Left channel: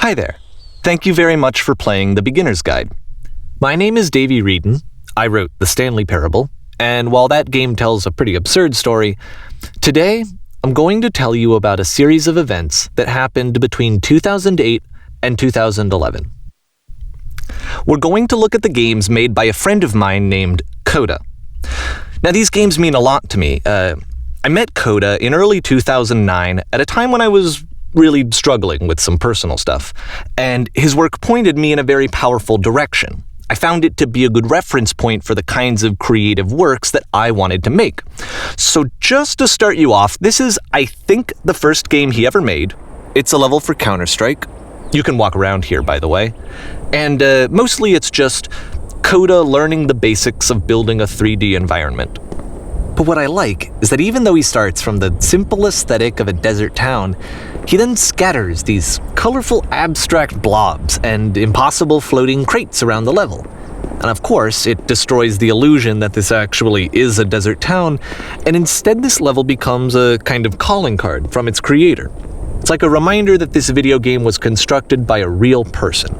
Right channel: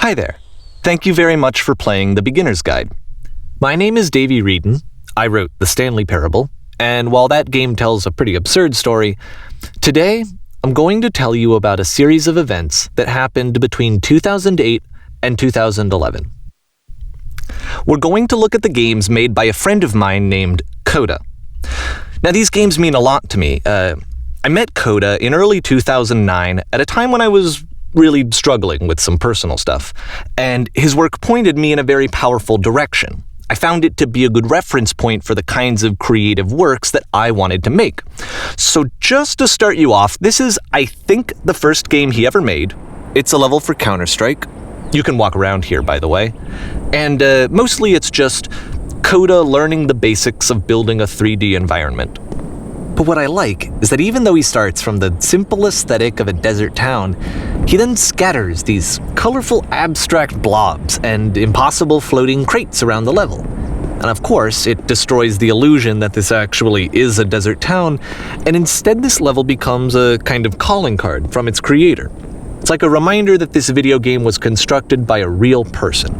Hi there. Thank you very much for playing The Beginner's Guide. My name is Davey Reedon. I wrote The Stanley Parable, and while that game tells a pretty absurd story, today I'm going to tell you about a series of events that happened between 2008 and 2011. We're going to look at the games made by a friend of mine named Coda. Now, these games mean a lot to me. I met Coda in early 2009 at a time when I was really struggling with some personal stuff, and his work pointed me in a very powerful direction. I found it to be a good reference point for the kinds of creative works that I wanted to make. So just to start you off, this is, I think, the first game he ever made. It's a level for Counter-Strike. You can walk around here, by the way. And mostly it's just Coda learning the basics of building a 3D environment. But what I like is that even though he starts from the simple aesthetic of a desert town, he then scatters these colorful abstract blobs and impossible floating crates around the level. And of course, it destroys the illusion that this actually is a desert town, and instead this level becomes a kind of calling card from its creator. It's like a reminder that this video game was constructed by a real person.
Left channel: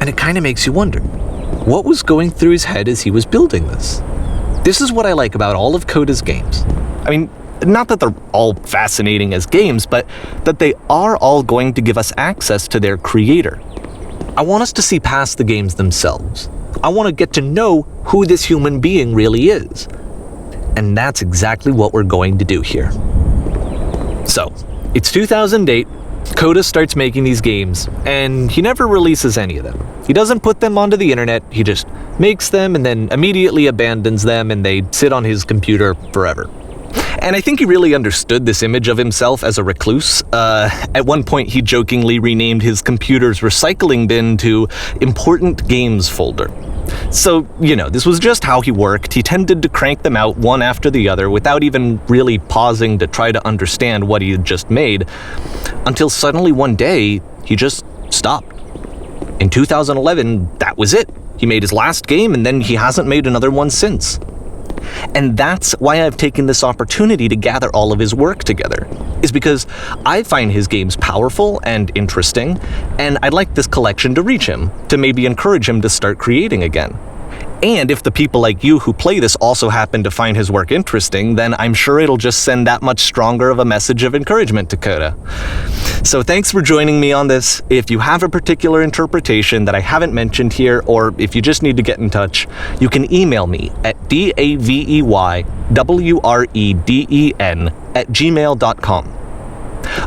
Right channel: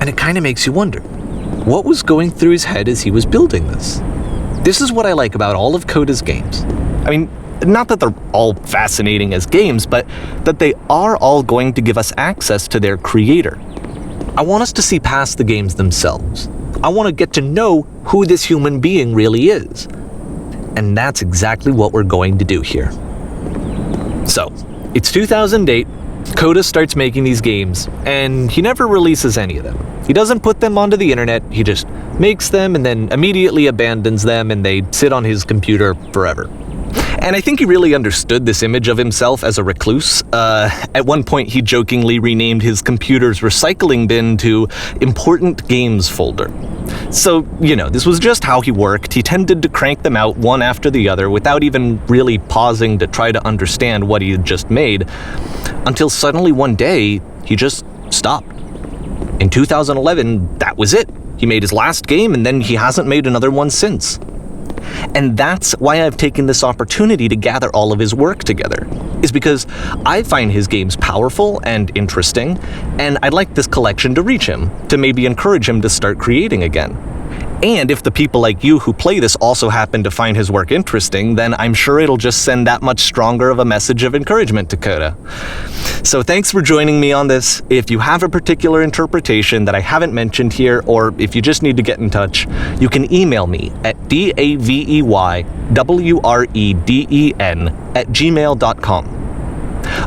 And it kind of makes you wonder, what was going through his head as he was building this? This is what I like about all of Coda's games. I mean, not that they're all fascinating as games, but that they are all going to give us access to their creator. I want us to see past the games themselves. I want to get to know who this human being really is. And that's exactly what we're going to do here. So, it's 2008. Coda starts making these games, and he never releases any of them. He doesn't put them onto the internet, he just makes them and then immediately abandons them, and they sit on his computer forever. And I think he really understood this image of himself as a recluse. At one point, he jokingly renamed his computer's recycling bin to Important Games Folder. So, this was just how he worked. He tended to crank them out one after the other without even really pausing to try to understand what he had just made, until suddenly one day, he just stopped. In 2011, that was it. He made his last game, and then he hasn't made another one since. And that's why I've taken this opportunity to gather all of his work together, is because I find his games powerful and interesting, and I'd like this collection to reach him, to maybe encourage him to start creating again. And if the people like you who play this also happen to find his work interesting, then I'm sure it'll just send that much stronger of a message of encouragement to Coda. So thanks for joining me on this. If you have a particular interpretation that I haven't mentioned here, or if you just need to get in touch, you can email me at daveyWreden@gmail.com.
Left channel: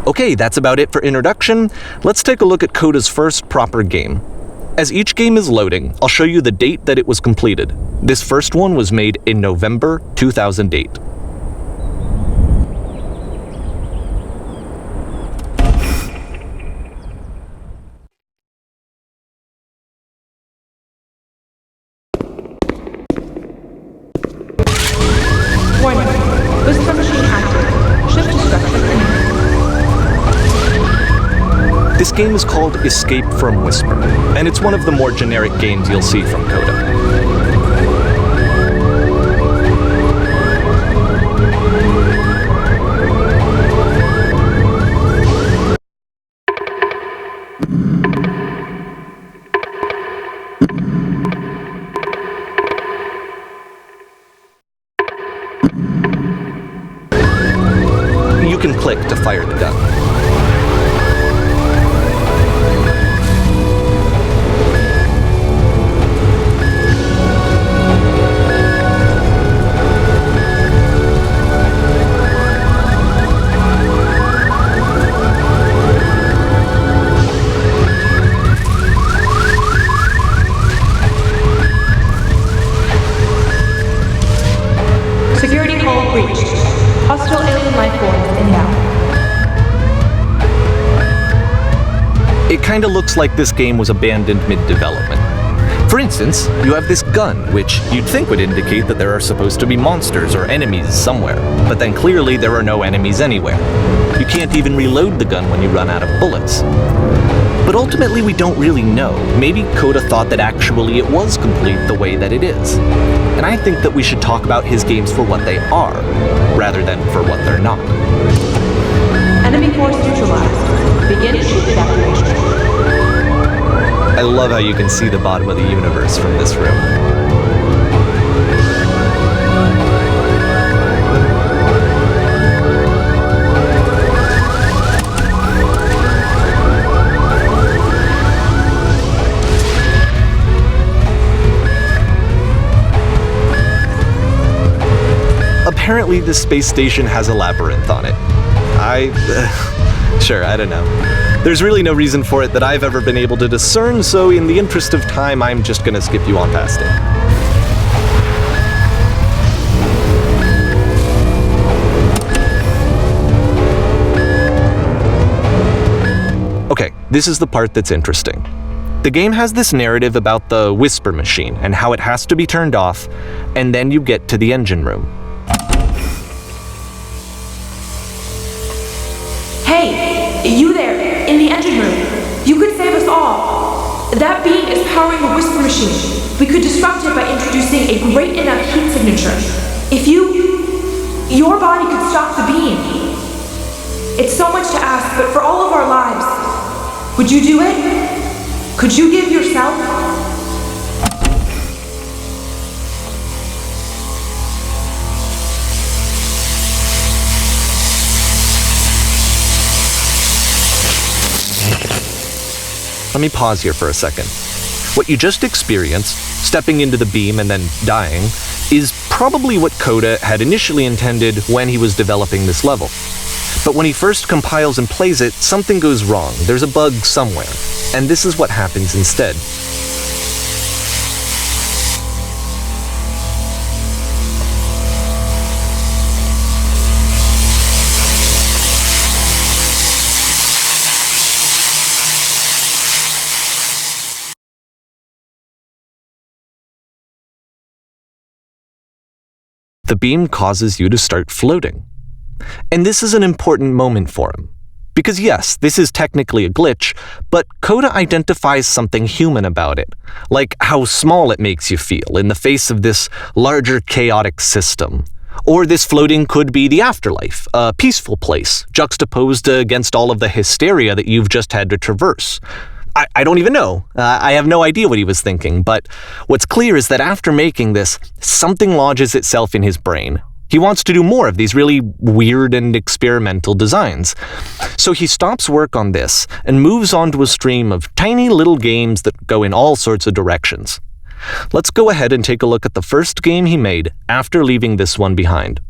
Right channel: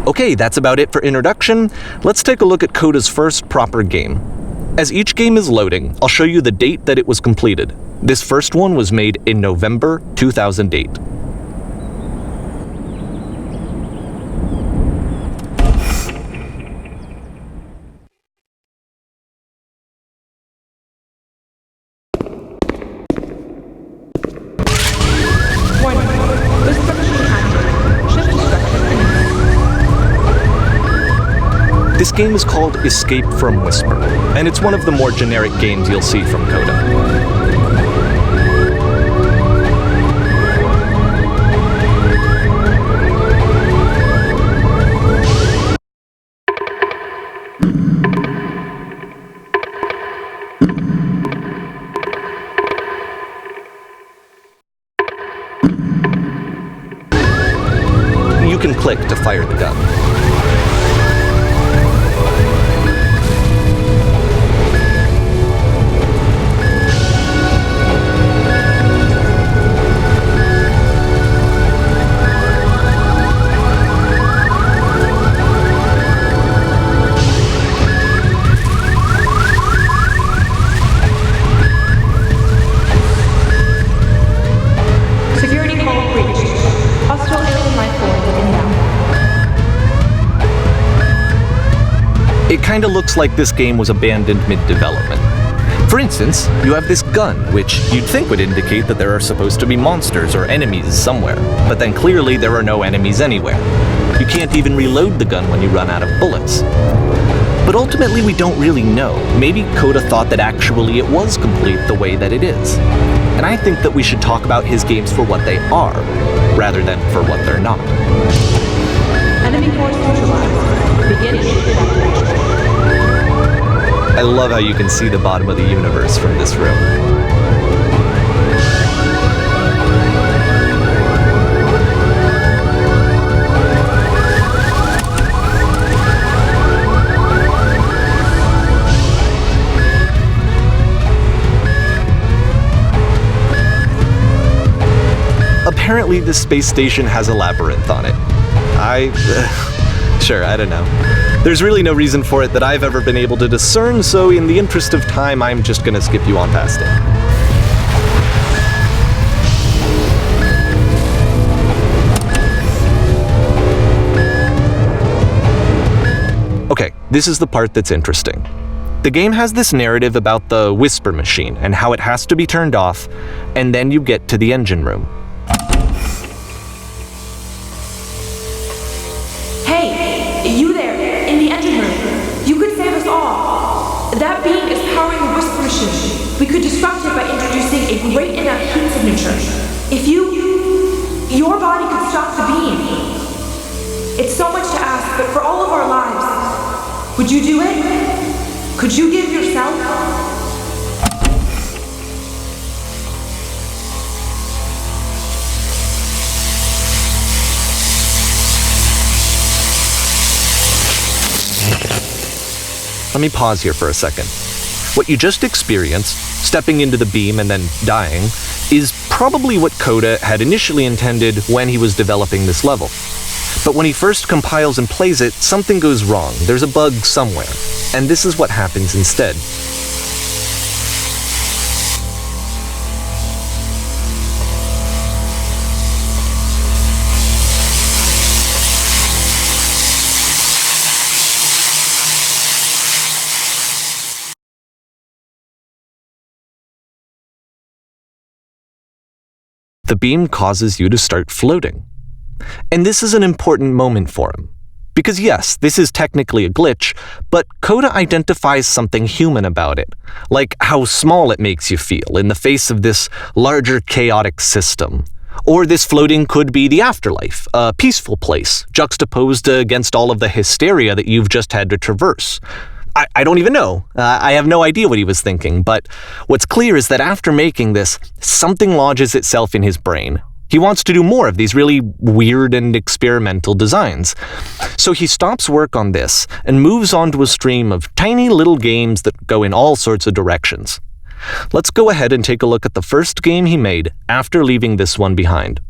Okay, that's about it for introduction. Let's take a look at Coda's first proper game. As each game is loading, I'll show you the date that it was completed. This first one was made in November 2008. Warning. Whisper machine active. Shift destruction imminent. This game is called Escape from Whisper, and it's one of the more generic games you'll see from Coda. You can click to fire the gun. Security hull breached. Hostile alien life forms inbound. It kinda looks like this game was abandoned mid-development. For instance, you have this gun, which you'd think would indicate that there are supposed to be monsters or enemies somewhere, but then clearly there are no enemies anywhere. You can't even reload the gun when you run out of bullets. But ultimately we don't really know. Maybe Coda thought that actually it was complete the way that it is. And I think that we should talk about his games for what they are, rather than for what they're not. Enemy force neutralized. Begin ship evacuation. I love how you can see the bottom of the universe from this room. Apparently, this space station has a labyrinth on it. Sure, I don't know. There's really no reason for it that I've ever been able to discern, so in the interest of time, I'm just gonna skip you on past it. Okay, this is the part that's interesting. The game has this narrative about the whisper machine and how it has to be turned off, and then you get to the engine room. Hey, you there, in the engine room. You could save us all. That beam is powering the whisper machine. We could disrupt it by introducing a great enough heat signature. If your body could stop the beam. It's so much to ask, but for all of our lives, would you do it? Could you give yourself? Let me pause here for a second. What you just experienced, stepping into the beam and then dying, is probably what Coda had initially intended when he was developing this level. But when he first compiles and plays it, something goes wrong. There's a bug somewhere. And this is what happens instead. The beam causes you to start floating. And this is an important moment for him. Because yes, this is technically a glitch, but Coda identifies something human about it, like how small it makes you feel in the face of this larger chaotic system. Or this floating could be the afterlife, a peaceful place, juxtaposed against all of the hysteria that you've just had to traverse. I don't even know. I have no idea what he was thinking, but what's clear is that after making this, something lodges itself in his brain. He wants to do more of these really weird and experimental designs. So he stops work on this and moves on to a stream of tiny little games that go in all sorts of directions. Let's go ahead and take a look at the first game he made after leaving this one behind.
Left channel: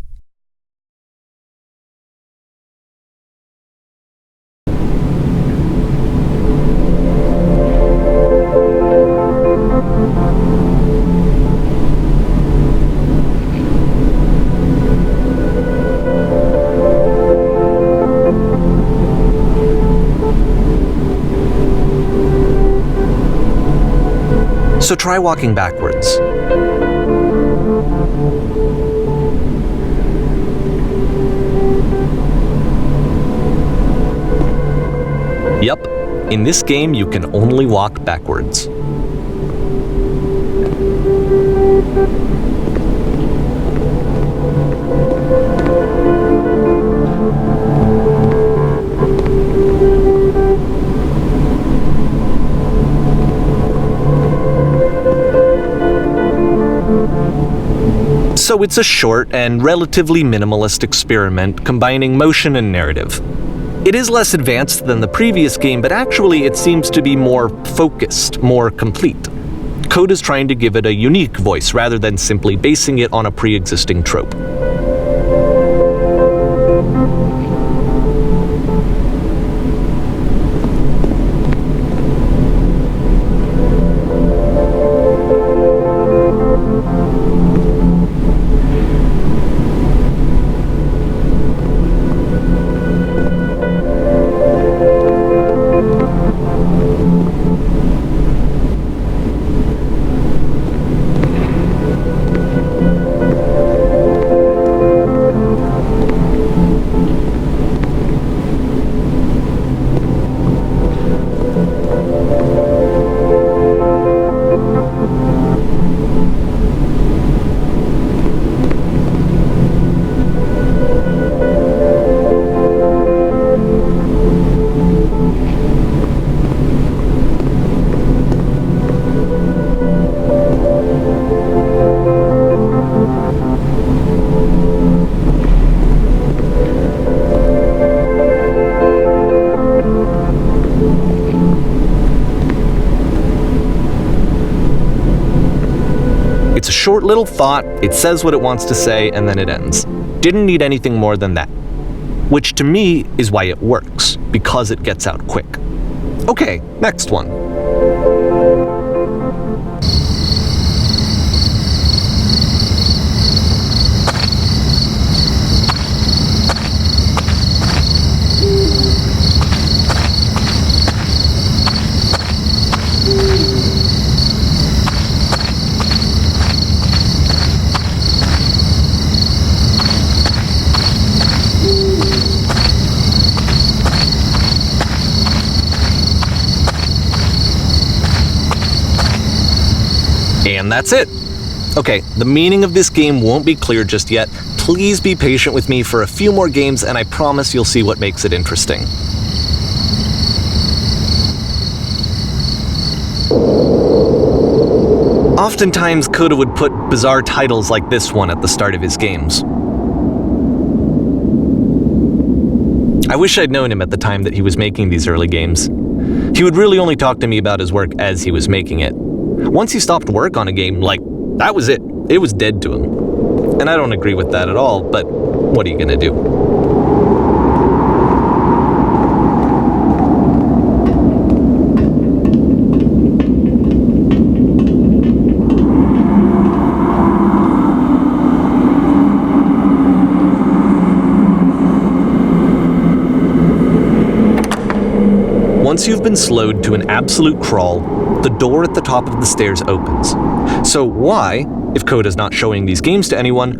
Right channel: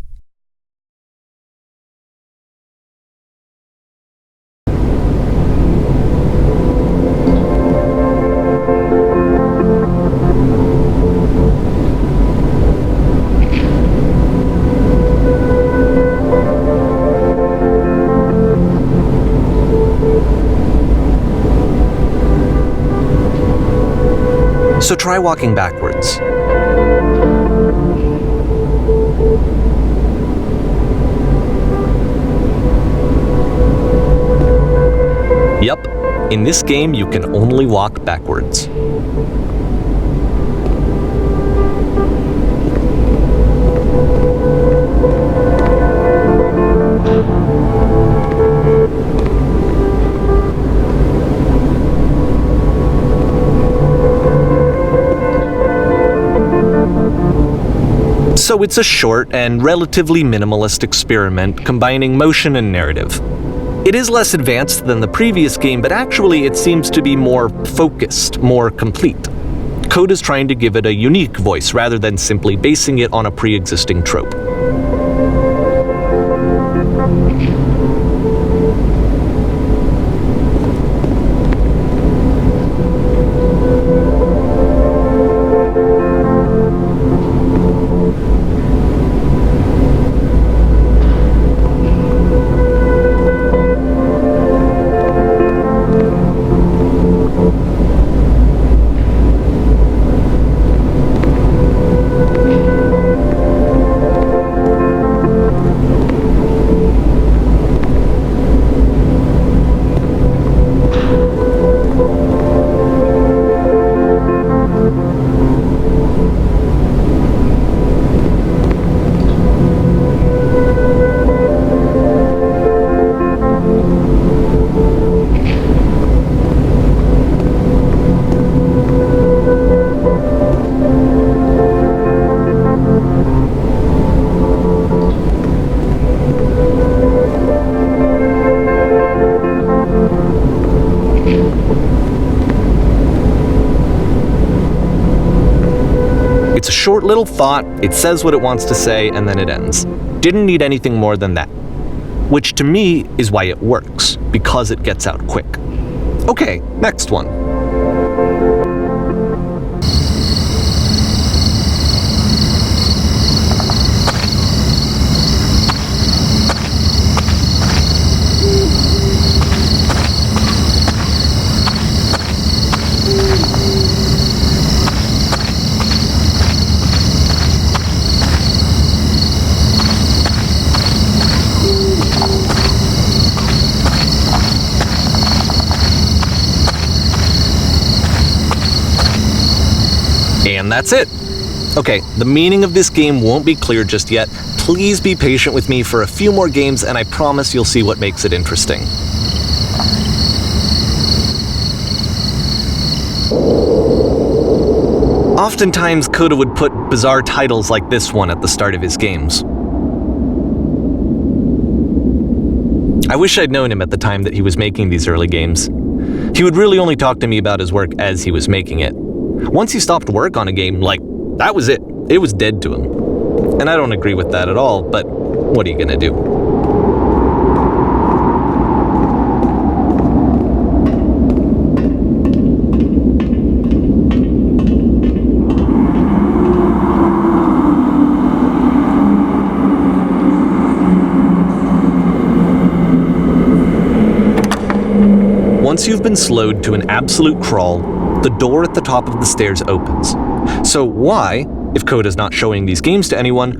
So try walking backwards. Yep, in this game you can only walk backwards. So it's a short and relatively minimalist experiment combining motion and narrative. It is less advanced than the previous game, but actually it seems to be more focused, more complete. Coda's trying to give it a unique voice rather than simply basing it on a pre-existing trope. short little thought, it says what it wants to say, and then it ends. Didn't need anything more than that. Which to me is why it works, because it gets out quick. Okay, next one. And that's it. Okay, the meaning of this game won't be clear just yet. Please be patient with me for a few more games, and I promise you'll see what makes it interesting. Oftentimes, Coda would put bizarre titles like this one at the start of his games. I wish I'd known him at the time that he was making these early games. He would really only talk to me about his work as he was making it. Once he stopped work on a game, that was it. It was dead to him. And I don't agree with that at all, but what are you gonna do? Once you've been slowed to an absolute crawl, the door at the top of the stairs opens. So why, if Coda's not showing these games to anyone,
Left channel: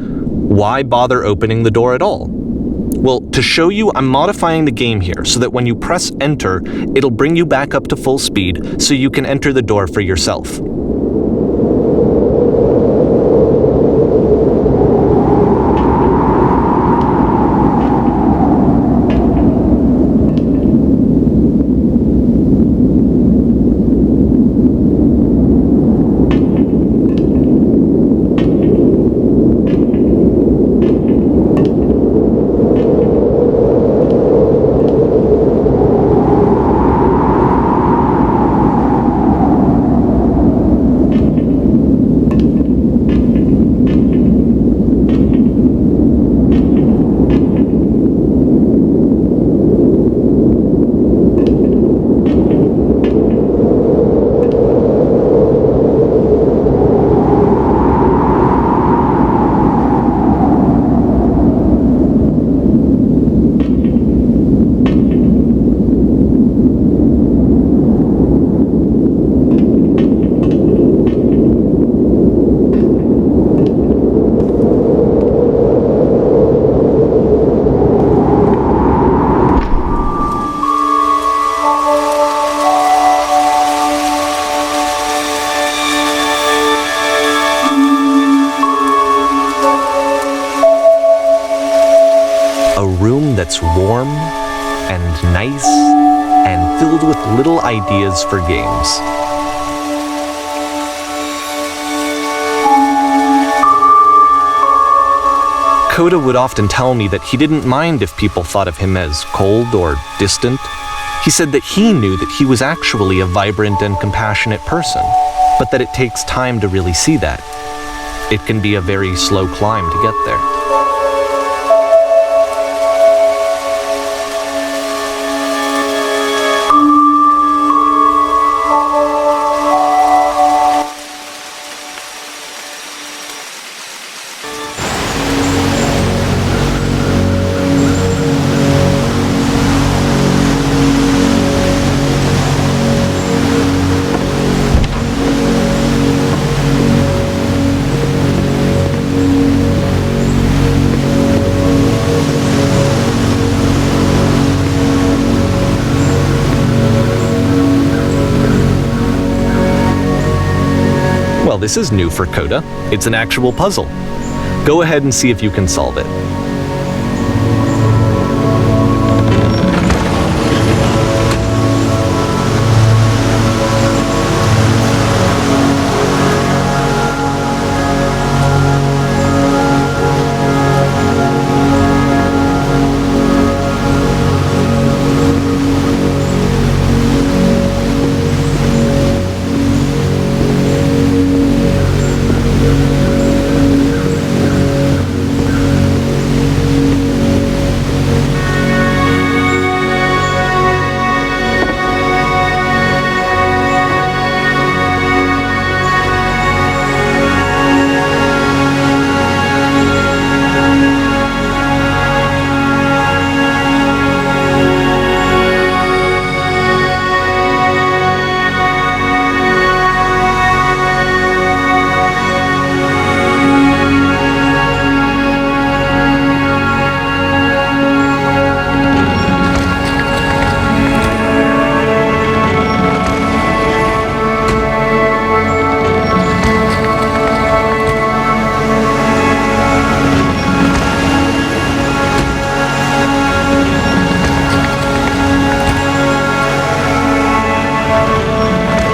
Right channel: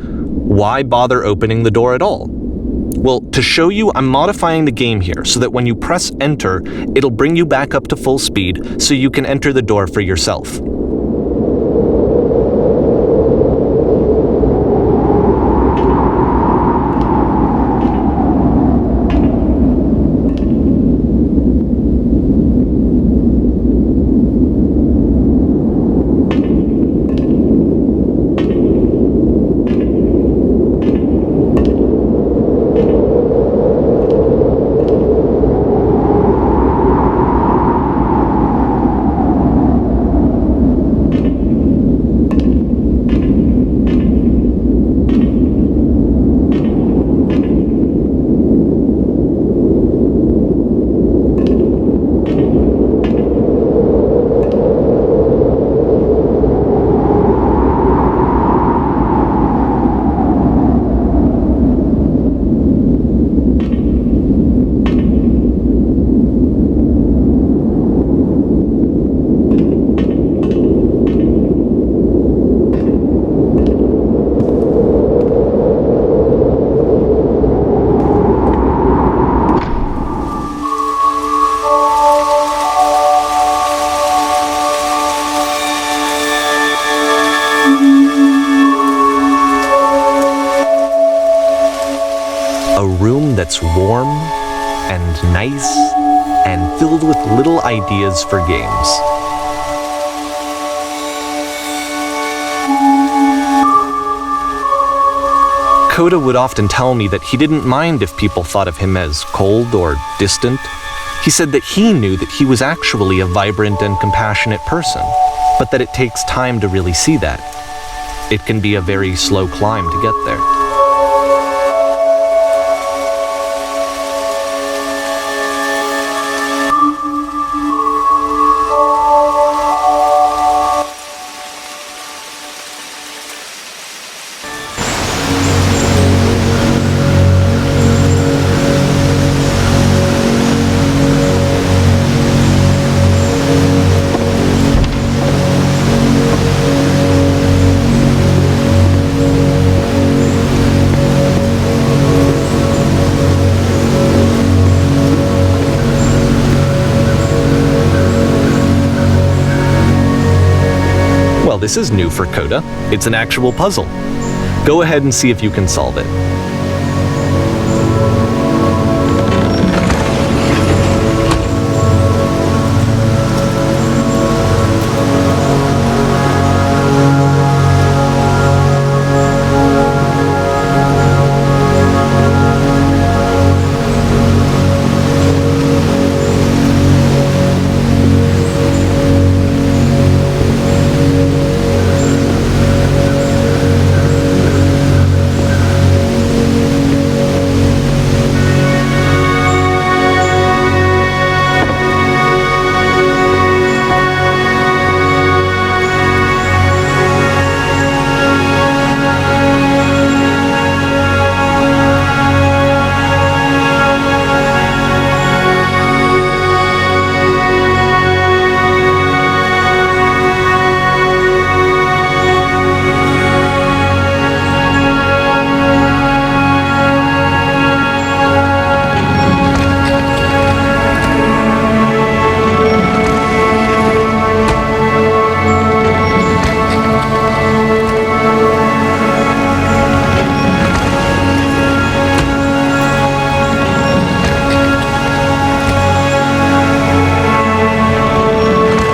why bother opening the door at all? Well, to show you, I'm modifying the game here so that when you press enter, it'll bring you back up to full speed so you can enter the door for yourself. A room that's warm and nice and filled with little ideas for games. Coda would often tell me that he didn't mind if people thought of him as cold or distant. He said that he knew that he was actually a vibrant and compassionate person, but that it takes time to really see that. It can be a very slow climb to get there. Well, this is new for Coda. It's an actual puzzle. Go ahead and see if you can solve it.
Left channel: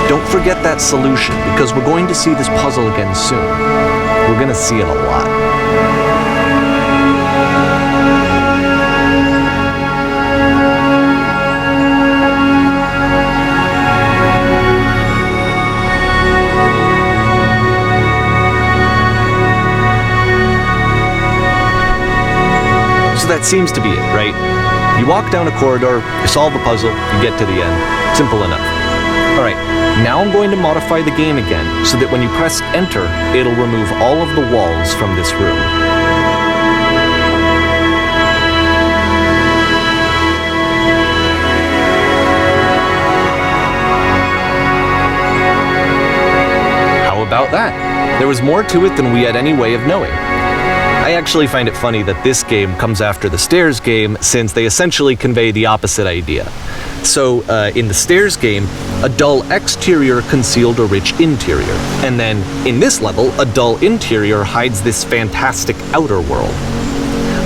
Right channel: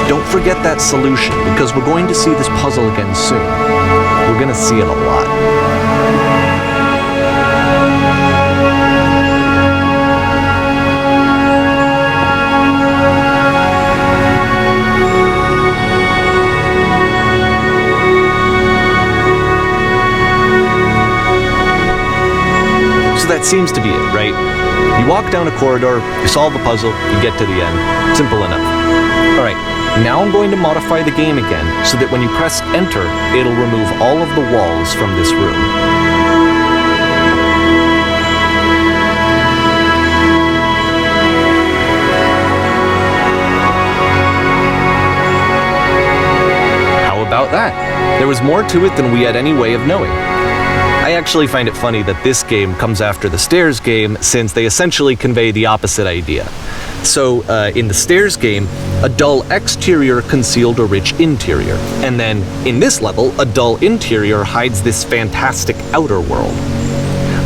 don't forget that solution, because we're going to see this puzzle again soon. We're going to see it a lot. So that seems to be it, right? You walk down a corridor, you solve a puzzle, you get to the end. Simple enough. Alright, now I'm going to modify the game again so that when you press enter, it'll remove all of the walls from this room. How about that? There was more to it than we had any way of knowing. I actually find it funny that this game comes after the stairs game, since they essentially convey the opposite idea. So, in the stairs game, a dull exterior concealed a rich interior, and then, in this level, a dull interior hides this fantastic outer world.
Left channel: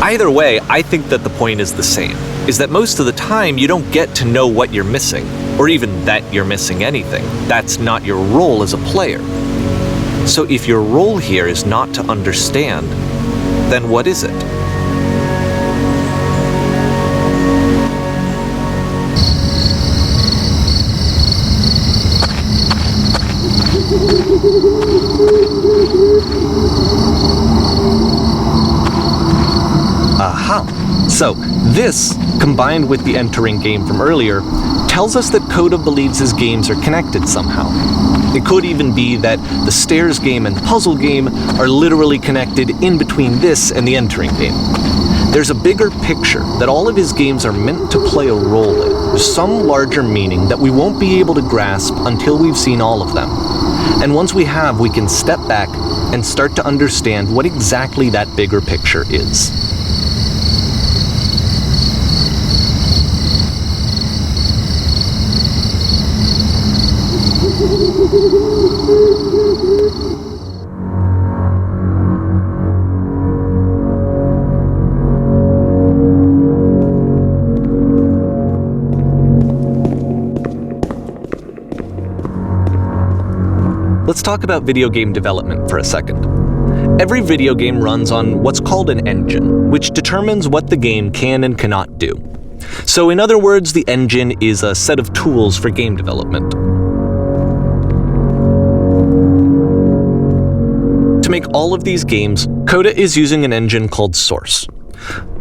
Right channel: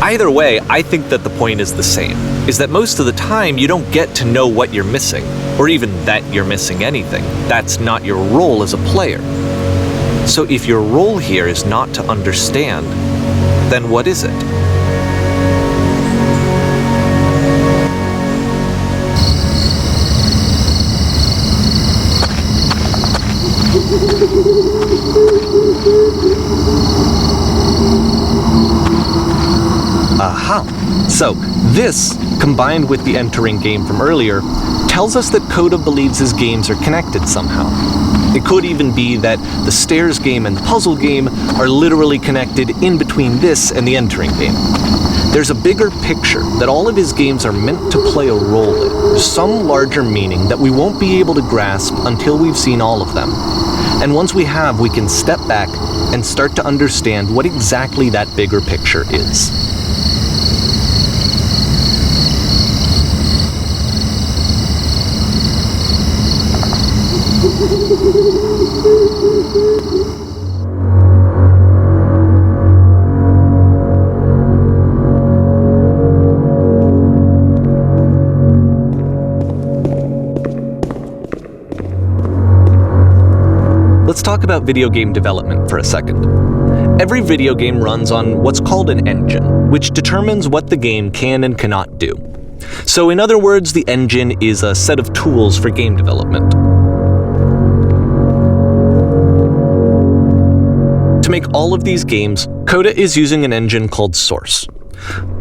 Either way, I think that the point is the same, is that most of the time you don't get to know what you're missing, or even that you're missing anything. That's not your role as a player. So if your role here is not to understand, then what is it? Aha! So, this, combined with the entering game from earlier, tells us that Coda believes his games are connected somehow. It could even be that the stairs game and the puzzle game are literally connected in between this and the entering game. There's a bigger picture that all of his games are meant to play a role in. There's some larger meaning that we won't be able to grasp until we've seen all of them. And once we have, we can step back and start to understand what exactly that bigger picture is. Let's talk about video game development for a second. Every video game runs on what's called an engine, which determines what the game can and cannot do. So in other words, the engine is a set of tools for game development. To make all of these games, Coda is using an engine called Source.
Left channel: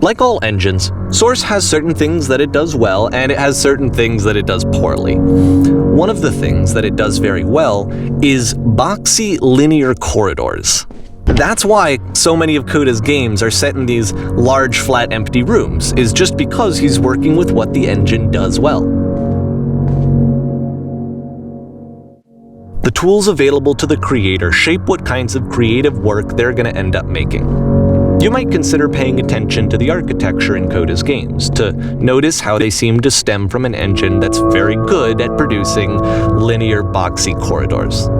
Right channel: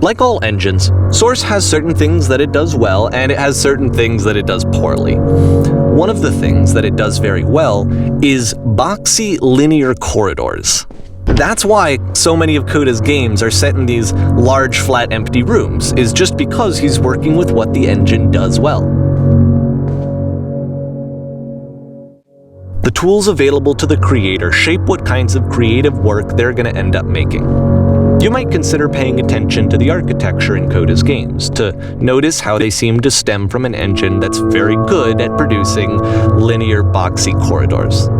Like all engines, Source has certain things that it does well, and it has certain things that it does poorly. One of the things that it does very well is boxy linear corridors. That's why so many of Coda's games are set in these large, flat, empty rooms, is just because he's working with what the engine does well. The tools available to the creator shape what kinds of creative work they're going to end up making. You might consider paying attention to the architecture in Coda's games, to notice how they seem to stem from an engine that's very good at producing linear, boxy corridors.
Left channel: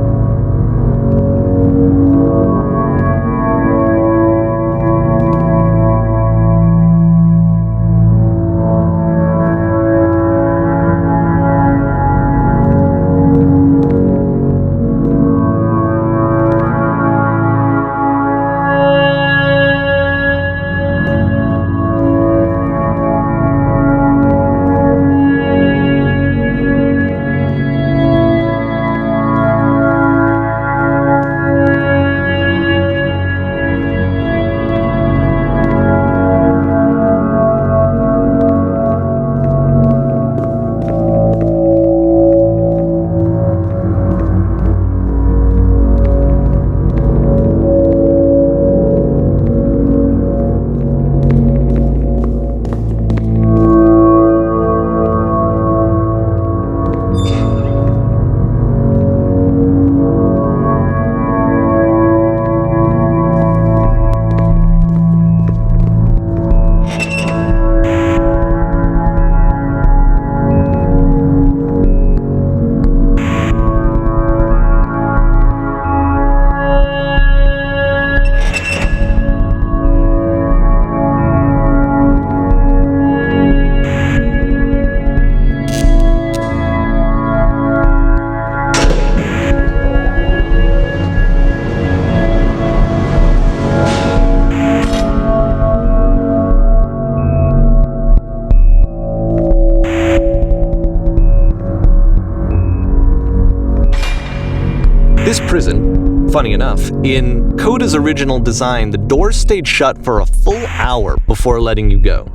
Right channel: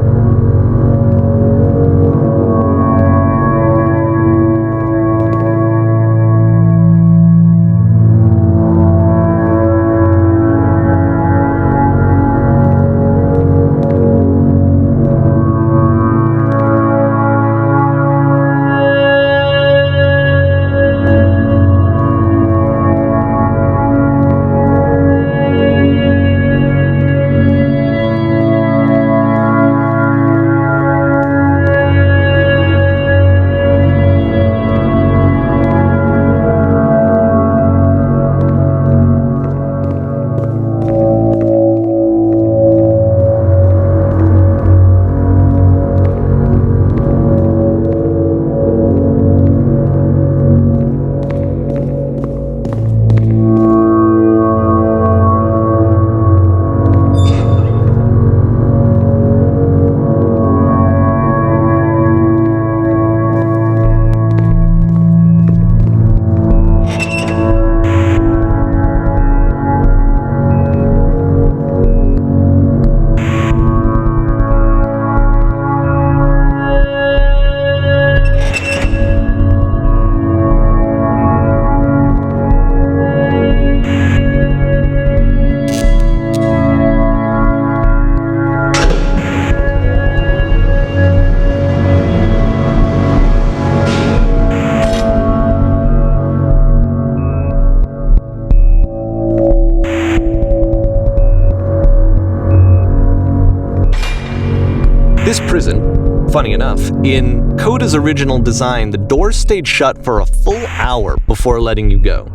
This prison, funny enough, in Coda's original design, the doors stayed shut for a full hour before letting you go.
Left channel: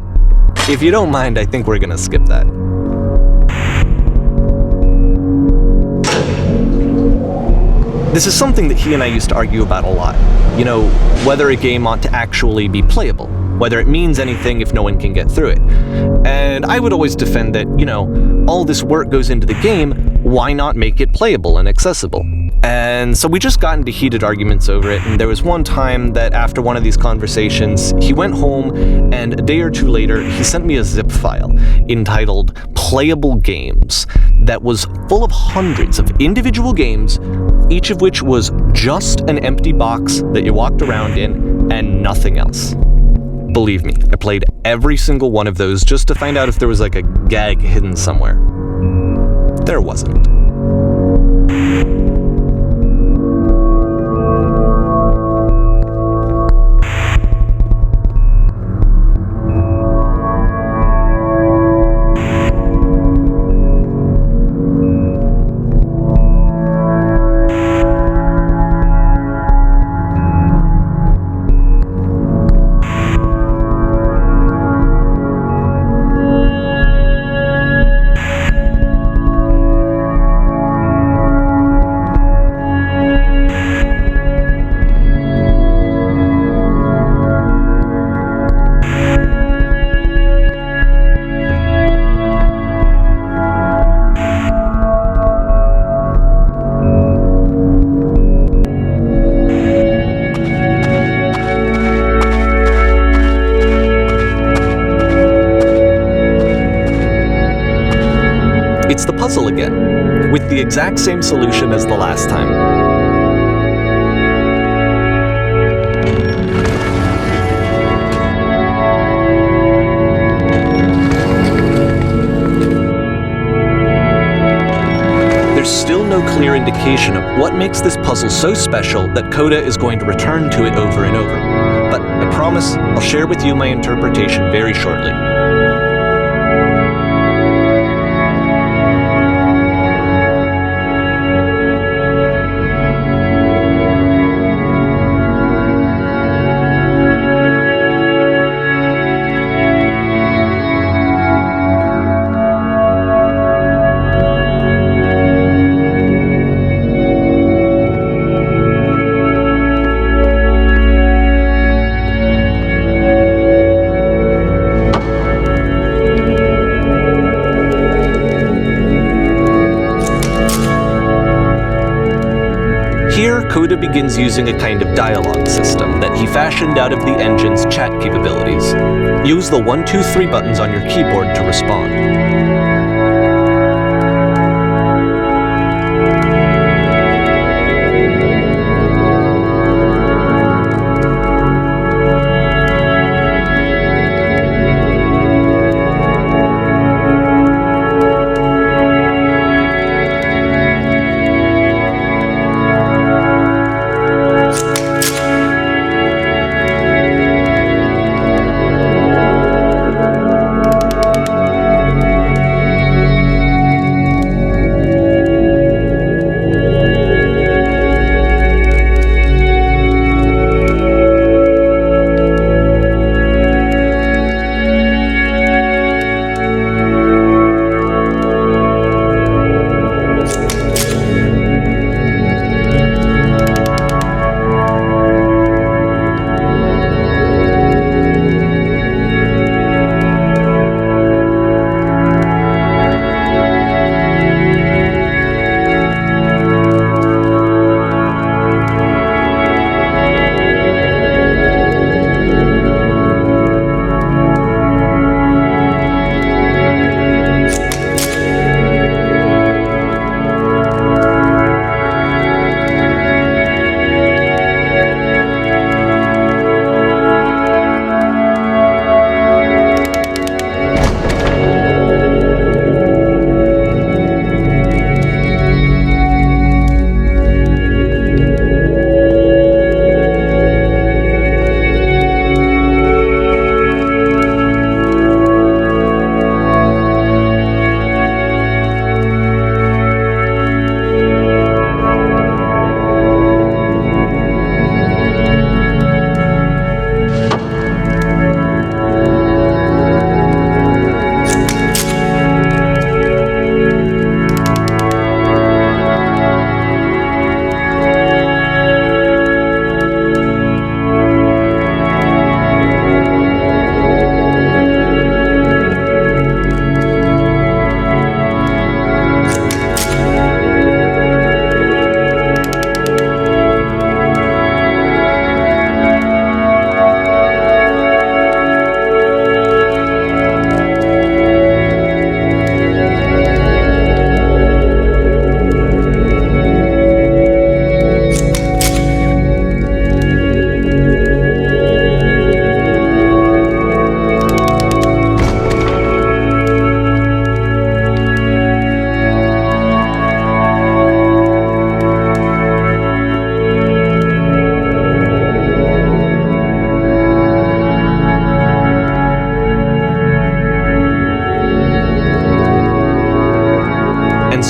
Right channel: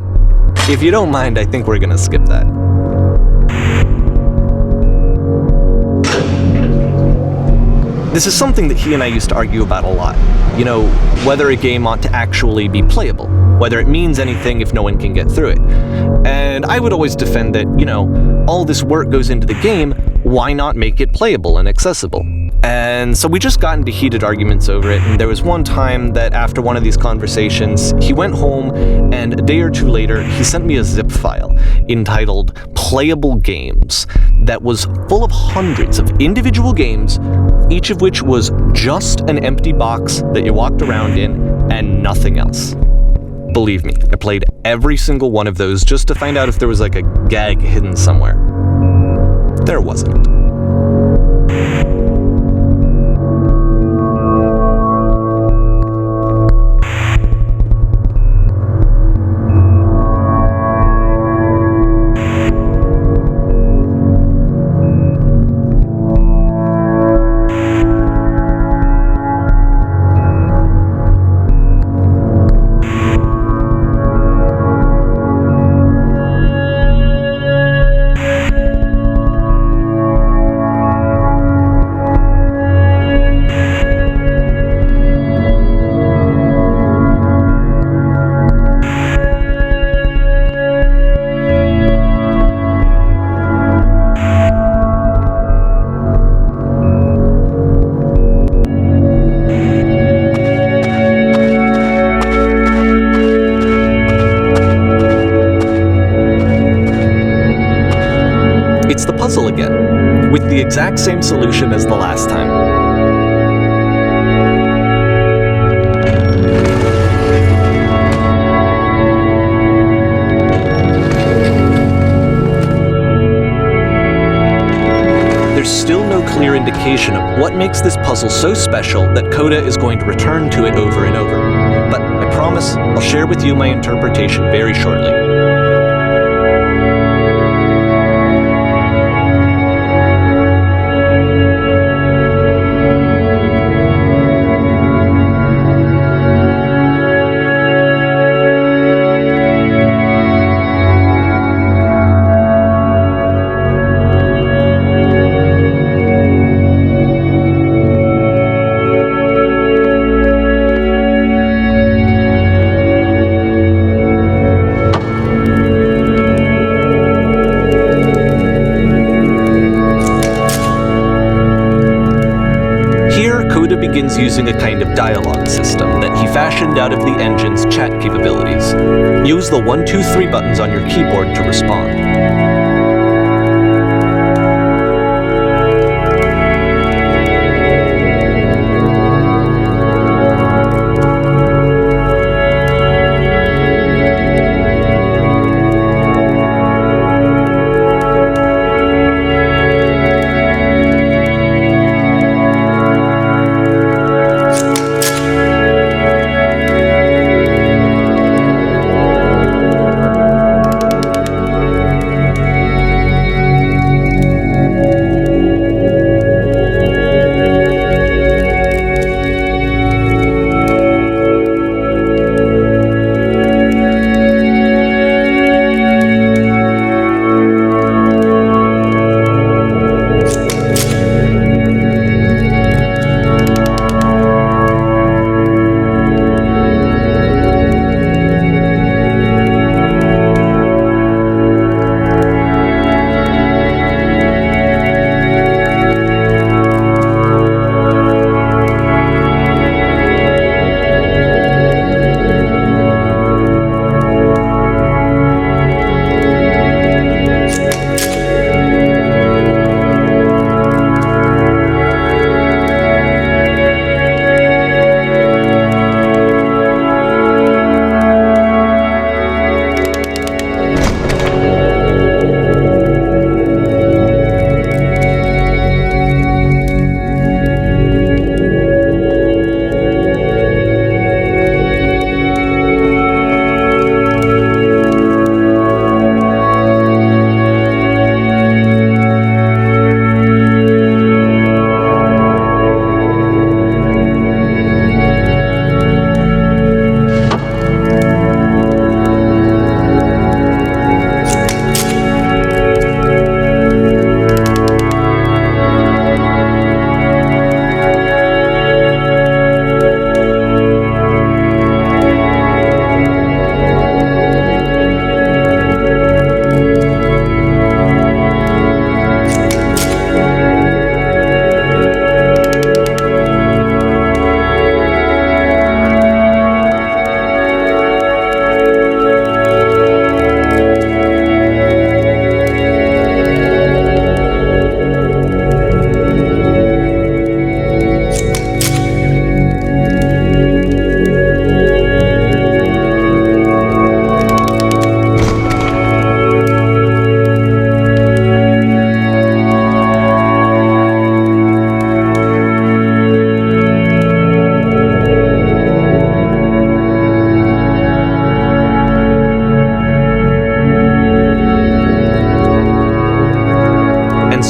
If you don't mind, I think we're gonna skip that. This is something that he and I used to argue about a lot. You know, whether a game ought to actually be playable, whether it means anything if no one can get through it. And I would always defend that, you know, all this work goes into the game, why not make it playable and accessible? And so we just got into heated arguments over it, and there was one time that after one of these conversations, he went home, and a day or two later, he sent me a zip file entitled Playable Games that was full of hundreds of individual games, each of which was just an empty box that you walked around in and nothing else. Believe me, I played every single one of those just to find out if there was like a gag hidden somewhere. There wasn't. It's the puzzle again, with the exact same solution as the last time. There's still no clear indication of what makes this puzzle so special that Coda is going to return to it over and over. But I promise I'll share with you my interpretation very shortly. Here, Coda begins using a kind of dialogue system that he fashioned out of the engine's chat capabilities. Use the 1, 2, 3 buttons on your keyboard to respond.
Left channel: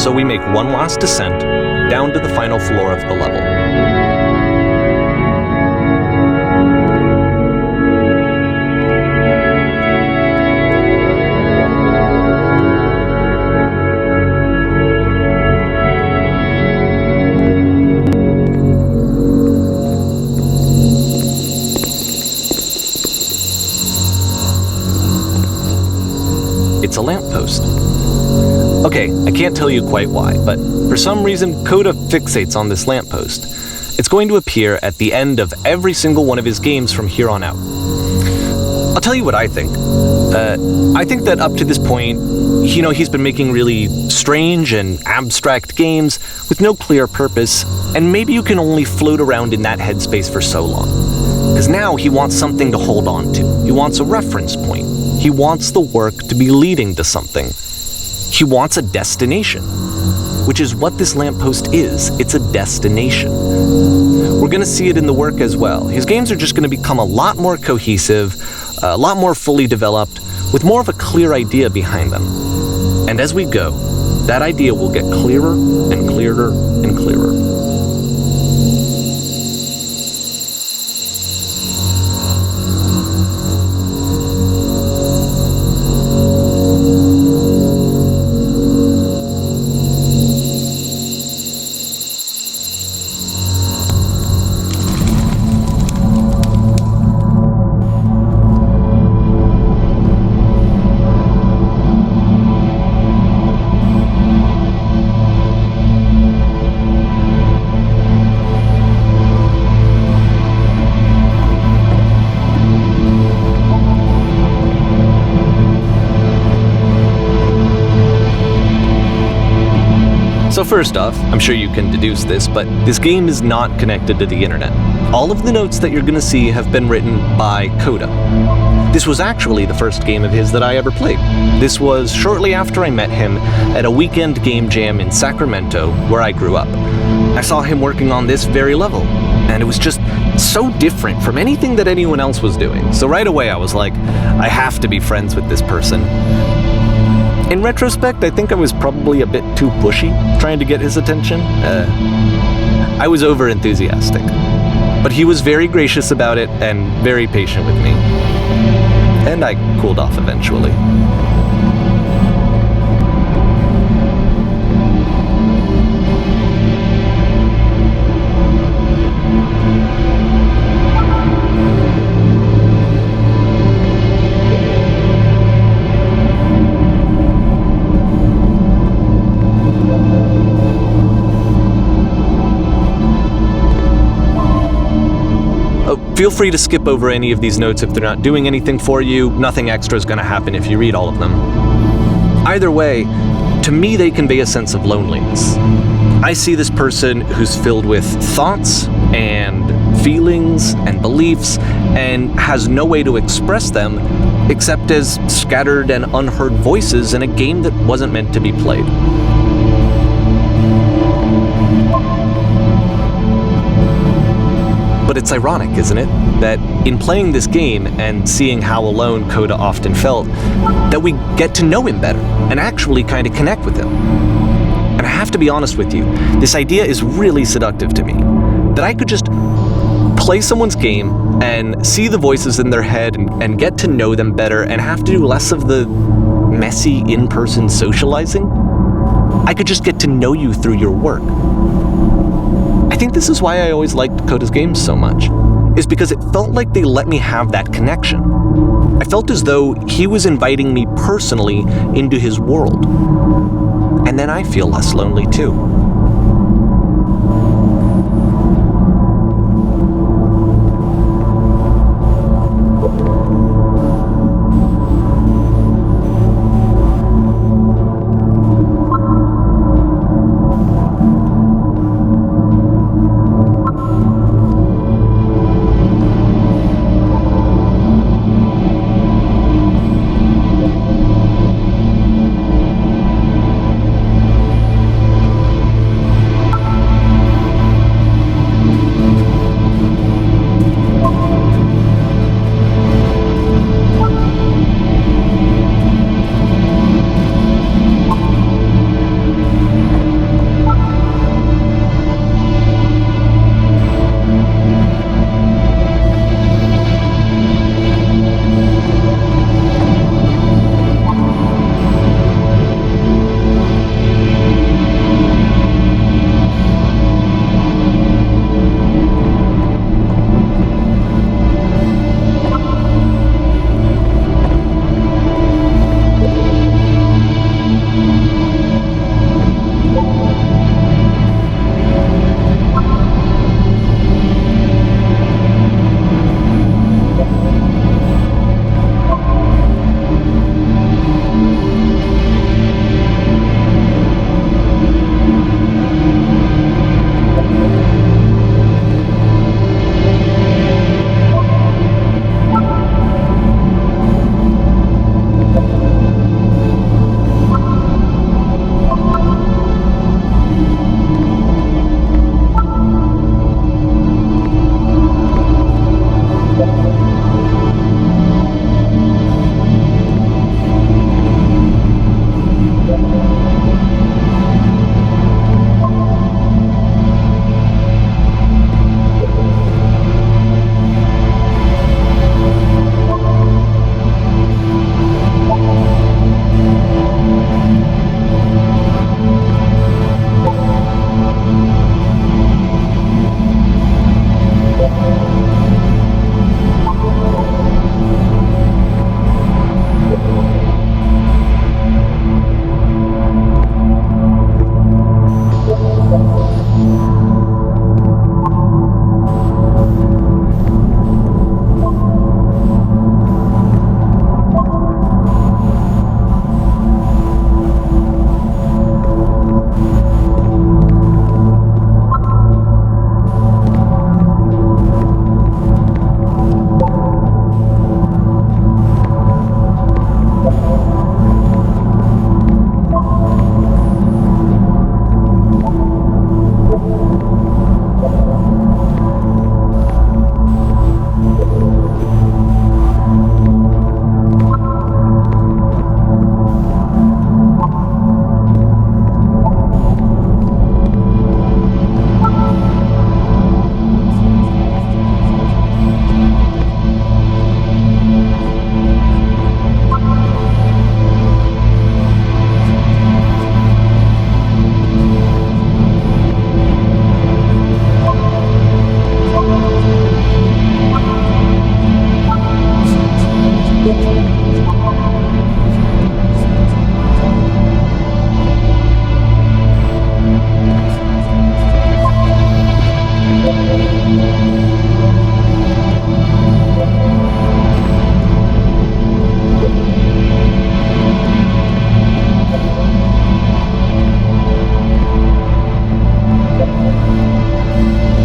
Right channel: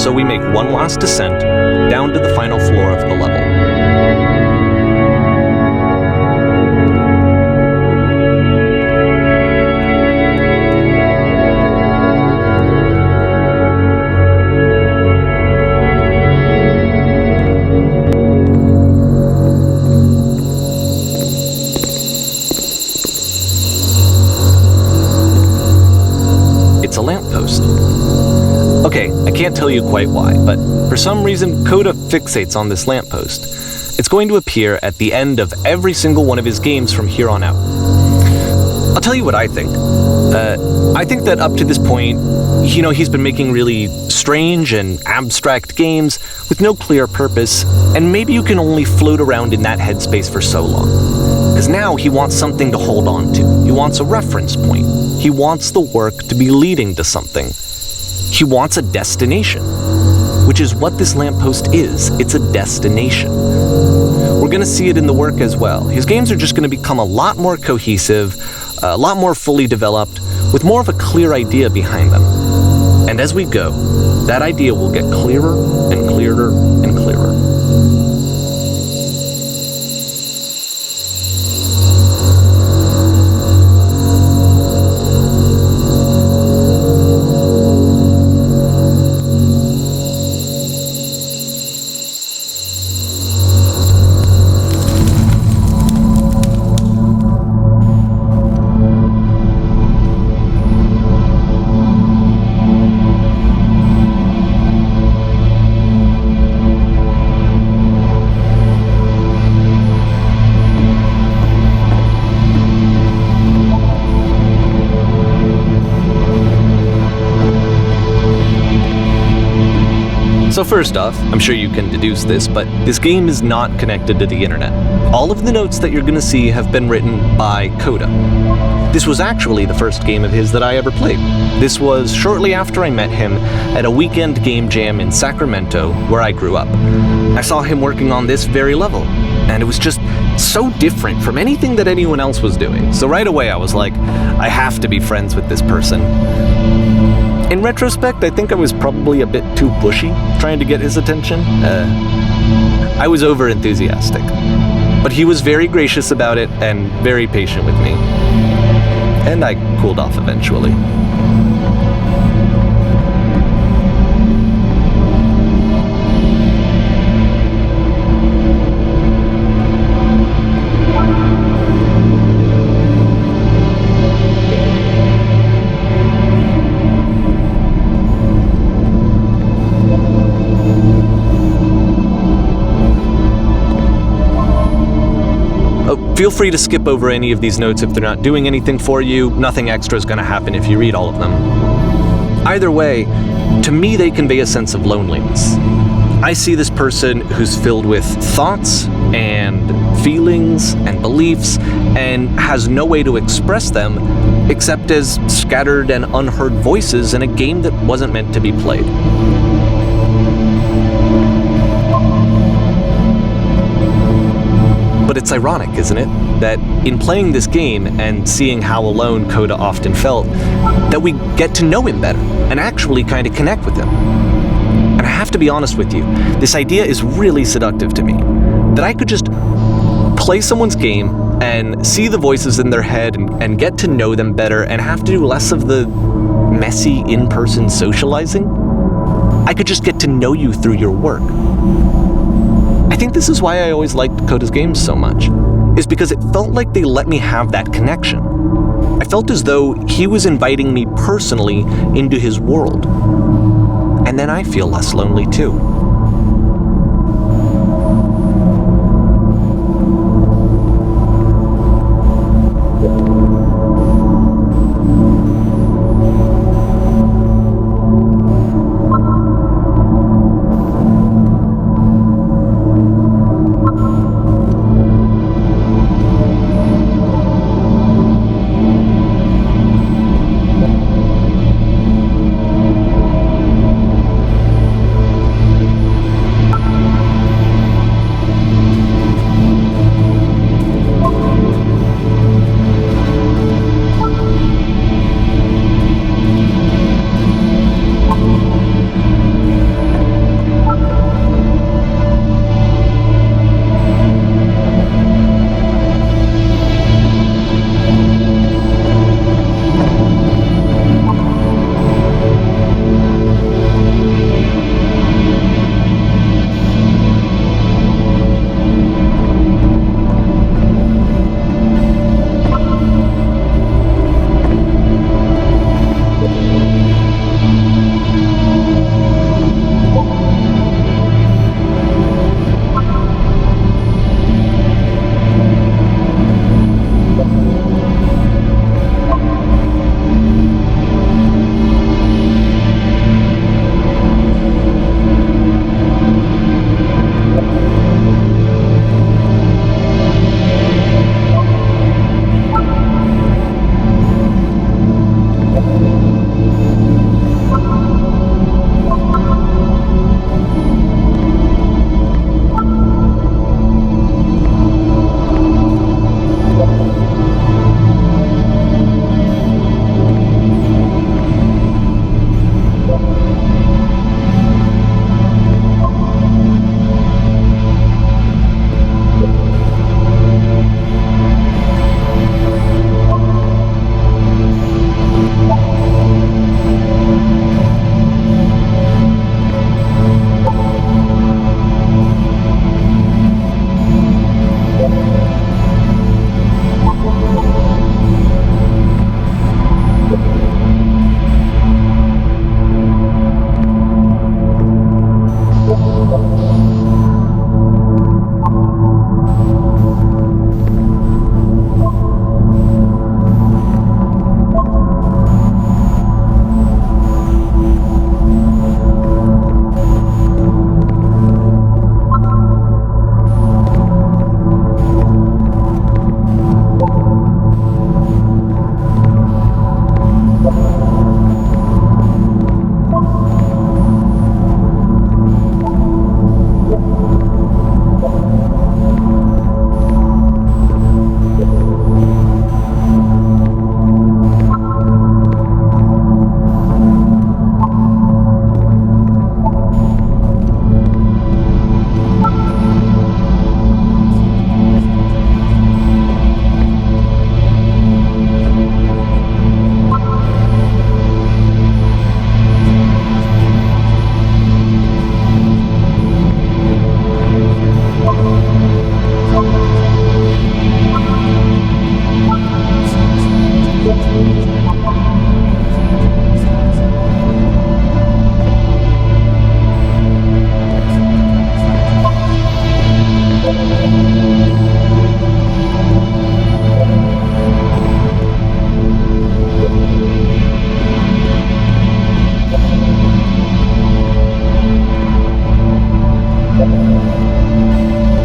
so we make one last descent down to the final floor of the level. It's a lamppost. Okay, I can't tell you quite why, but for some reason Coda fixates on this lamppost. It's going to appear at the end of every single one of his games from here on out. I'll tell you what I think. I think that up to this point, he's been making really strange and abstract games with no clear purpose, and maybe you can only float around in that headspace for so long. Because now he wants something to hold on to. He wants a reference point. He wants the work to be leading to something. He wants a destination, which is what this lamppost is. It's a destination. We're going to see it in the work as well. His games are just going to become a lot more cohesive, a lot more fully developed, with more of a clear idea behind them. And as we go, that idea will get clearer and clearer and clearer. So first off, I'm sure you can deduce this, but this game is not connected to the internet. All of the notes that you're going to see have been written by Coda. This was actually the first game of his that I ever played. This was shortly after I met him at a weekend game jam in Sacramento, where I grew up. I saw him working on this very level, and it was just so different from anything that anyone else was doing. So right away I was like, I have to be friends with this person. In retrospect, I think I was probably a bit too pushy, trying to get his attention. I was over-enthusiastic. But he was very gracious about it and very patient with me. And I cooled off eventually. Feel free to skip over any of these notes if they're not doing anything for you. Nothing extra is going to happen if you read all of them. Either way, to me they convey a sense of loneliness. I see this person who's filled with thoughts and feelings and beliefs and has no way to express them except as scattered and unheard voices in a game that wasn't meant to be played. But it's ironic, isn't it, that in playing this game and seeing how alone Coda often felt, that we get to know him better and actually kind of connect with him. And I have to be honest with you, this idea is really seductive to me, that I could just play someone's game and see the voices in their head and get to know them better and have to do less of the messy in-person socializing. I could just get to know you through your work. I think this is why I always liked Coda's games so much, is because it felt like they let me have that connection. I felt as though he was inviting me personally into his world. And then I feel less lonely too.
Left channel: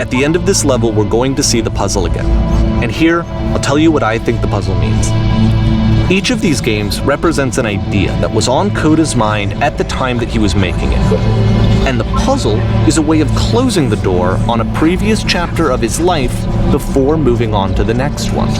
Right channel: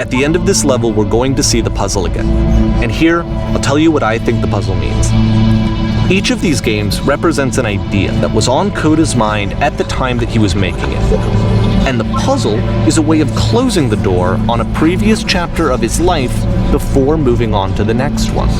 At the end of this level, we're going to see the puzzle again. And here, I'll tell you what I think the puzzle means. Each of these games represents an idea that was on Coda's mind at the time that he was making it. And the puzzle is a way of closing the door on a previous chapter of his life before moving on to the next one.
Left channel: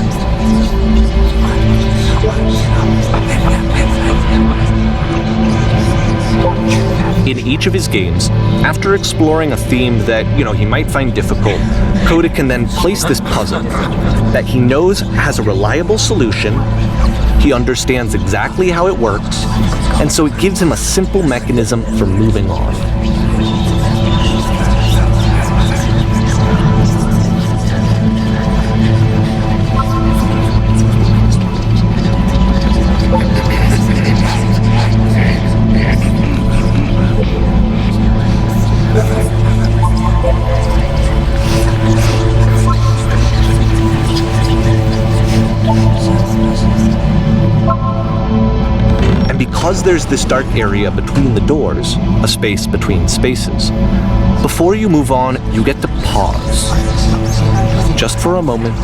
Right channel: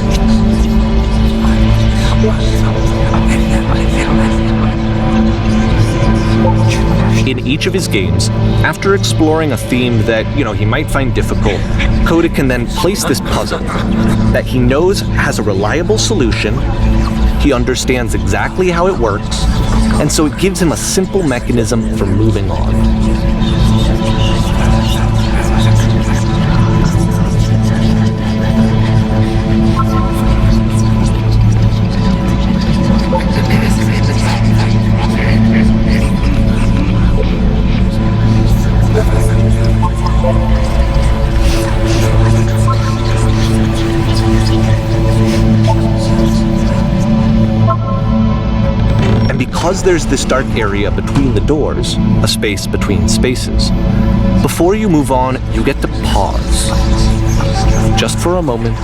In each of his games, after exploring a theme that, he might find difficult, Coda can then place this puzzle that he knows has a reliable solution, he understands exactly how it works, and so it gives him a simple mechanism for moving on. Because there's this dark area between the doors, a space between spaces, before you move on, you get to pause. Just for a moment,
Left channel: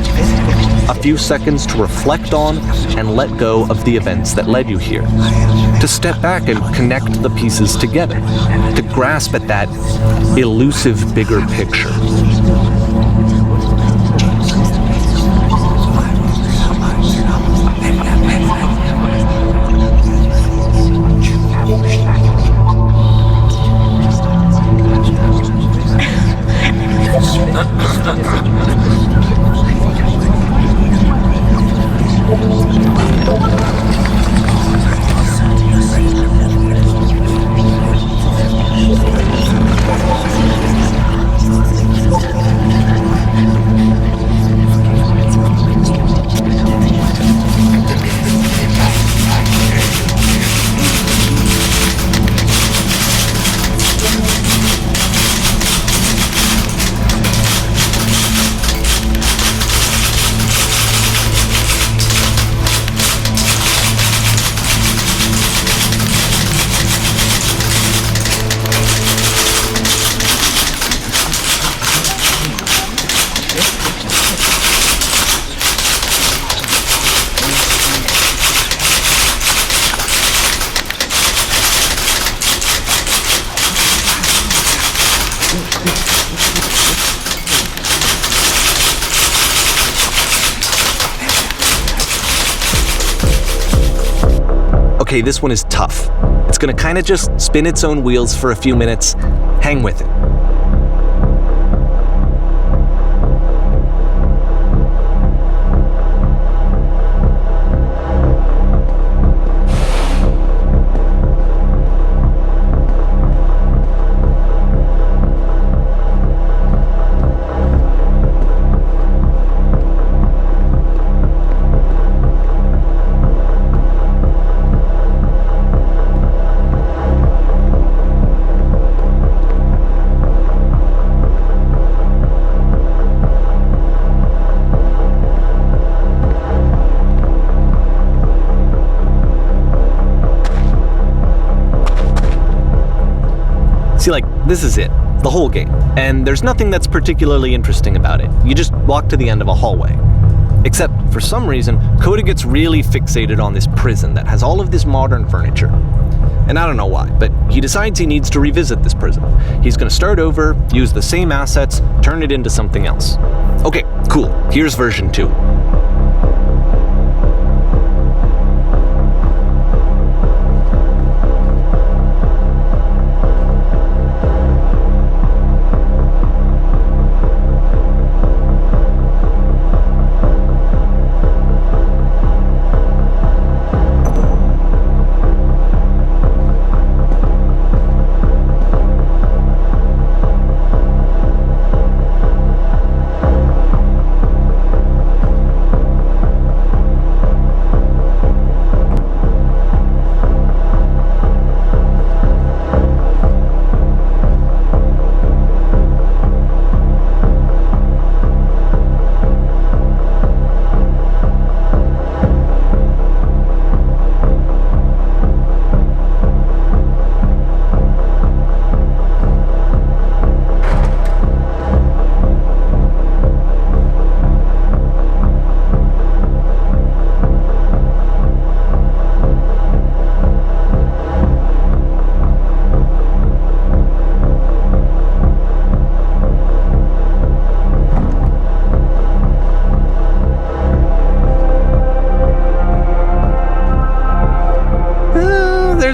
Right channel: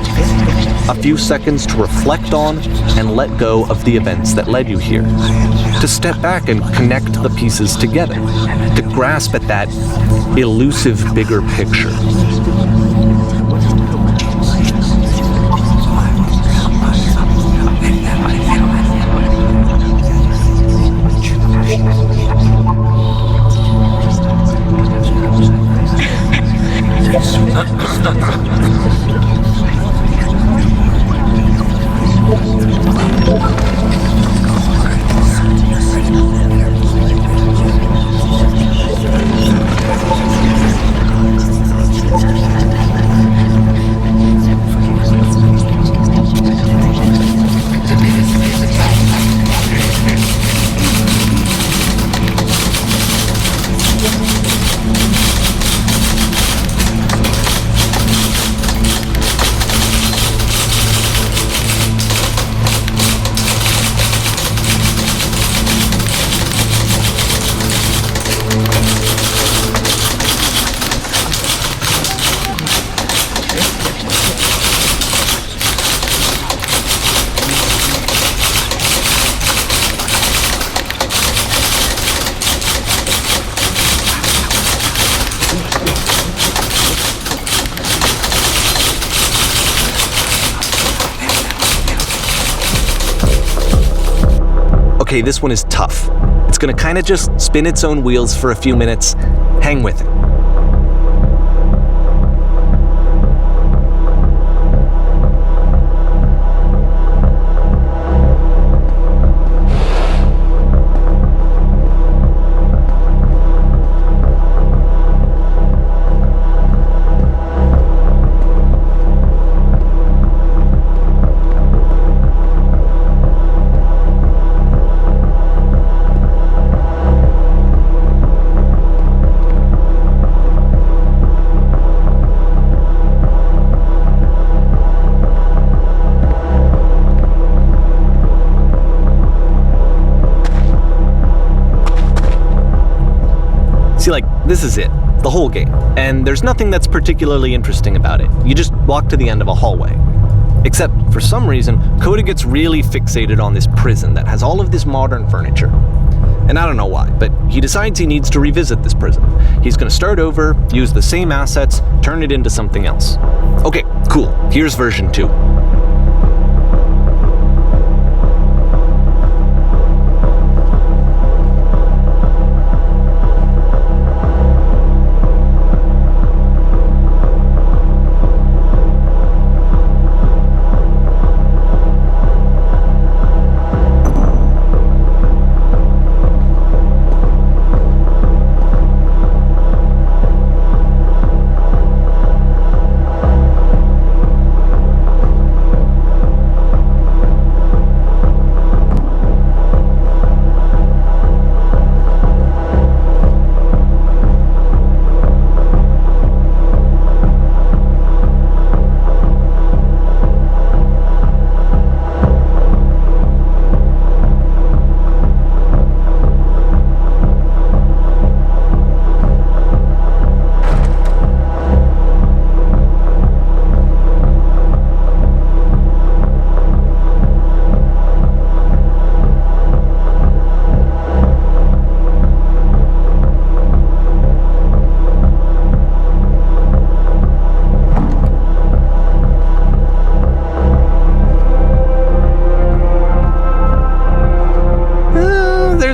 a few seconds to reflect on and let go of the events that led you here. To step back and connect the pieces together. To grasp at that elusive bigger picture. Okay, this one is tough. It's gonna kind of just spin its own wheels for a few minutes. Hang with it. See, this is it, the whole game, and there's nothing that's particularly interesting about it. You just walk to the end of a hallway. Except, for some reason, Coda gets really fixated on this prison that has all of this modern furniture. And I don't know why, but he decides he needs to revisit this prison. He's gonna start over, use the same assets, turn it into something else. Okay, cool, here's version 2.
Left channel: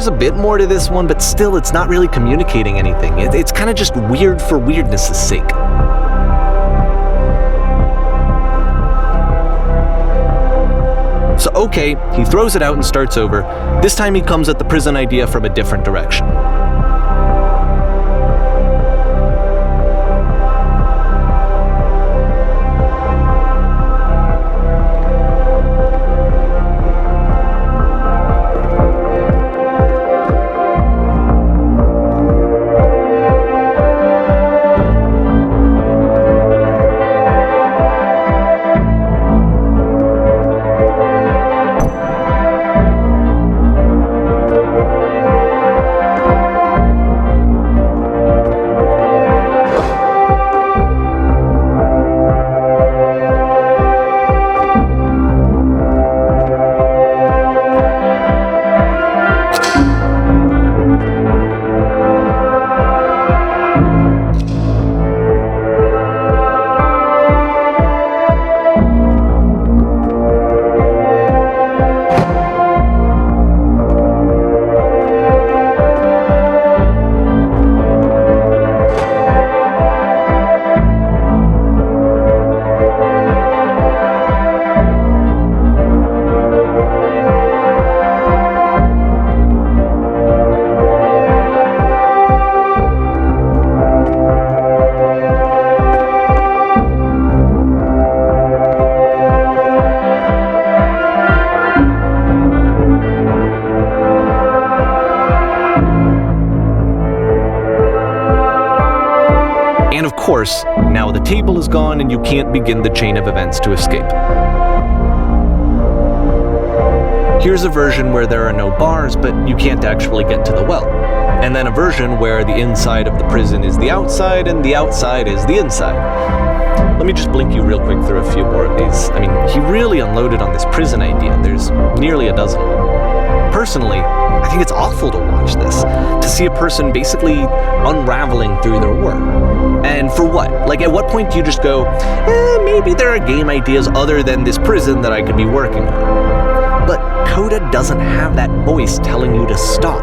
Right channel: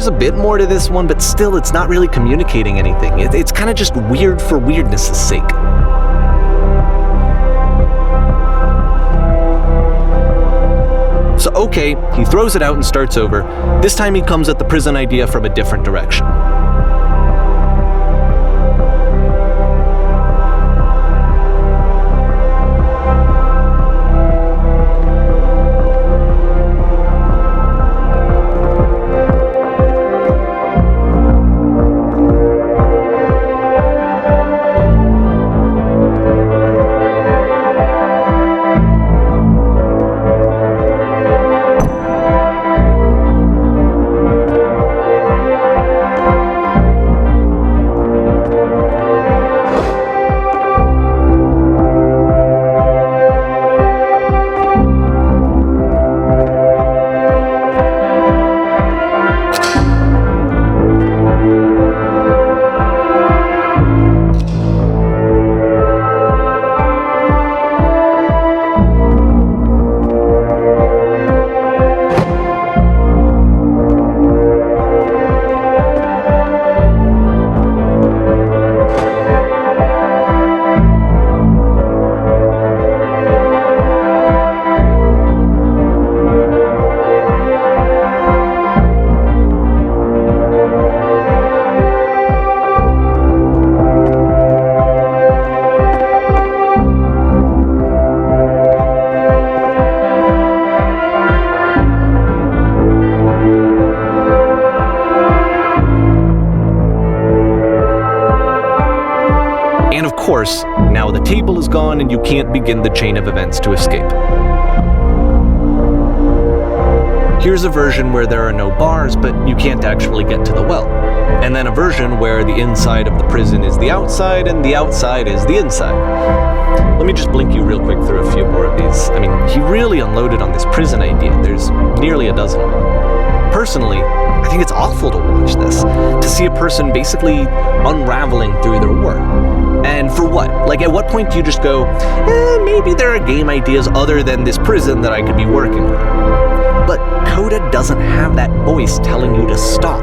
there's a bit more to this one, but still it's not really communicating anything. It's kind of just weird for weirdness' sake. So okay, he throws it out and starts over. This time he comes at the prison idea from a different direction. And of course, now the table is gone and you can't begin the chain of events to escape. Here's a version where there are no bars, but you can't actually get to the well. And then a version where the inside of the prison is the outside and the outside is the inside. Let me just blink you real quick through a few more of these. I mean, he really unloaded on this prison idea. There's nearly a dozen of them. Personally, I think it's awful to watch this, to see a person basically unraveling through their work. And for what? Like, at what point do you just go, maybe there are game ideas other than this prison that I could be working on? But Coda doesn't have that voice telling you to stop,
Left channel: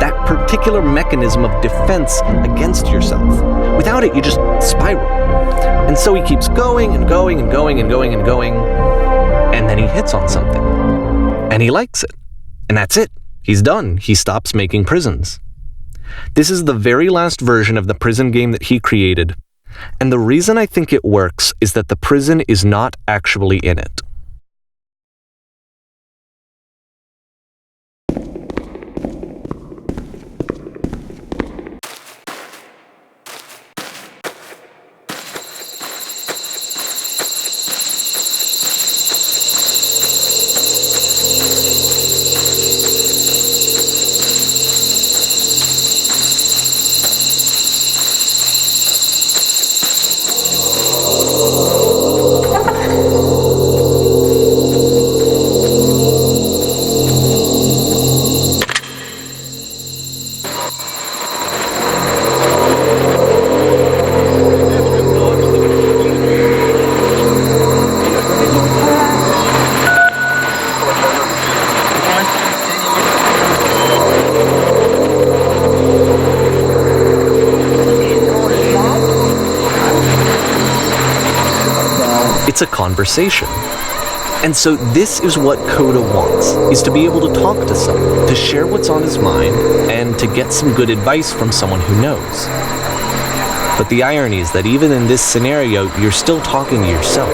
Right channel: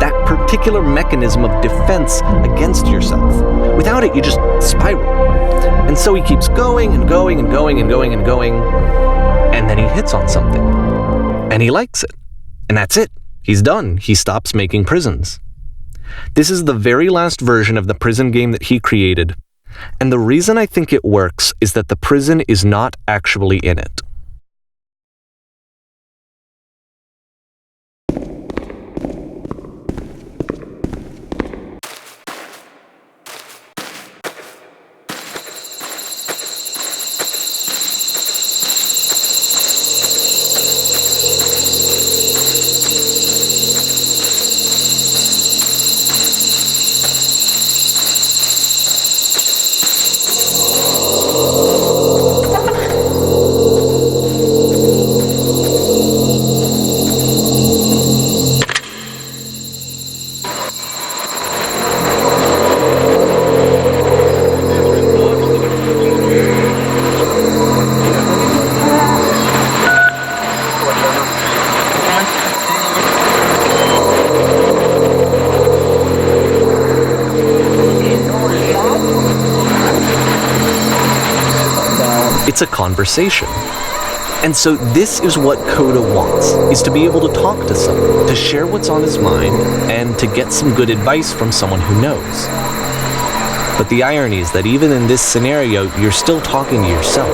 that particular mechanism of defense against yourself. Without it, you just spiral. And so he keeps going and going and going and going and going, and then he hits on something. And he likes it. And that's it. He's done. He stops making prisons. This is the very last version of the prison game that he created, and the reason I think it works is that the prison is not actually in it. It's a conversation. And so this is what Coda wants, is to be able to talk to someone, to share what's on his mind, and to get some good advice from someone who knows. But the irony is that even in this scenario, you're still talking to yourself.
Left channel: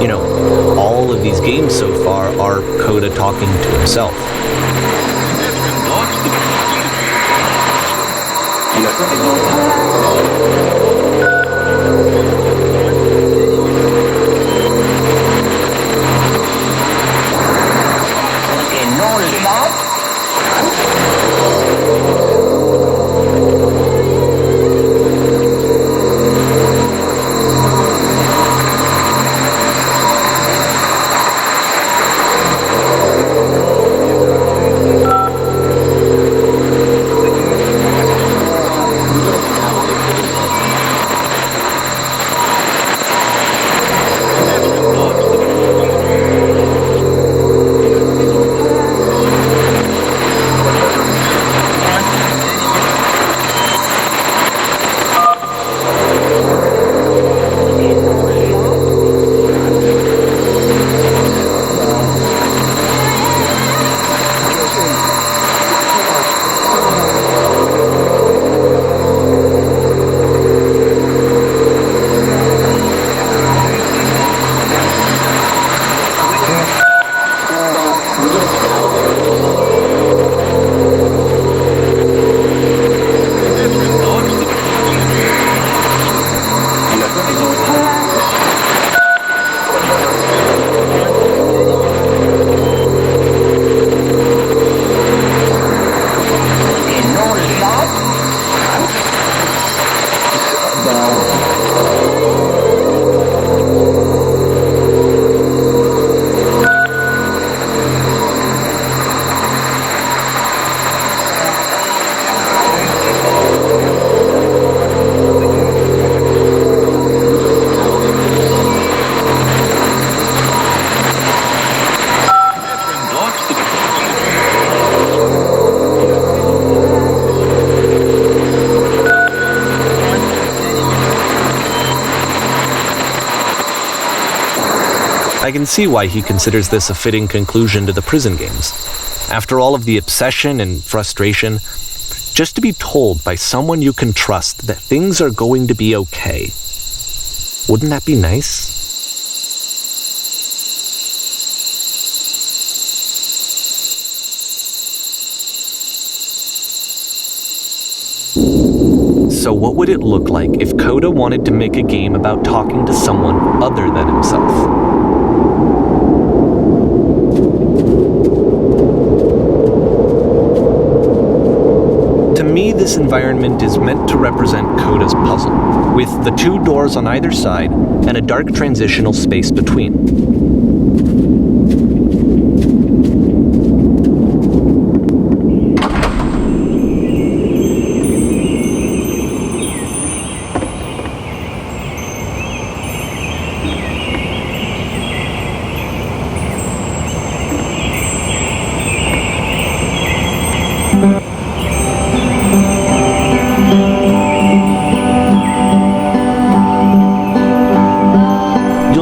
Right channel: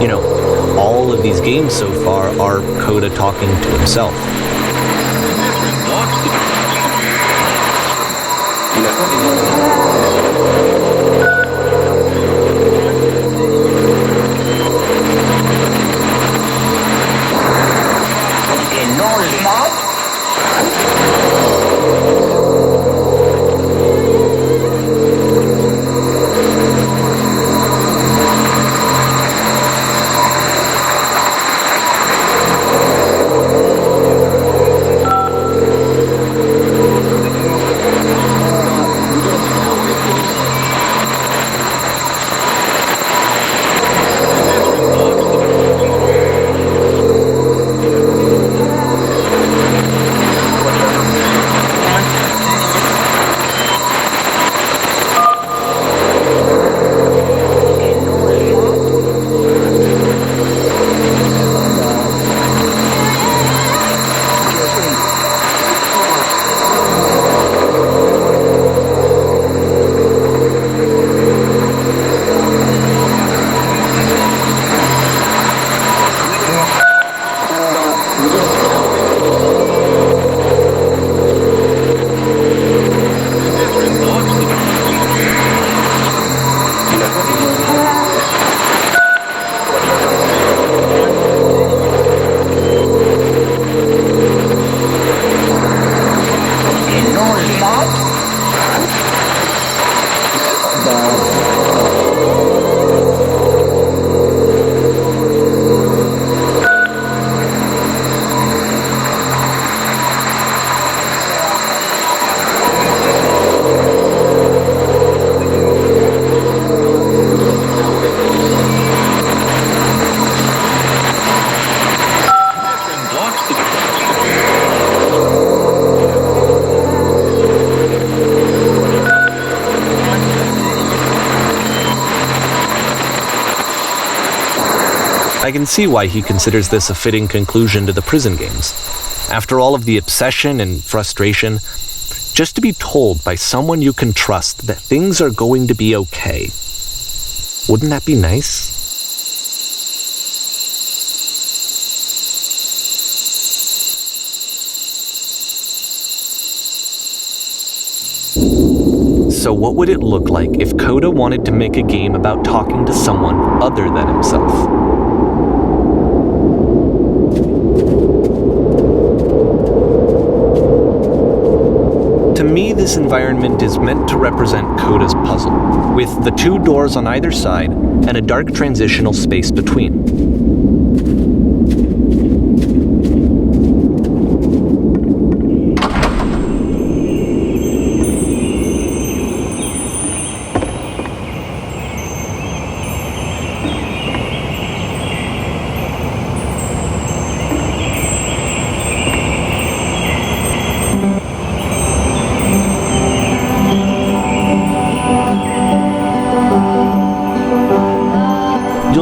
You know, all of these games so far are Coda talking to himself. I can see why he considers this a fitting conclusion to the prison games. After all of the obsession and frustration, just to be told by someone you can trust that things are going to be okay. Wouldn't that be nice? So what would it look like if Coda wanted to make a game about talking to someone other than himself? To me, this environment is meant to represent Coda's puzzle, with the two doors on either side and a dark transitional space between.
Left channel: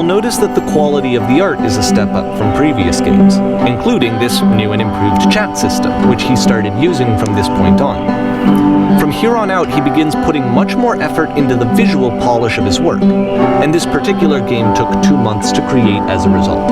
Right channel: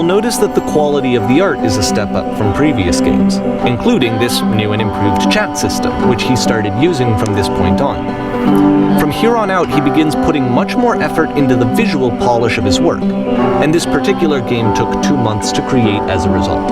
Notice that the quality of the art is a step up from previous games, including this new and improved chat system, which he started using from this point on. From here on out, he begins putting much more effort into the visual polish of his work, and this particular game took 2 months to create as a result.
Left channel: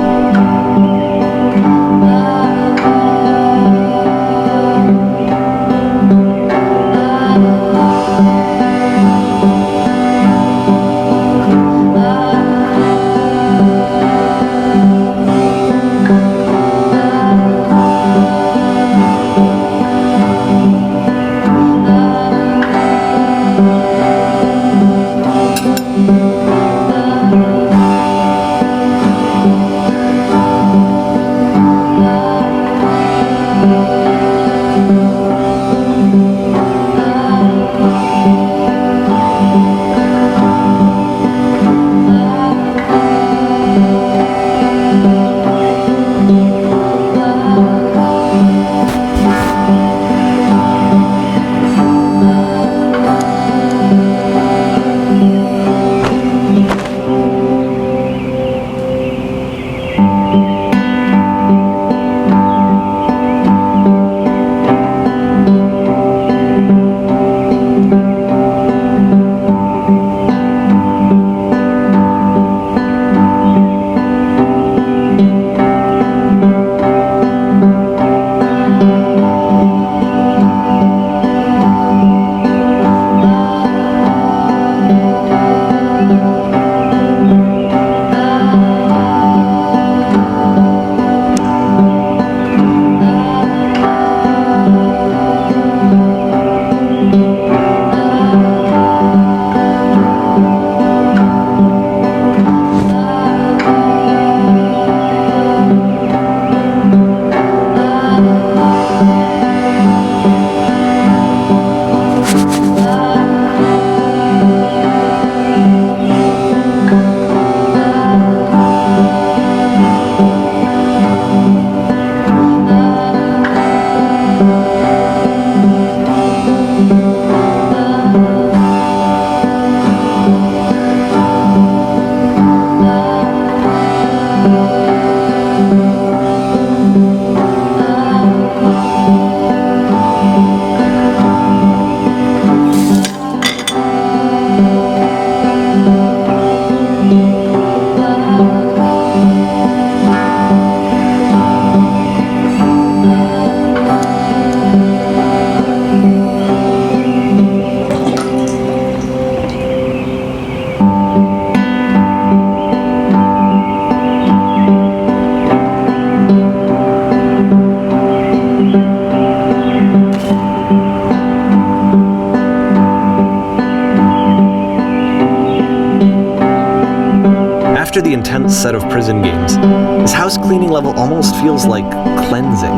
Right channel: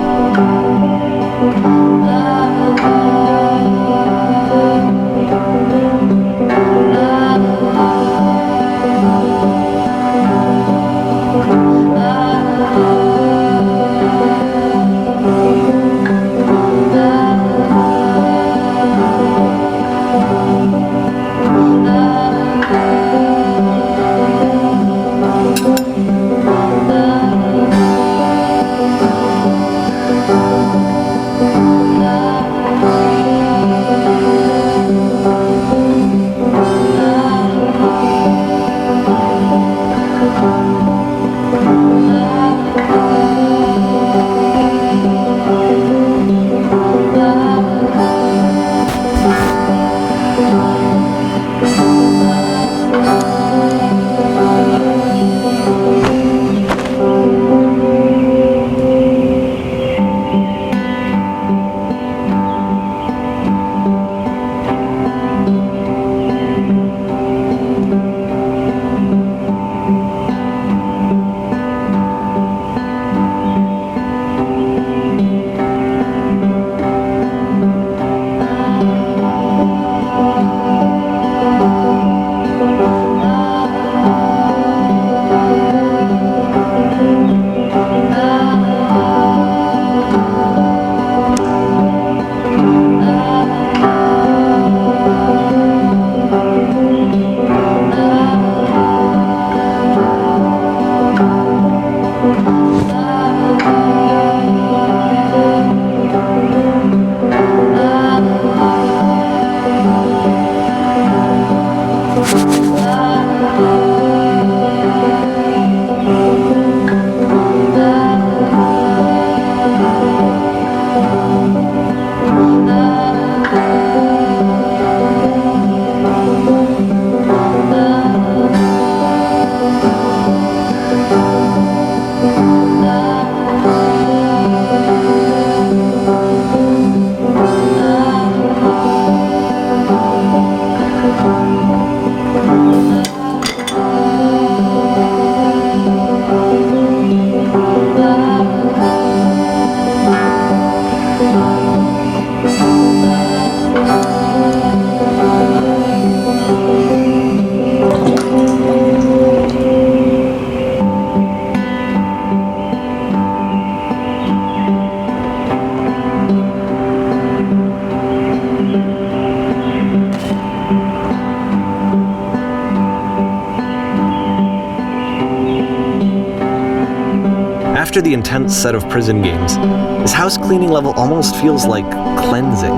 After the intense set of prison games, this house cleaning level almost feels like cleansing.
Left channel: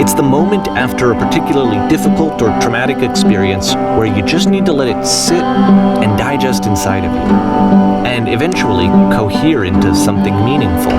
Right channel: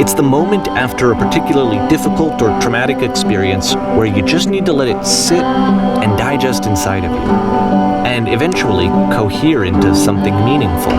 It's the moment after a particularly difficult or traumatic experience where you just need to let it sit and digest inside of you, and eventually cohere into something meaningful.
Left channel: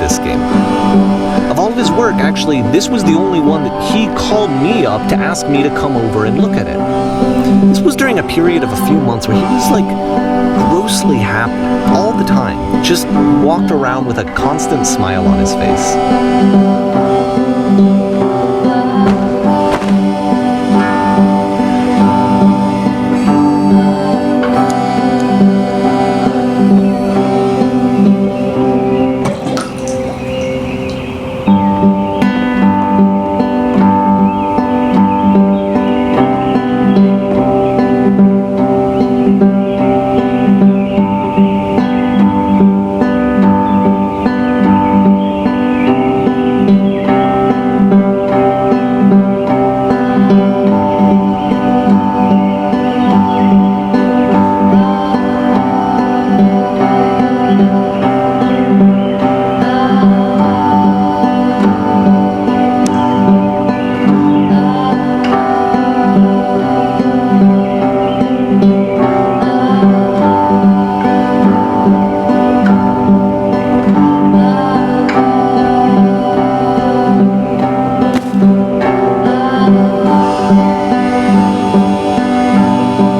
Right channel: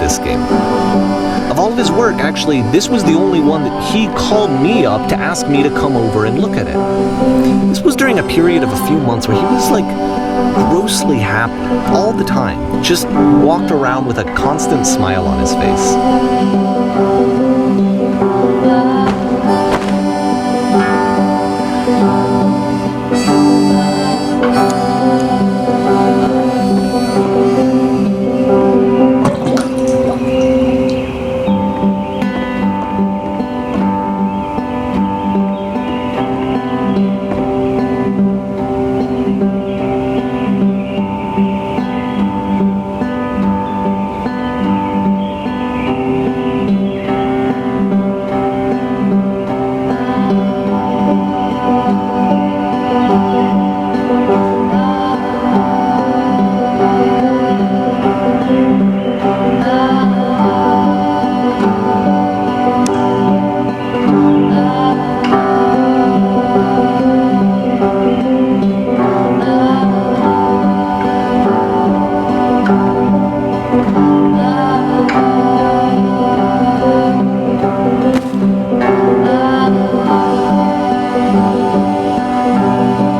This game. Of all of his work, actually, this was the only one that he called me up to ask me to come over and look at it. This was during a period of a few months where he was like grossly happy all the time, just walked around with a constant smile on his face.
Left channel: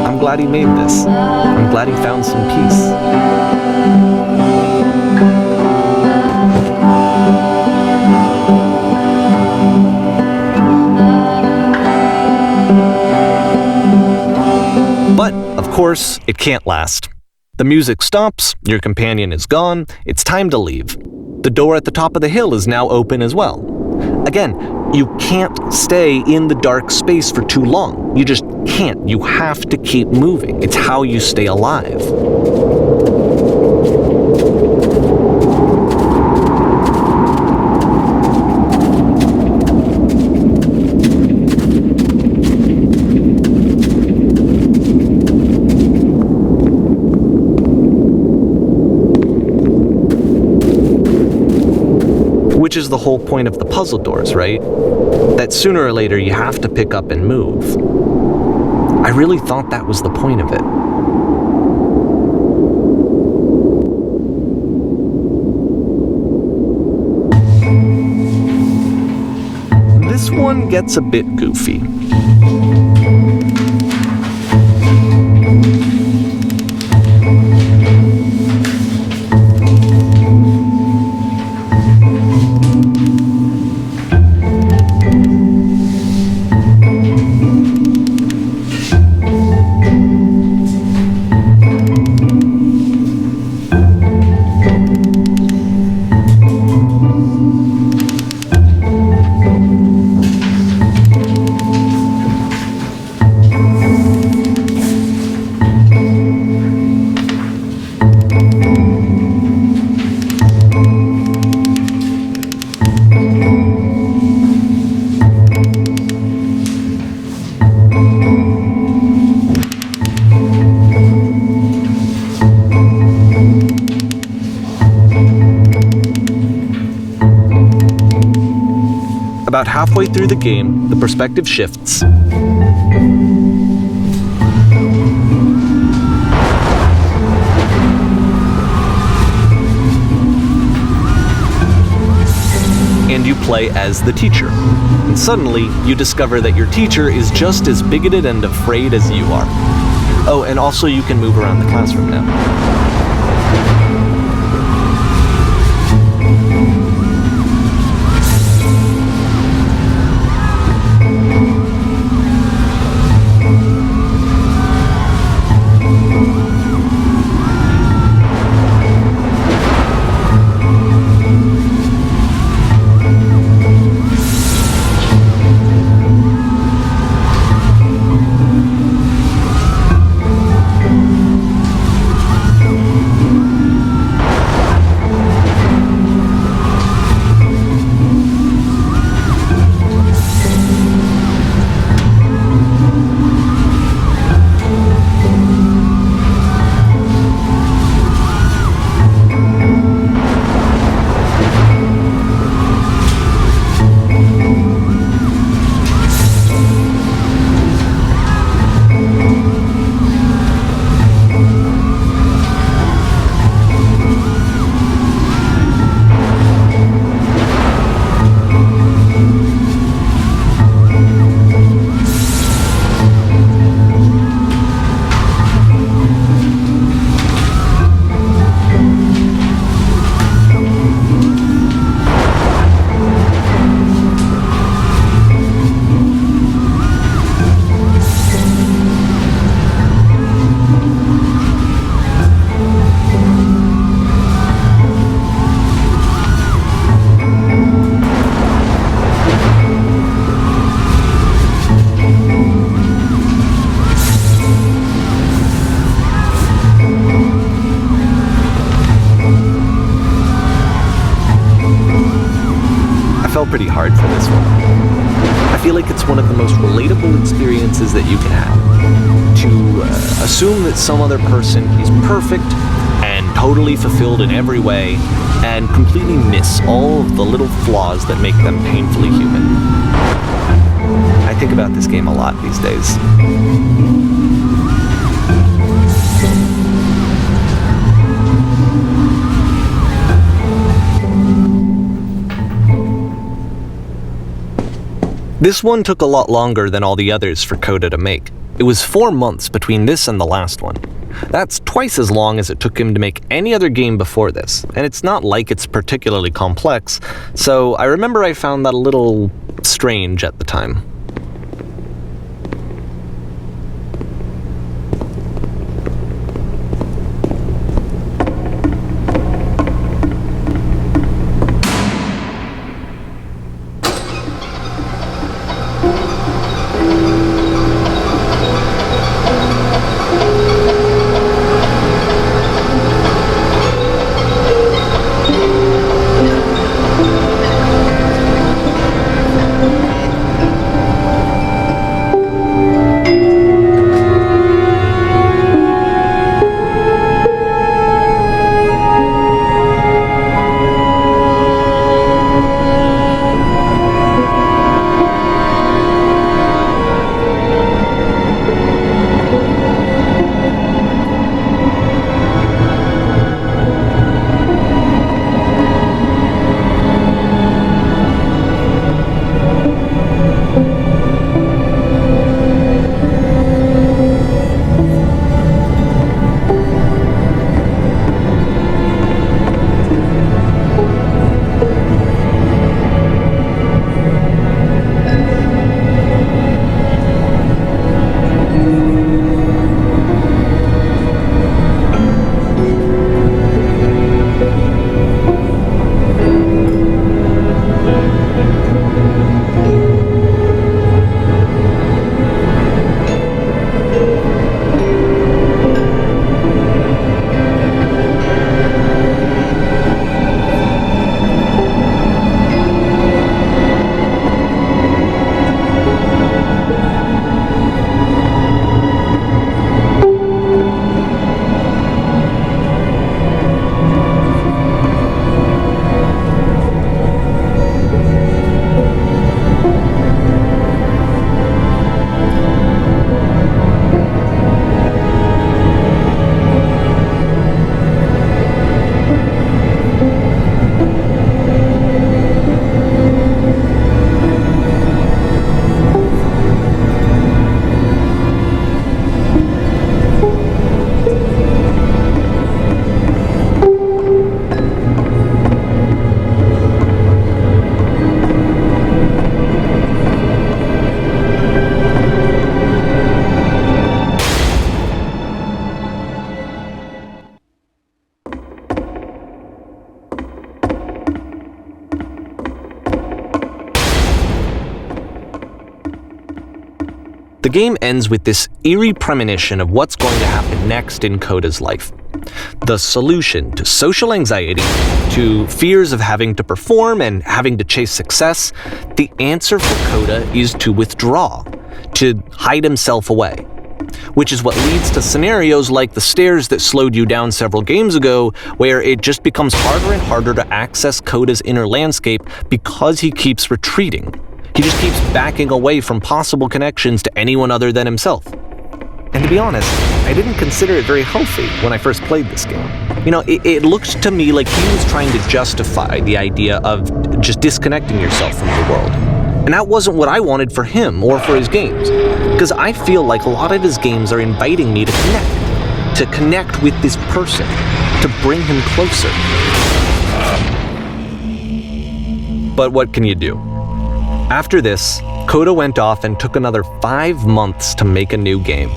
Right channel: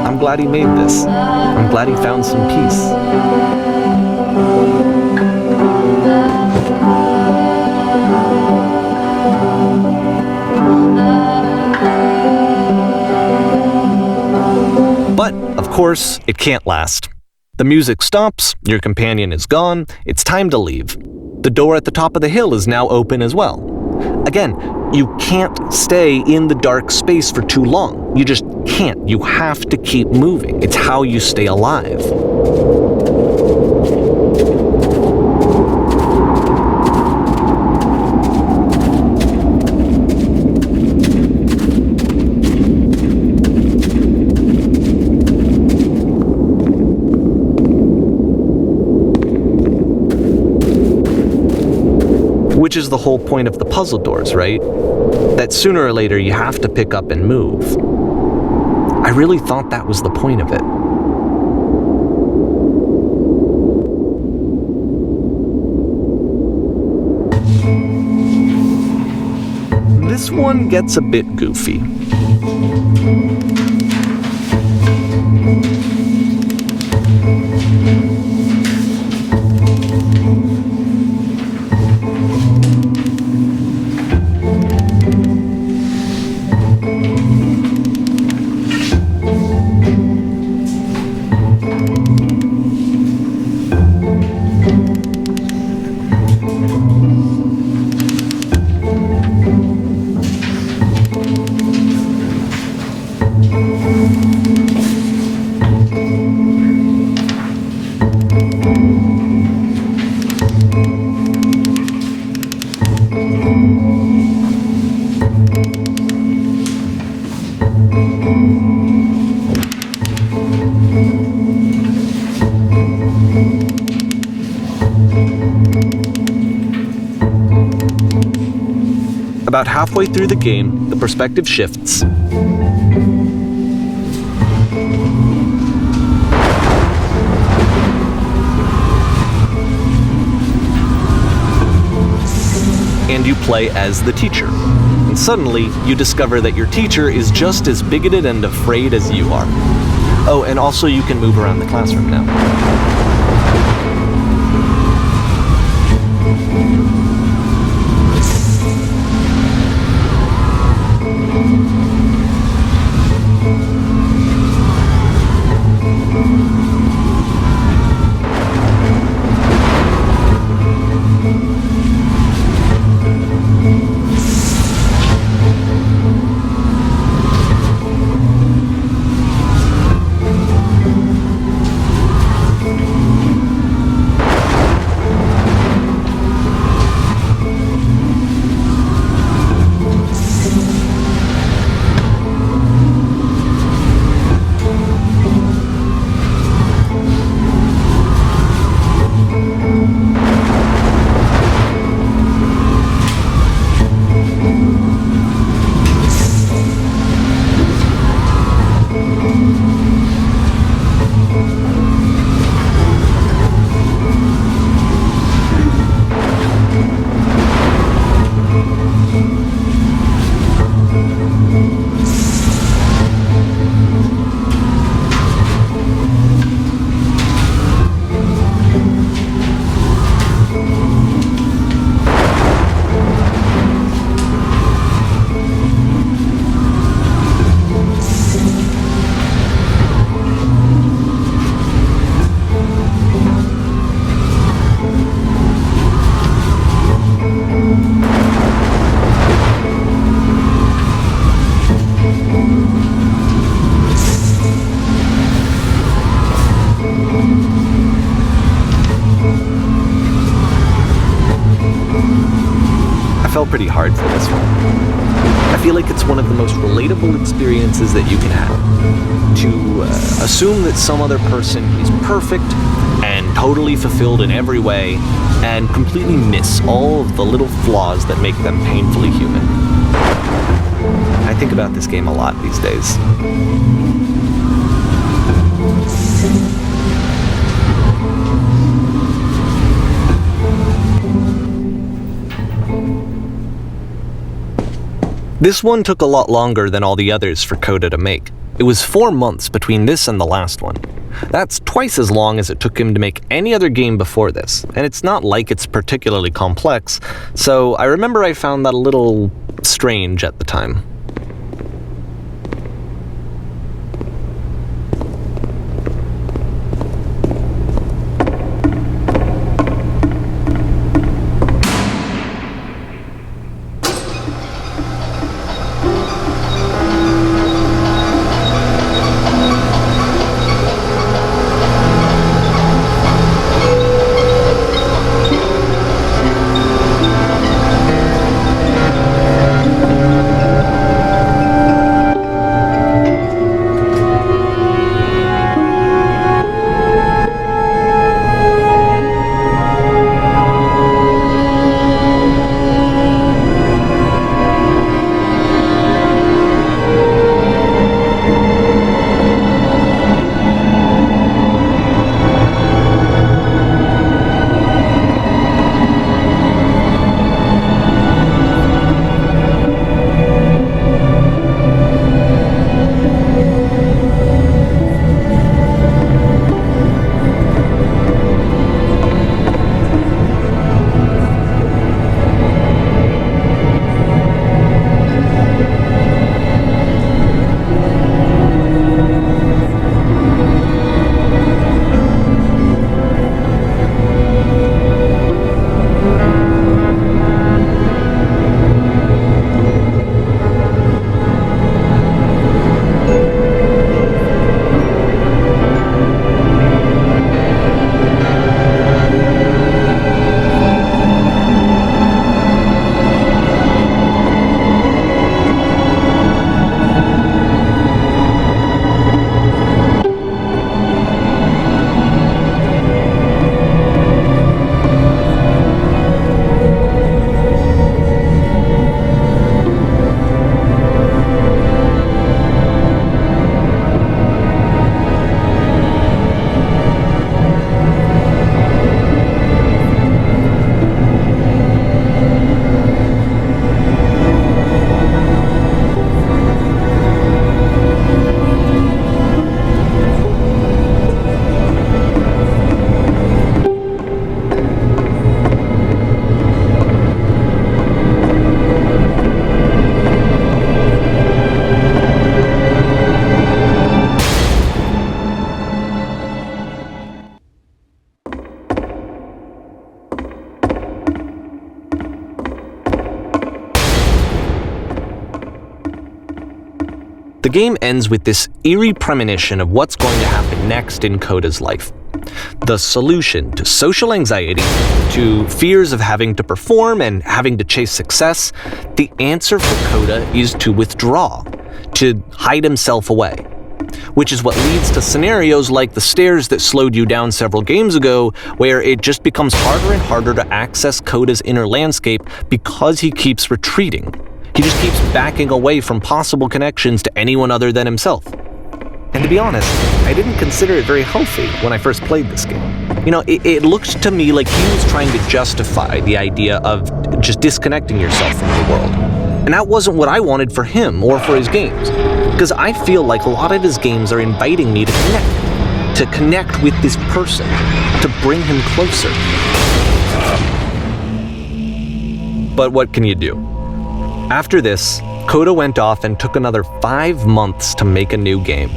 I'm glad he made this. I'm glad he found some peace. But, of course, it can't last. The music stops, your companion is gone, it's time to leave. The door at the top of the hill is now open as well. Again, you can't stay in the dark space for too long. You just can't. You have to keep moving. It's how you stay alive. Which is the whole point of the puzzle doors, right? That sooner or later you have to pick up and move. I really thought that was the point of it. This one gets a bit goofy. About halfway through the game, the perspective shifts. And you play as the teacher. And suddenly, you discover that your teacher is just as bigoted and afraid as you are. Oh, and also you can move around the classroom now. pretty hard for this one. I feel like it's one of the most relatable experiences that you can have. To assume that some other person is perfect and totally fulfilled in every way, and completely miss all of the little flaws that make them painfully human. I think about this game a lot these days. This one took a lot longer than all the others for Coda to make. It was 4 months between this and the last one. That's twice as long as it took him to make any other game before this, and it's not like it's particularly complex, so I remember I found that a little strange at the time. The game ends with this eerie premonition of what's going to happen next in Coda's life. The solution to social anxiety, to fears of having to perform and having to chase success, the answer for Coda is to withdraw, to hide himself away. Which is what leads to scenarios like the stairs that slowed you down several games ago, where it just becomes harder and harder to access Coda's inner landscape because he keeps retreating. He just keeps backing away from possible connections to anyone other than himself. And to be honest, I didn't consider it very healthy when I first played this game. You know, it looked to me like he was trying to justify the idea of just disconnecting yourself from the world. And that wasn't what I wanted for him or for his games. Because I feel like a lot of his games are inviting me to connect with this person, to bring him closer. But what can you do? After this, Coda went off and took another 5 months to make a new game.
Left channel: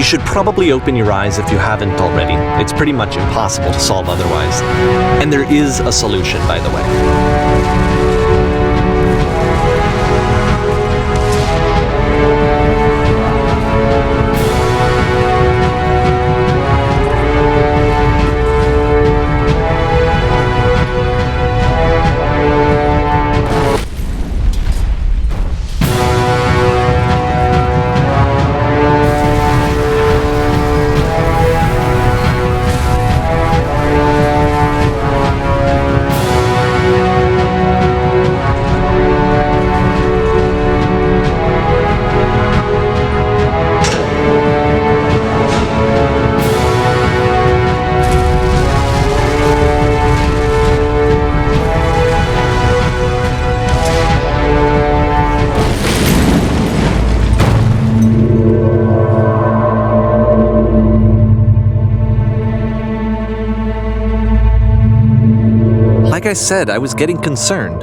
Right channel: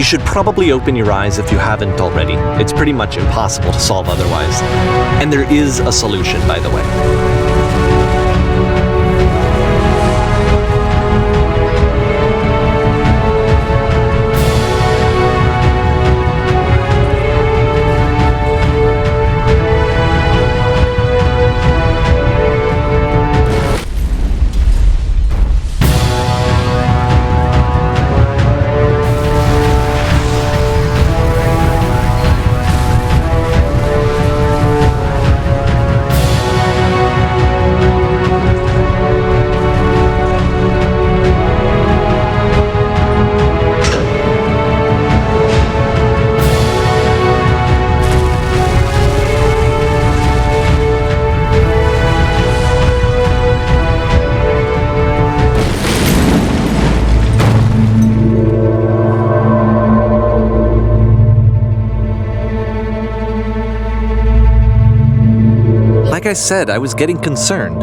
You should probably open your eyes if you haven't already. It's pretty much impossible to solve otherwise. And there is a solution, by the way. Like I said, I was getting concerned.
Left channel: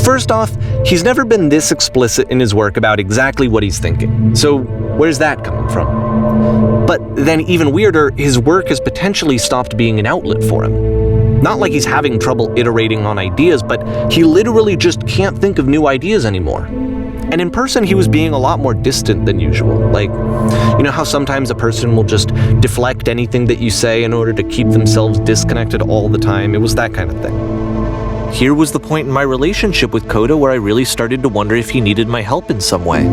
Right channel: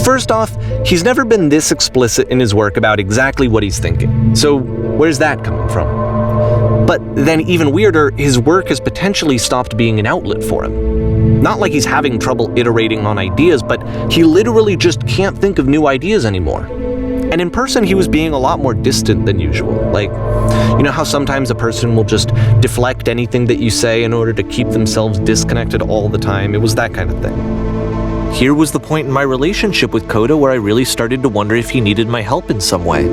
First off, he's never been this explicit in his work about exactly what he's thinking. So where's that coming from? But then even weirder, his work has potentially stopped being an outlet for him. Not like he's having trouble iterating on ideas, but he literally just can't think of new ideas anymore. And in person, he was being a lot more distant than usual. Like, you know how sometimes a person will just deflect anything that you say in order to keep themselves disconnected all the time? It was that kind of thing. Here was the point in my relationship with Koda where I really started to wonder if he needed my help in some way.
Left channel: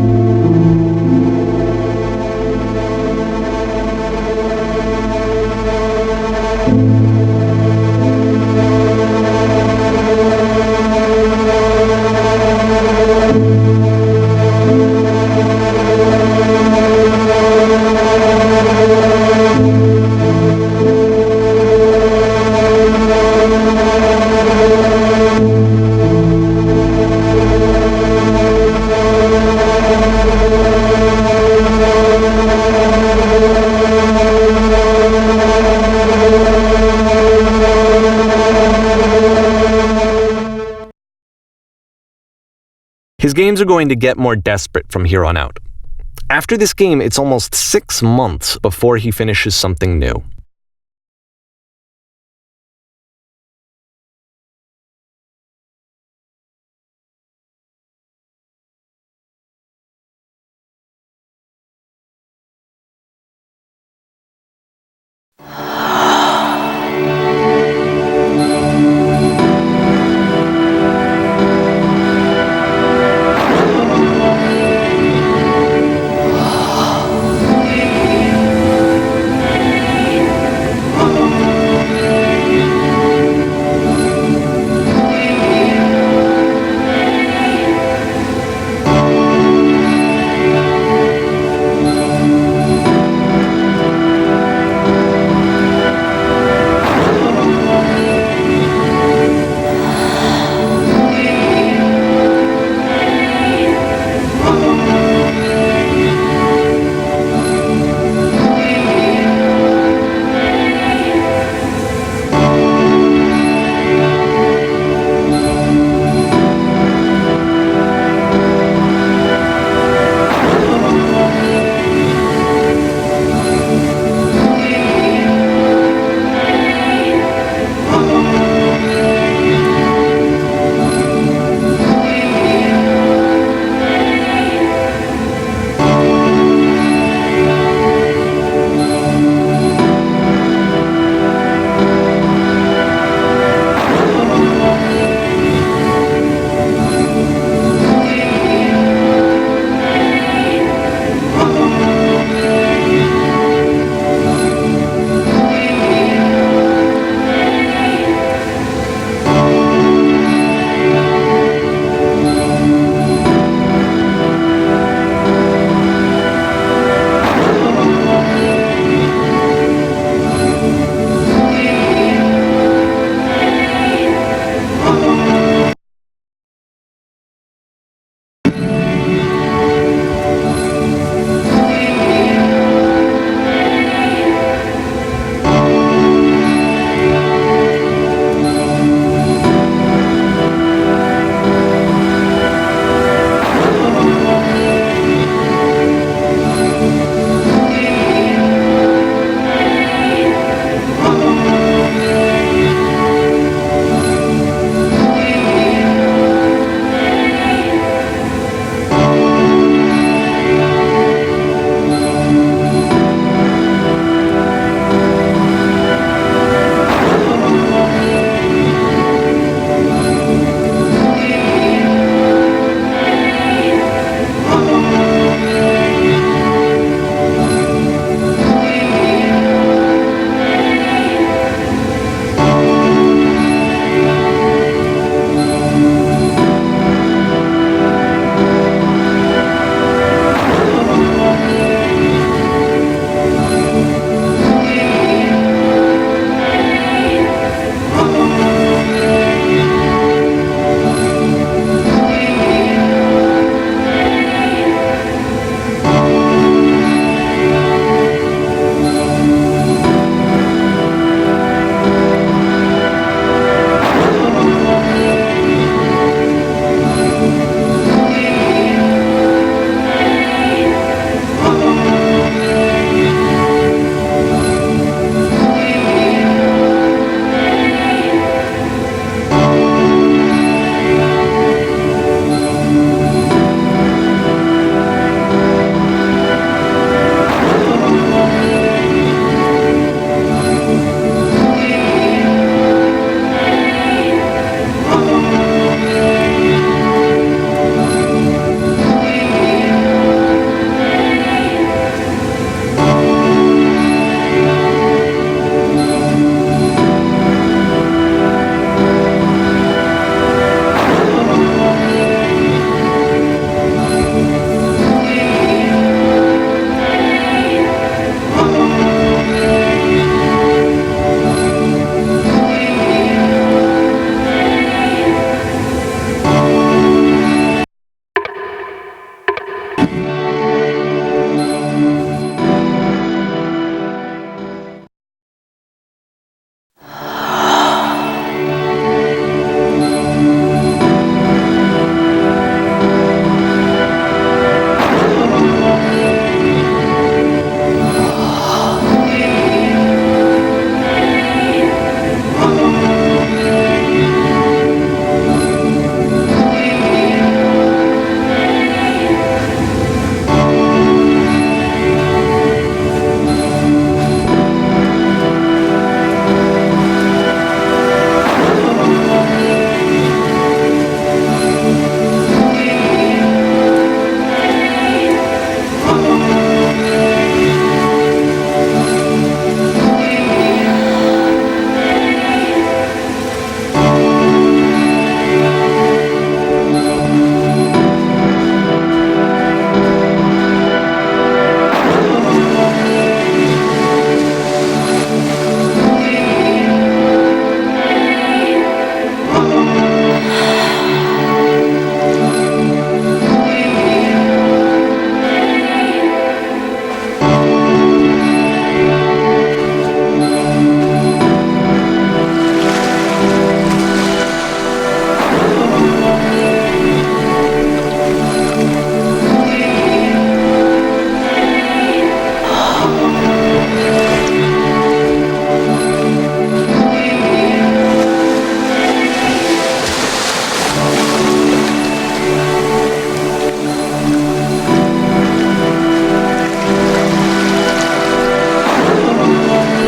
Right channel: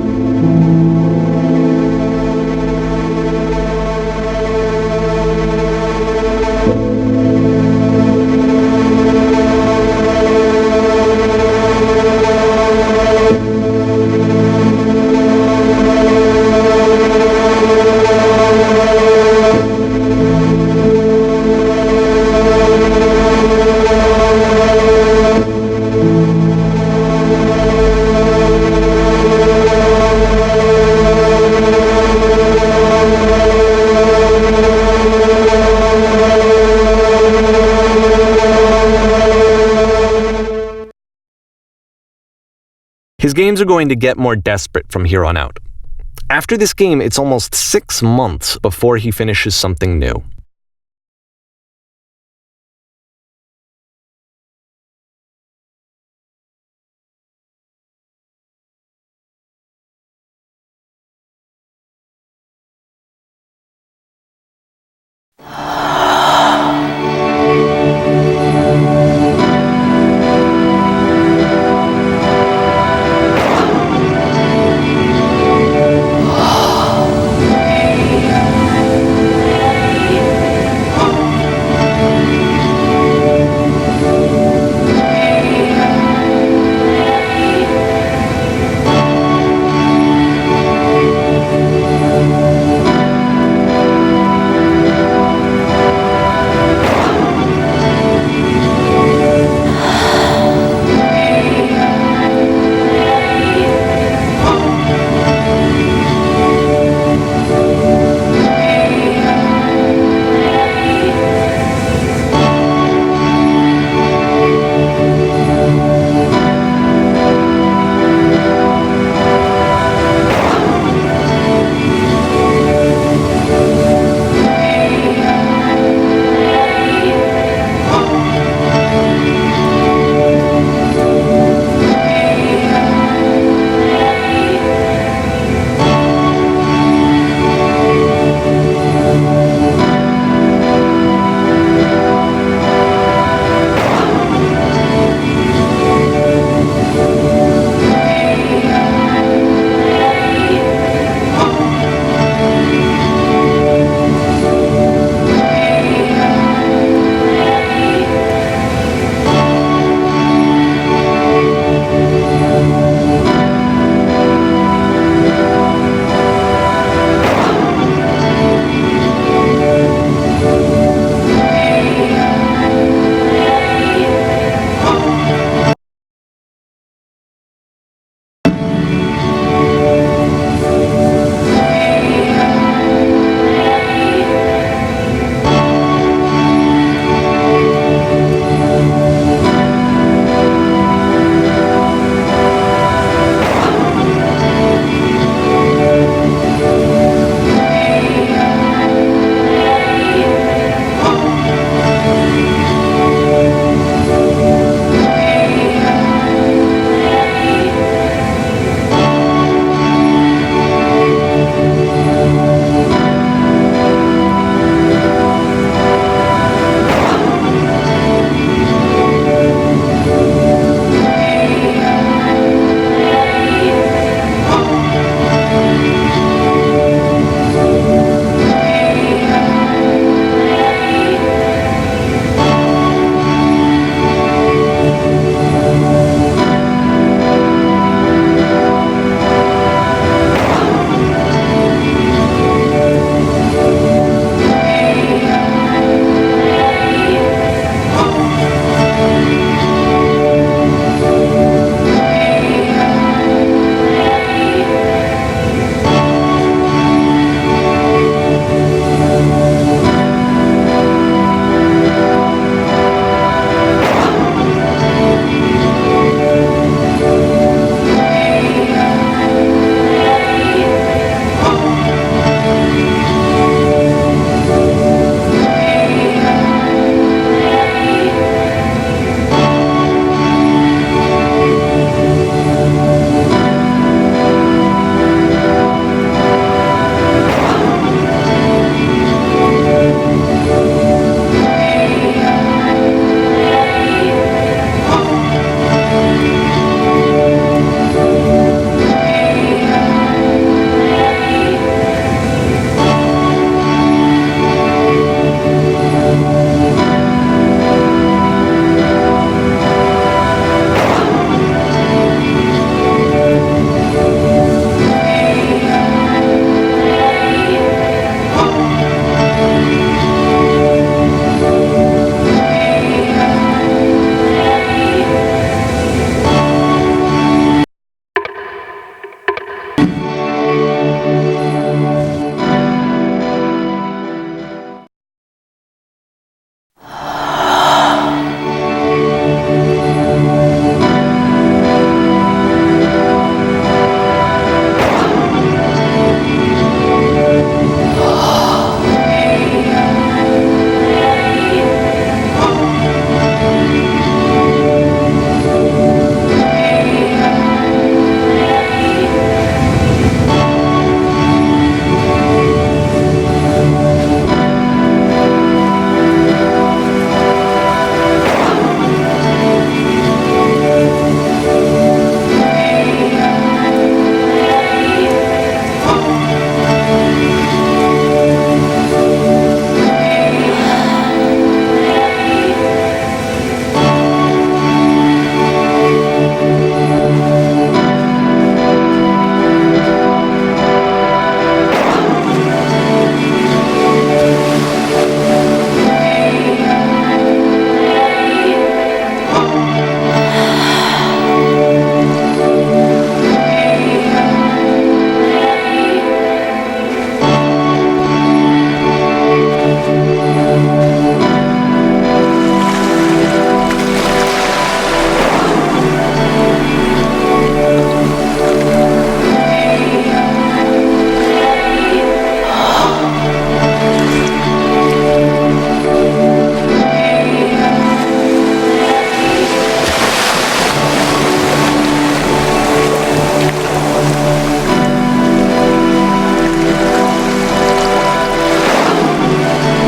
His games are going to get more desperate from here on out. After this game, it's almost 6 months before he finishes something new.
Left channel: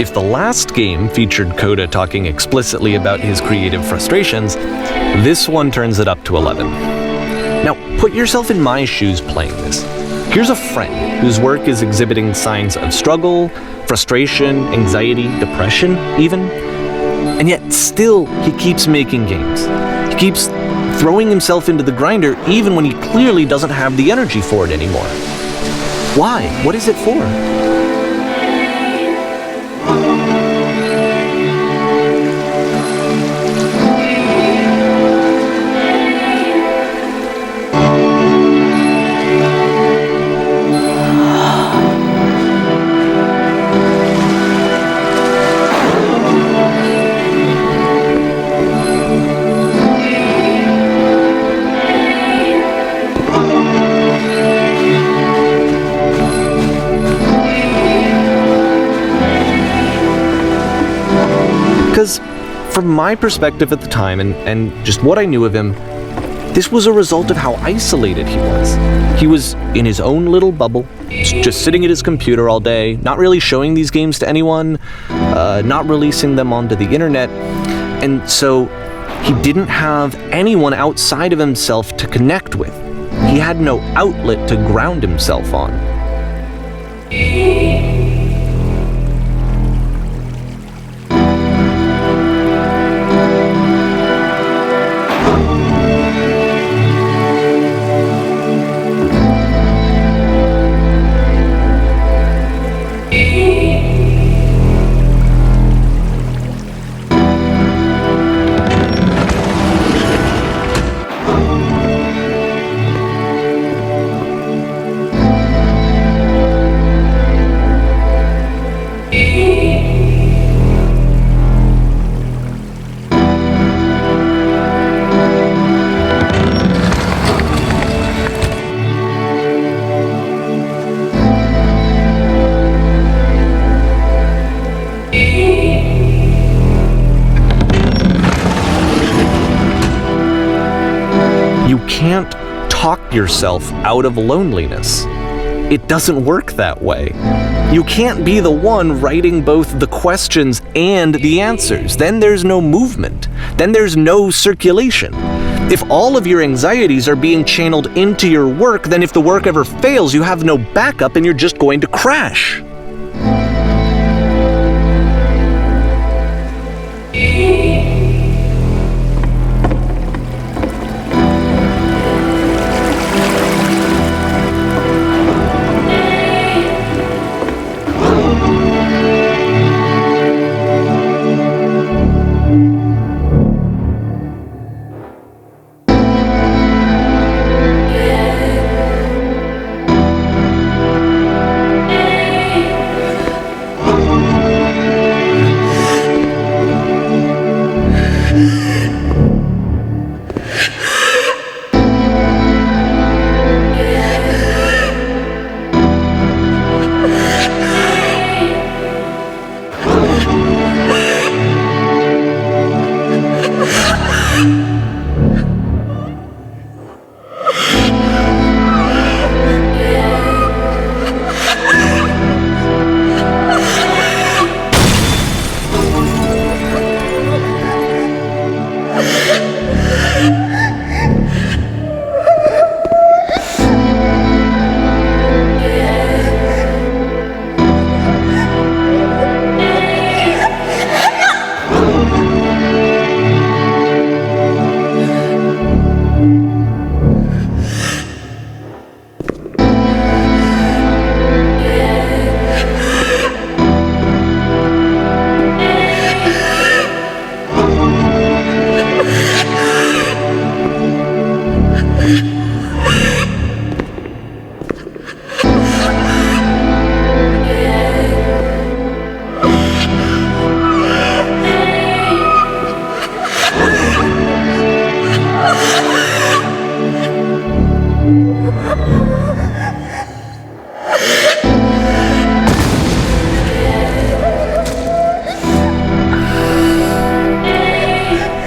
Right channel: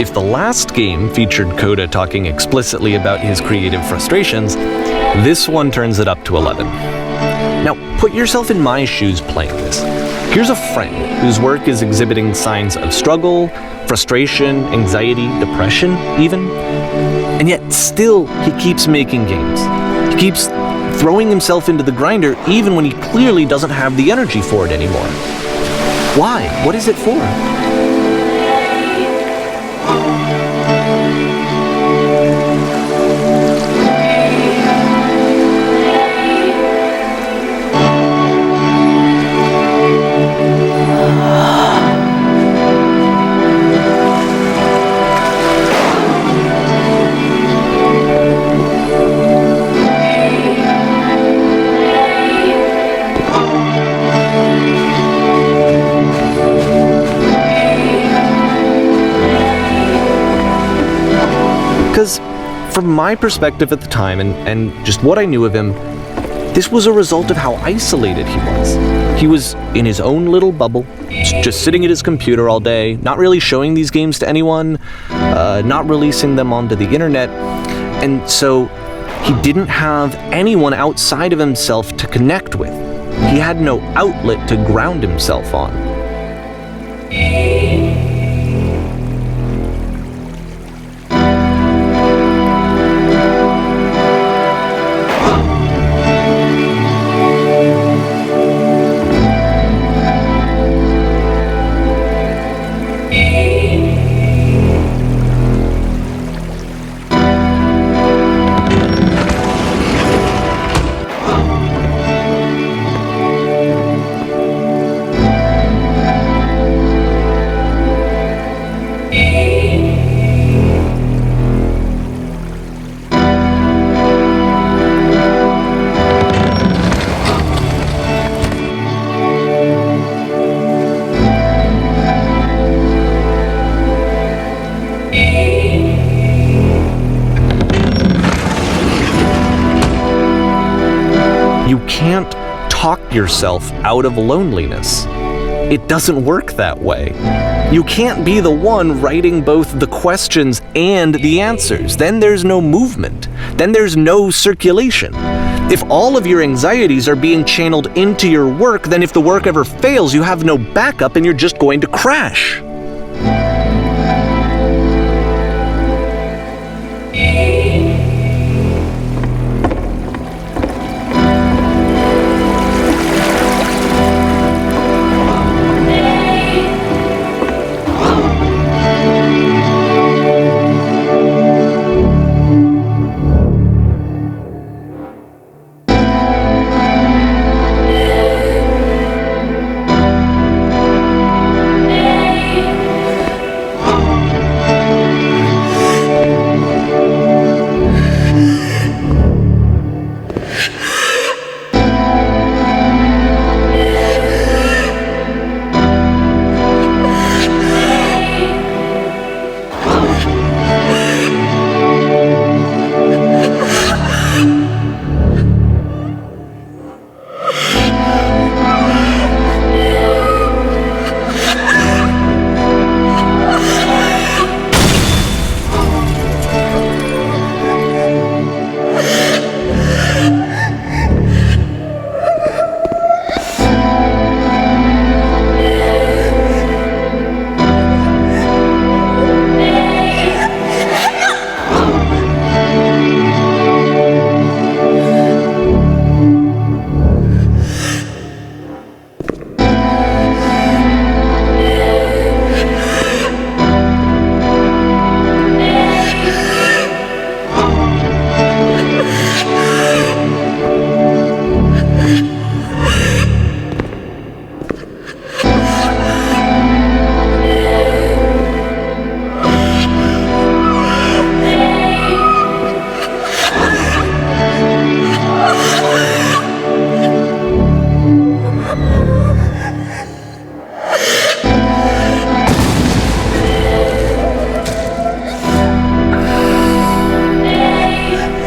If the last game featured Coda talking explicitly about his creative frustrations, this one turns it up to 11. Now, put yourself in my shoes playing this. Here's a friend whose work is exhibiting signs of struggle, frustration, anxiety, depression even, and yet still he keeps making games. He keeps throwing himself into the grinder even when he clearly doesn't have the energy for it anymore. Why? What is it for? Because from my perspective at the time, and just what I knew of him, this was a result of how isolated he was. He was in his own little bubble, just sitting at his computer all day, not really showing these games to anyone, not releasing them onto the internet, and so he didn't have anyone outside of himself to connect with. He had no outlet to ground himself on. You can't talk yourself out of loneliness. It doesn't work that way. You can't be the one writing both the questions and the answers. Then there's no movement. Then there's no circulation. If all of your anxieties are being channeled into your work, then if the work ever fails, you have no backup and you're just going to crash.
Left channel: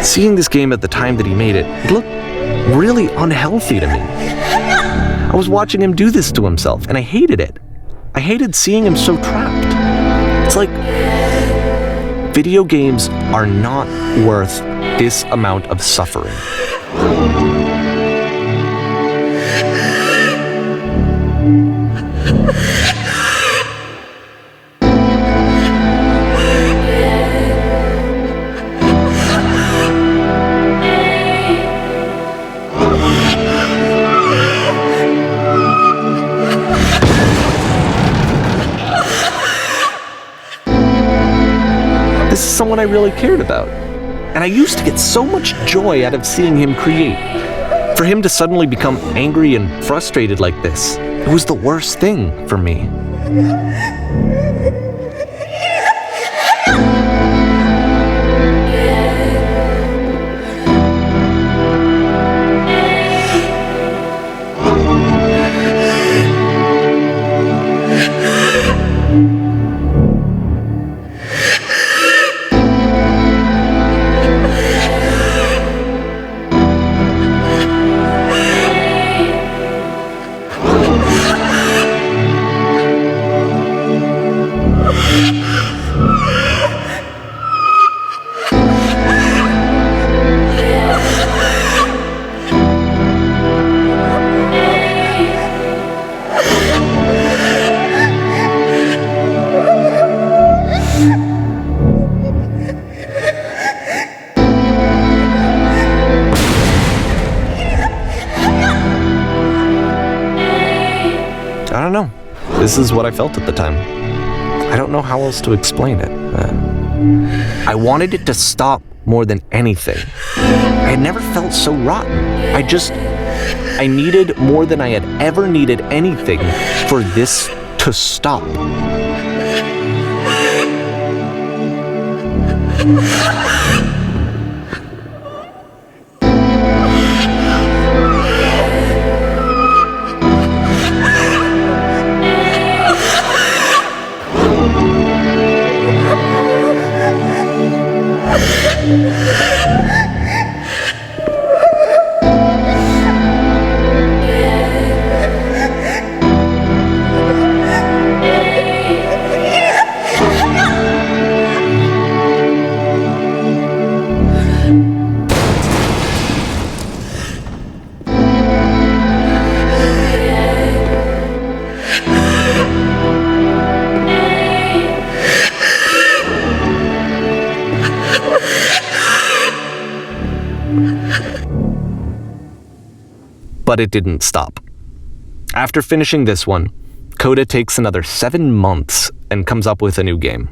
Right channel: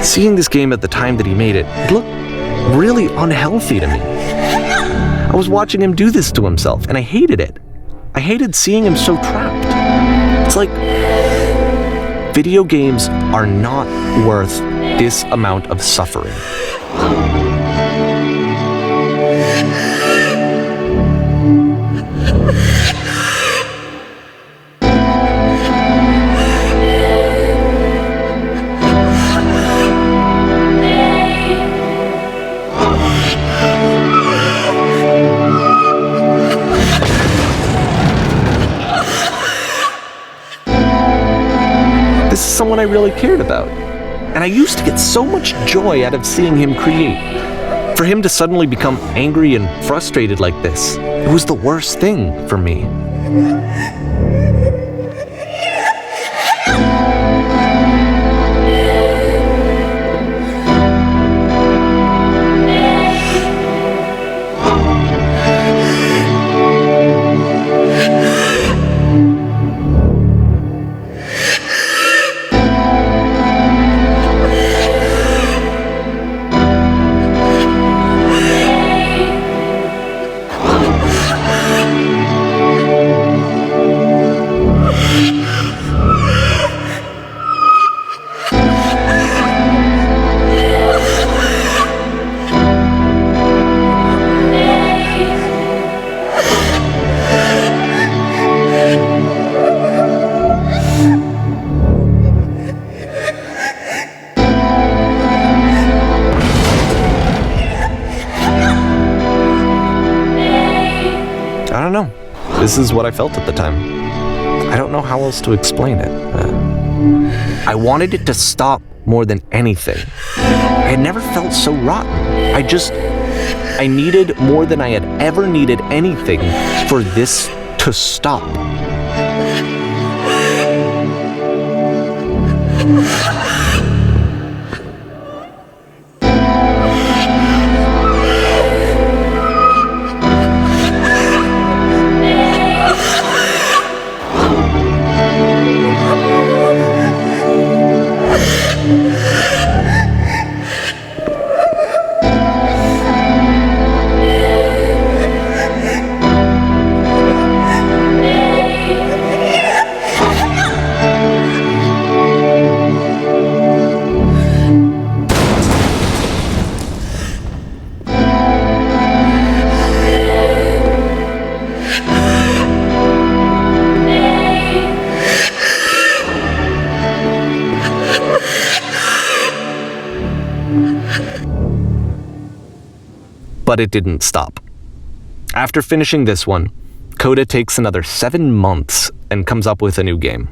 Seeing this game at the time that he made it, it looked really unhealthy to me. I was watching him do this to himself, and I hated it. I hated seeing him so trapped. It's like Video games are not worth this amount of suffering. This is someone I really cared about. And I used to get so much joy out of seeing him create. For him to suddenly become angry and frustrated like this, it was the worst thing for me. I don't know. This is what I felt at the time. I don't know how else to explain it. I wanted it to stop more than anything. I had never felt so rotten. I needed more than I had ever needed anything for this to stop. But it didn't stop. After finishing this one, Coda takes another 7 months and comes up with a new game.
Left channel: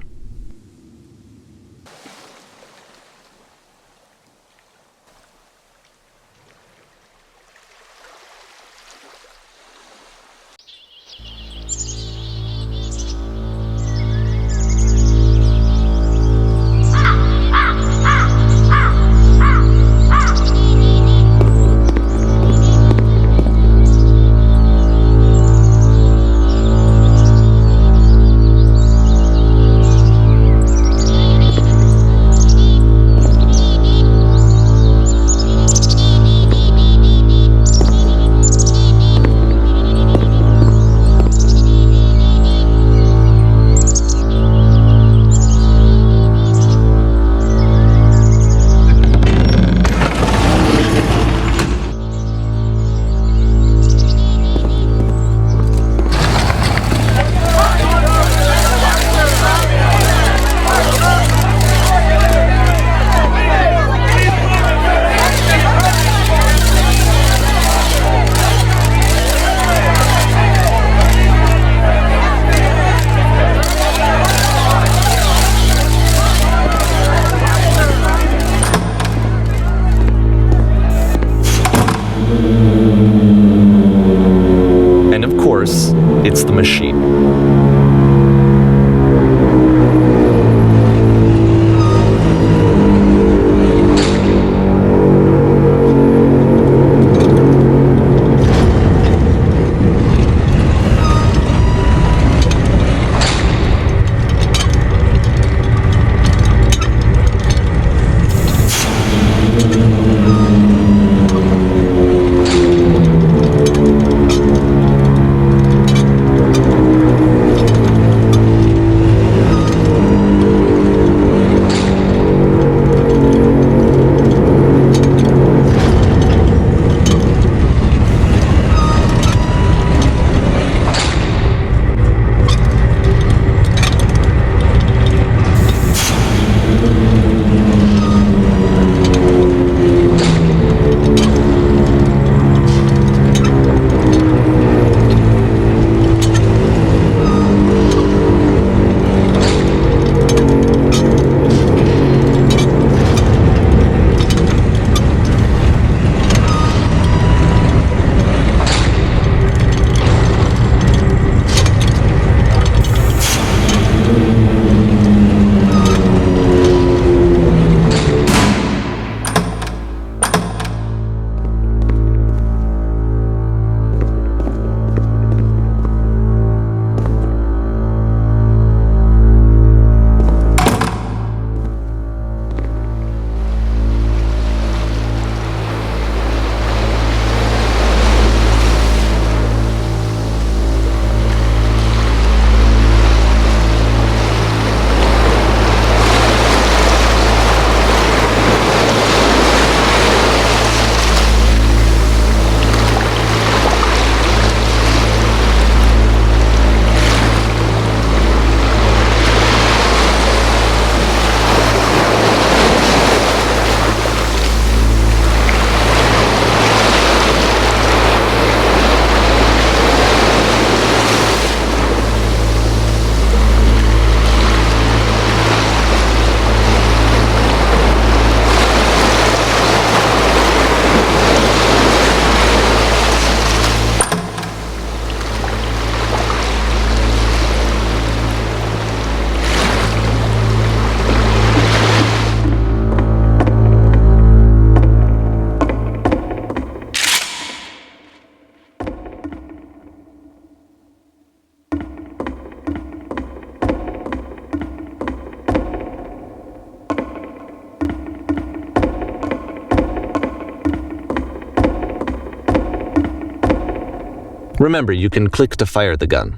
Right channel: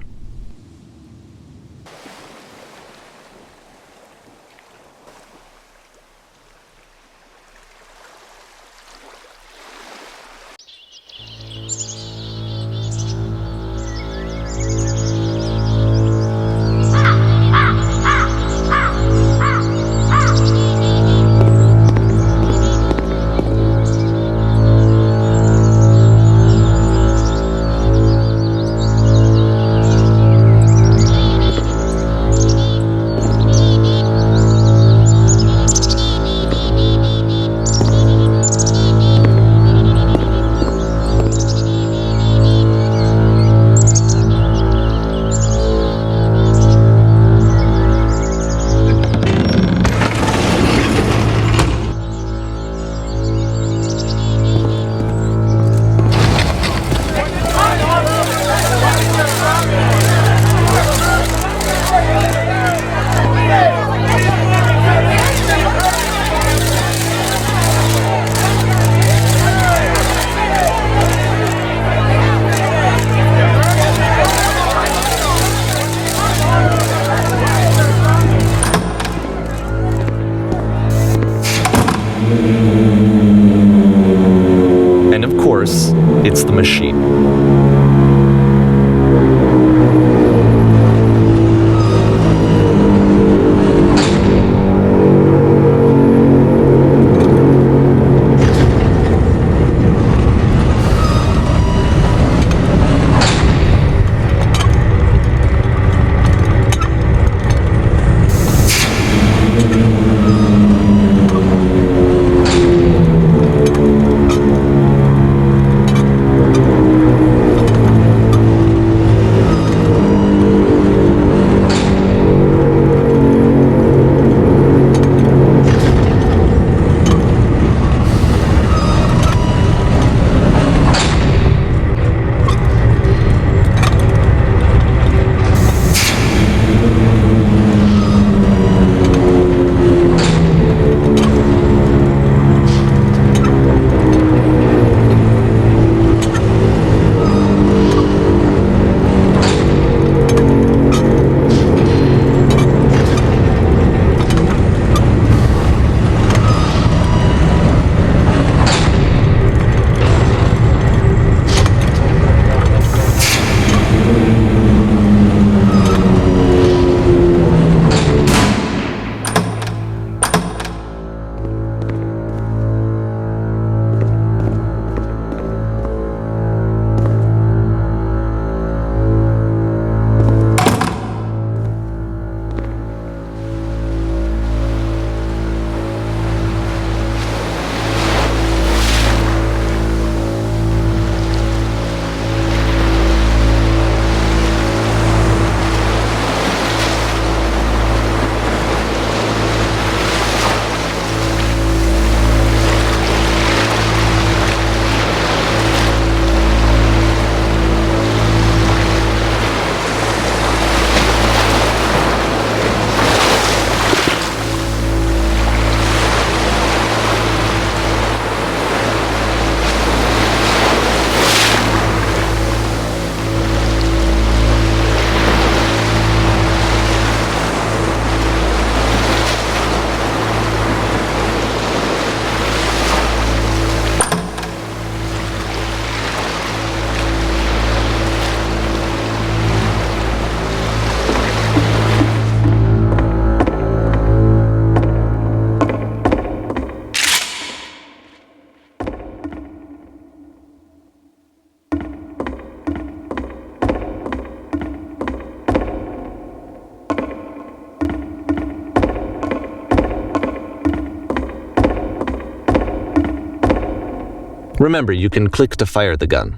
Remember, you can click to fire the gun.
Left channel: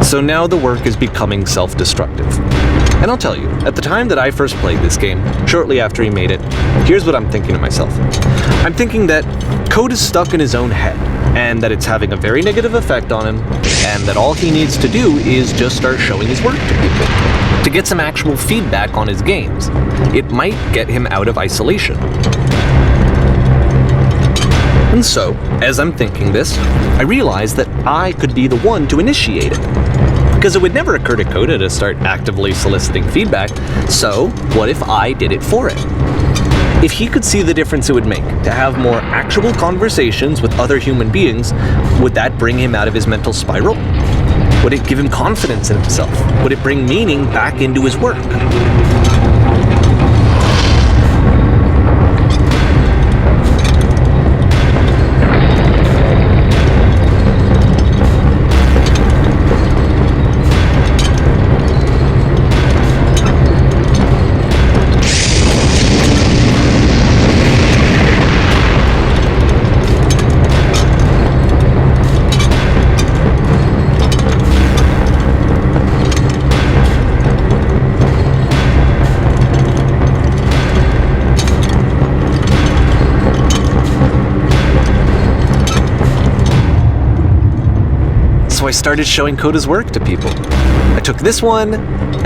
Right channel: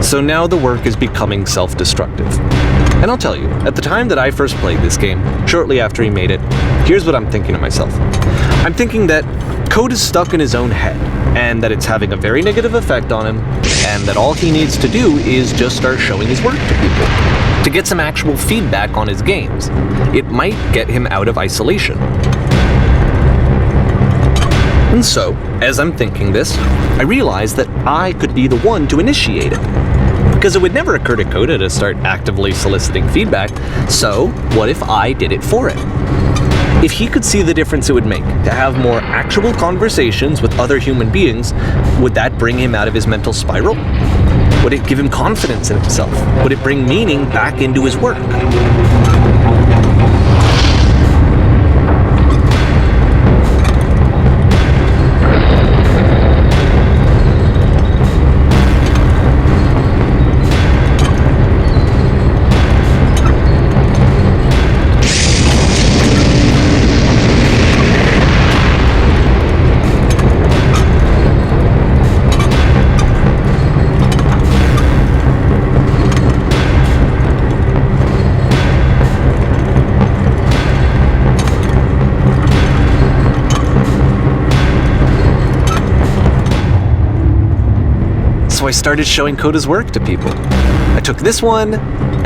So now the work is becoming self-destructive. And I'll tell you, at the time that I first played this game, shortly after he made it, here's what I'm thinking to myself. I'm thinking that code is stuck in his own head, and that it's having a very negative effect on him, and that all he needs to do is just start showing his work to people, to get some actual feedback on his games. It might get him out of isolation. And so, as I'm thinking this, I realize that I could be the one to initiate it. Because it would never occur to Coda to start actively soliciting feedback, so what if I did it for him? If he could see the difference it would make to have more actual conversations with other human beings, would that bring him out of his mental spiral? Would it give him confidence in himself? Would it bring meaning back into his work? So I started showing Coda's work to people. I took this one,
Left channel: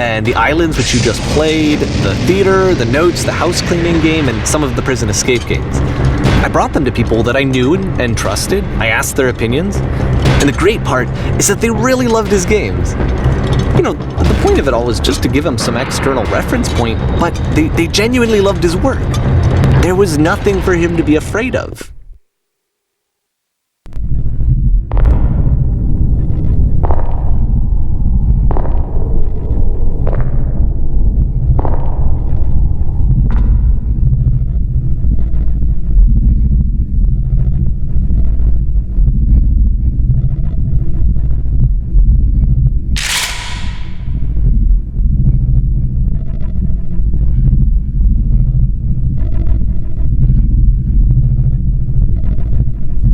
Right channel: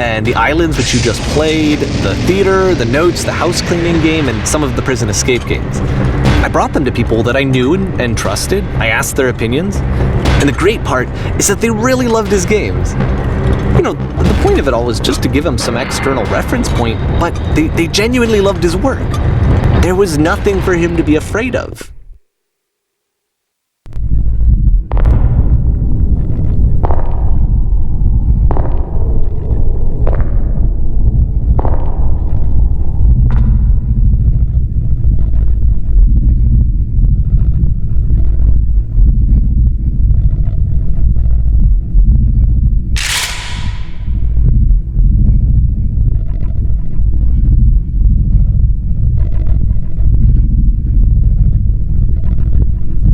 and the islands which you just played, the theater, the notes, the house cleaning game, and some of the prison escape games. I brought them to people that I knew and trusted. I asked their opinions. And the great part is that they really loved his games. You know, the point of it all was just to give him some external reference point, but they genuinely loved his work. There was nothing for him to be afraid of.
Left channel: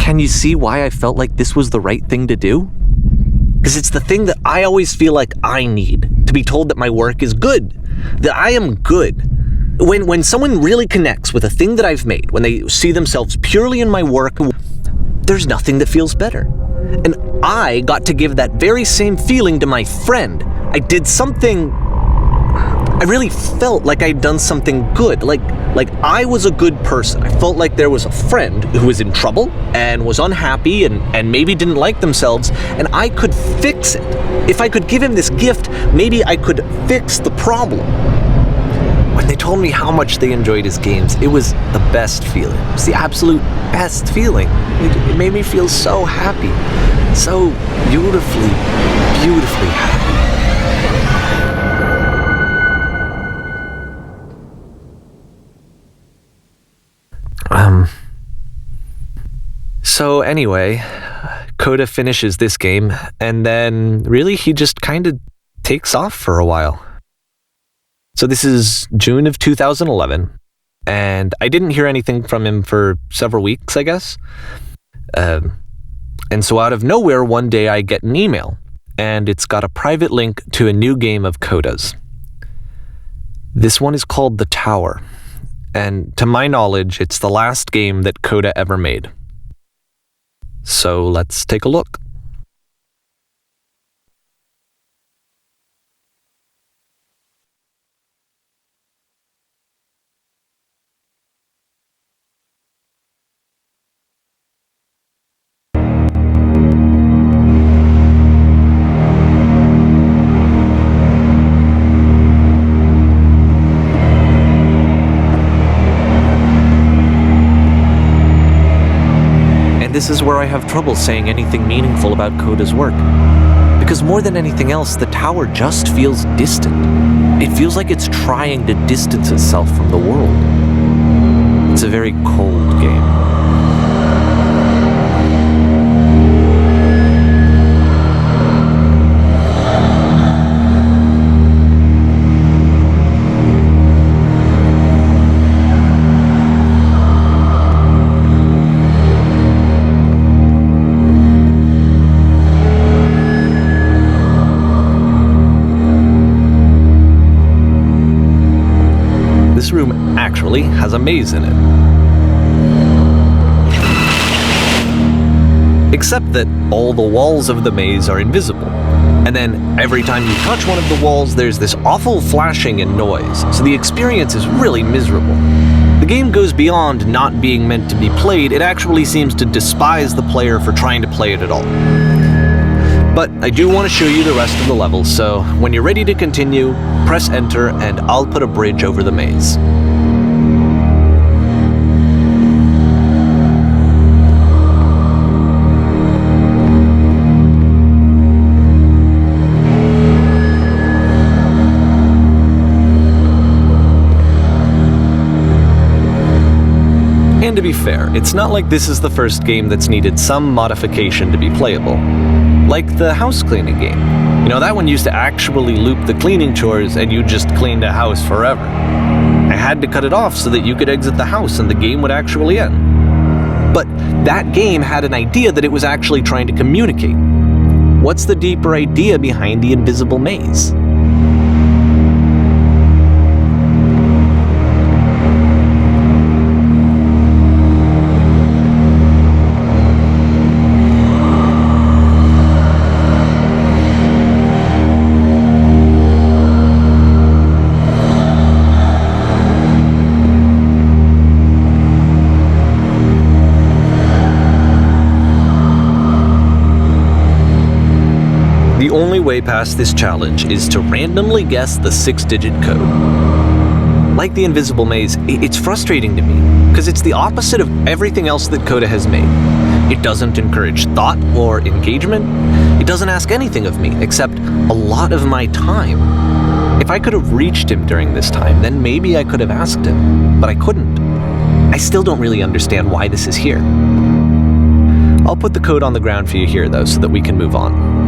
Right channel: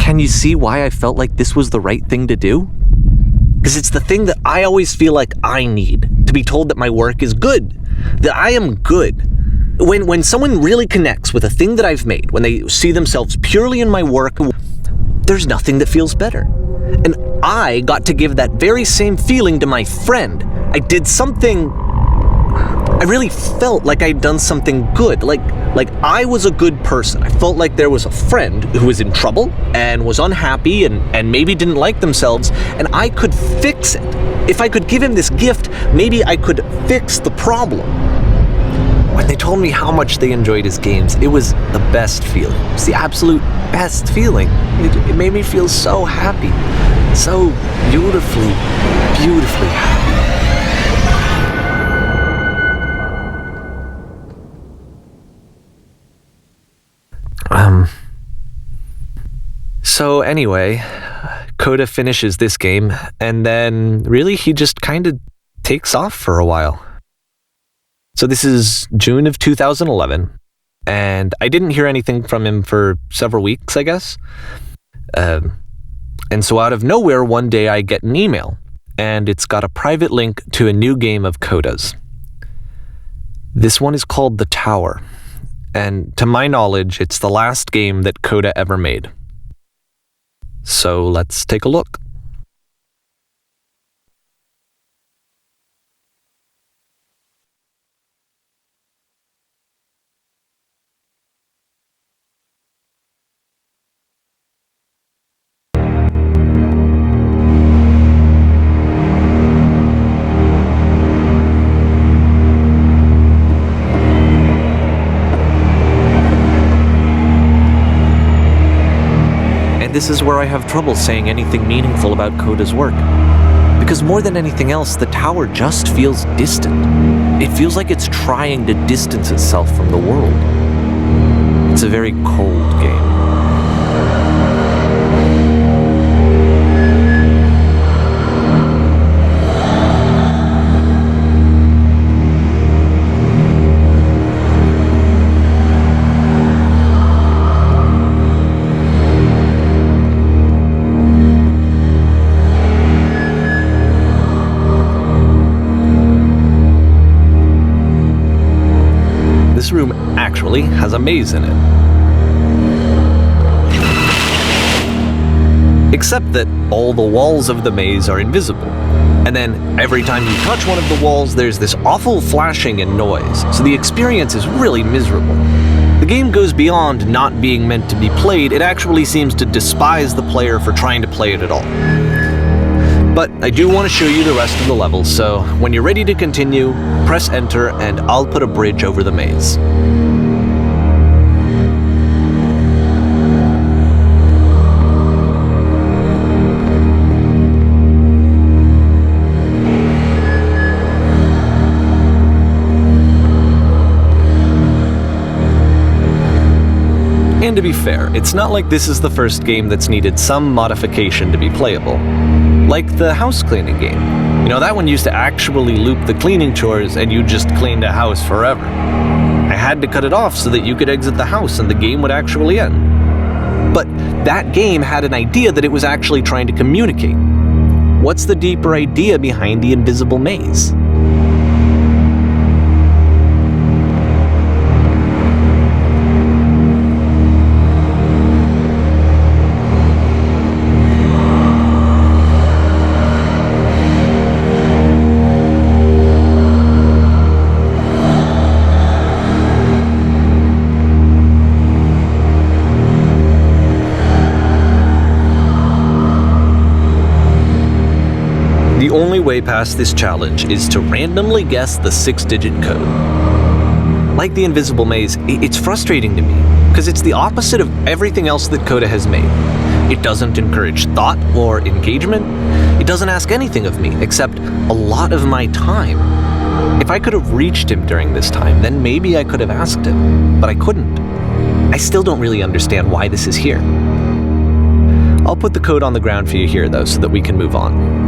Can you see why I felt like this was the right thing to do? Because it's the thing that I always feel like I need, to be told that my work is good, that I am good. When someone really connects with a thing that I've made, when they see themselves purely in my work, there's nothing that feels better. And I got to give that very same feeling to my friend. I did something, I really felt like I'd done something good, like I was a good person. I felt like there was a friend who was in trouble and was unhappy and maybe didn't like themselves, and I could fix it. If I could give him this gift, maybe I could fix the problem. When they told me how much they enjoyed his games, it was the best feeling. It was the absolute best feeling. It made me feel so happy, so beautifully, beautifully happy. So anyway, Coda finishes this game, and then really he just kind of takes off for a while. So this is June of 2011, and I didn't hear anything from him for several weeks, I guess. And so out of nowhere, one day I get an email, and it's got a private link to a new game of Coda's. This one is called The Tower, and to my knowledge, it's the last game that Coda ever made. So let's take a look. this is where I have trouble saying anything meaningful about Coda's work. Because more than anything else, the tower just feels distant. It feels like it's trying to distance itself from the world. It's a very cold game. This room actually has a maze in it. Except that all the walls of the maze are invisible. And then every time you touch one of the walls, there's this awful flashing and noise, so the experience is really miserable. The game goes beyond not being meant to be played, it actually seems to despise the player for trying to play it at all. But I do want to show you the rest of the level, so when you're ready to continue, press enter and I'll put a bridge over the maze. And to be fair, it's not like this is the first game that's needed some modification to be playable. Like the house cleaning game. You know, that one used to actually loop the cleaning chores and you just cleaned a house forever. I had to cut it off so that you could exit the house and the game would actually end. But that game had an idea that it was actually trying to communicate. What's the deeper idea behind the invisible maze? The only way past this challenge is to randomly guess the 6-digit code. Like the invisible maze, it's frustrating to me, because it's the opposite of everything else that Coda has made. It doesn't encourage thought or engagement. It doesn't ask anything of me, except a lot of my time. If I could have reached him during this time, then maybe I could have asked him, but I couldn't. I still don't really understand why this is here. I'll put the code on the ground for you here, though, so that we can move on.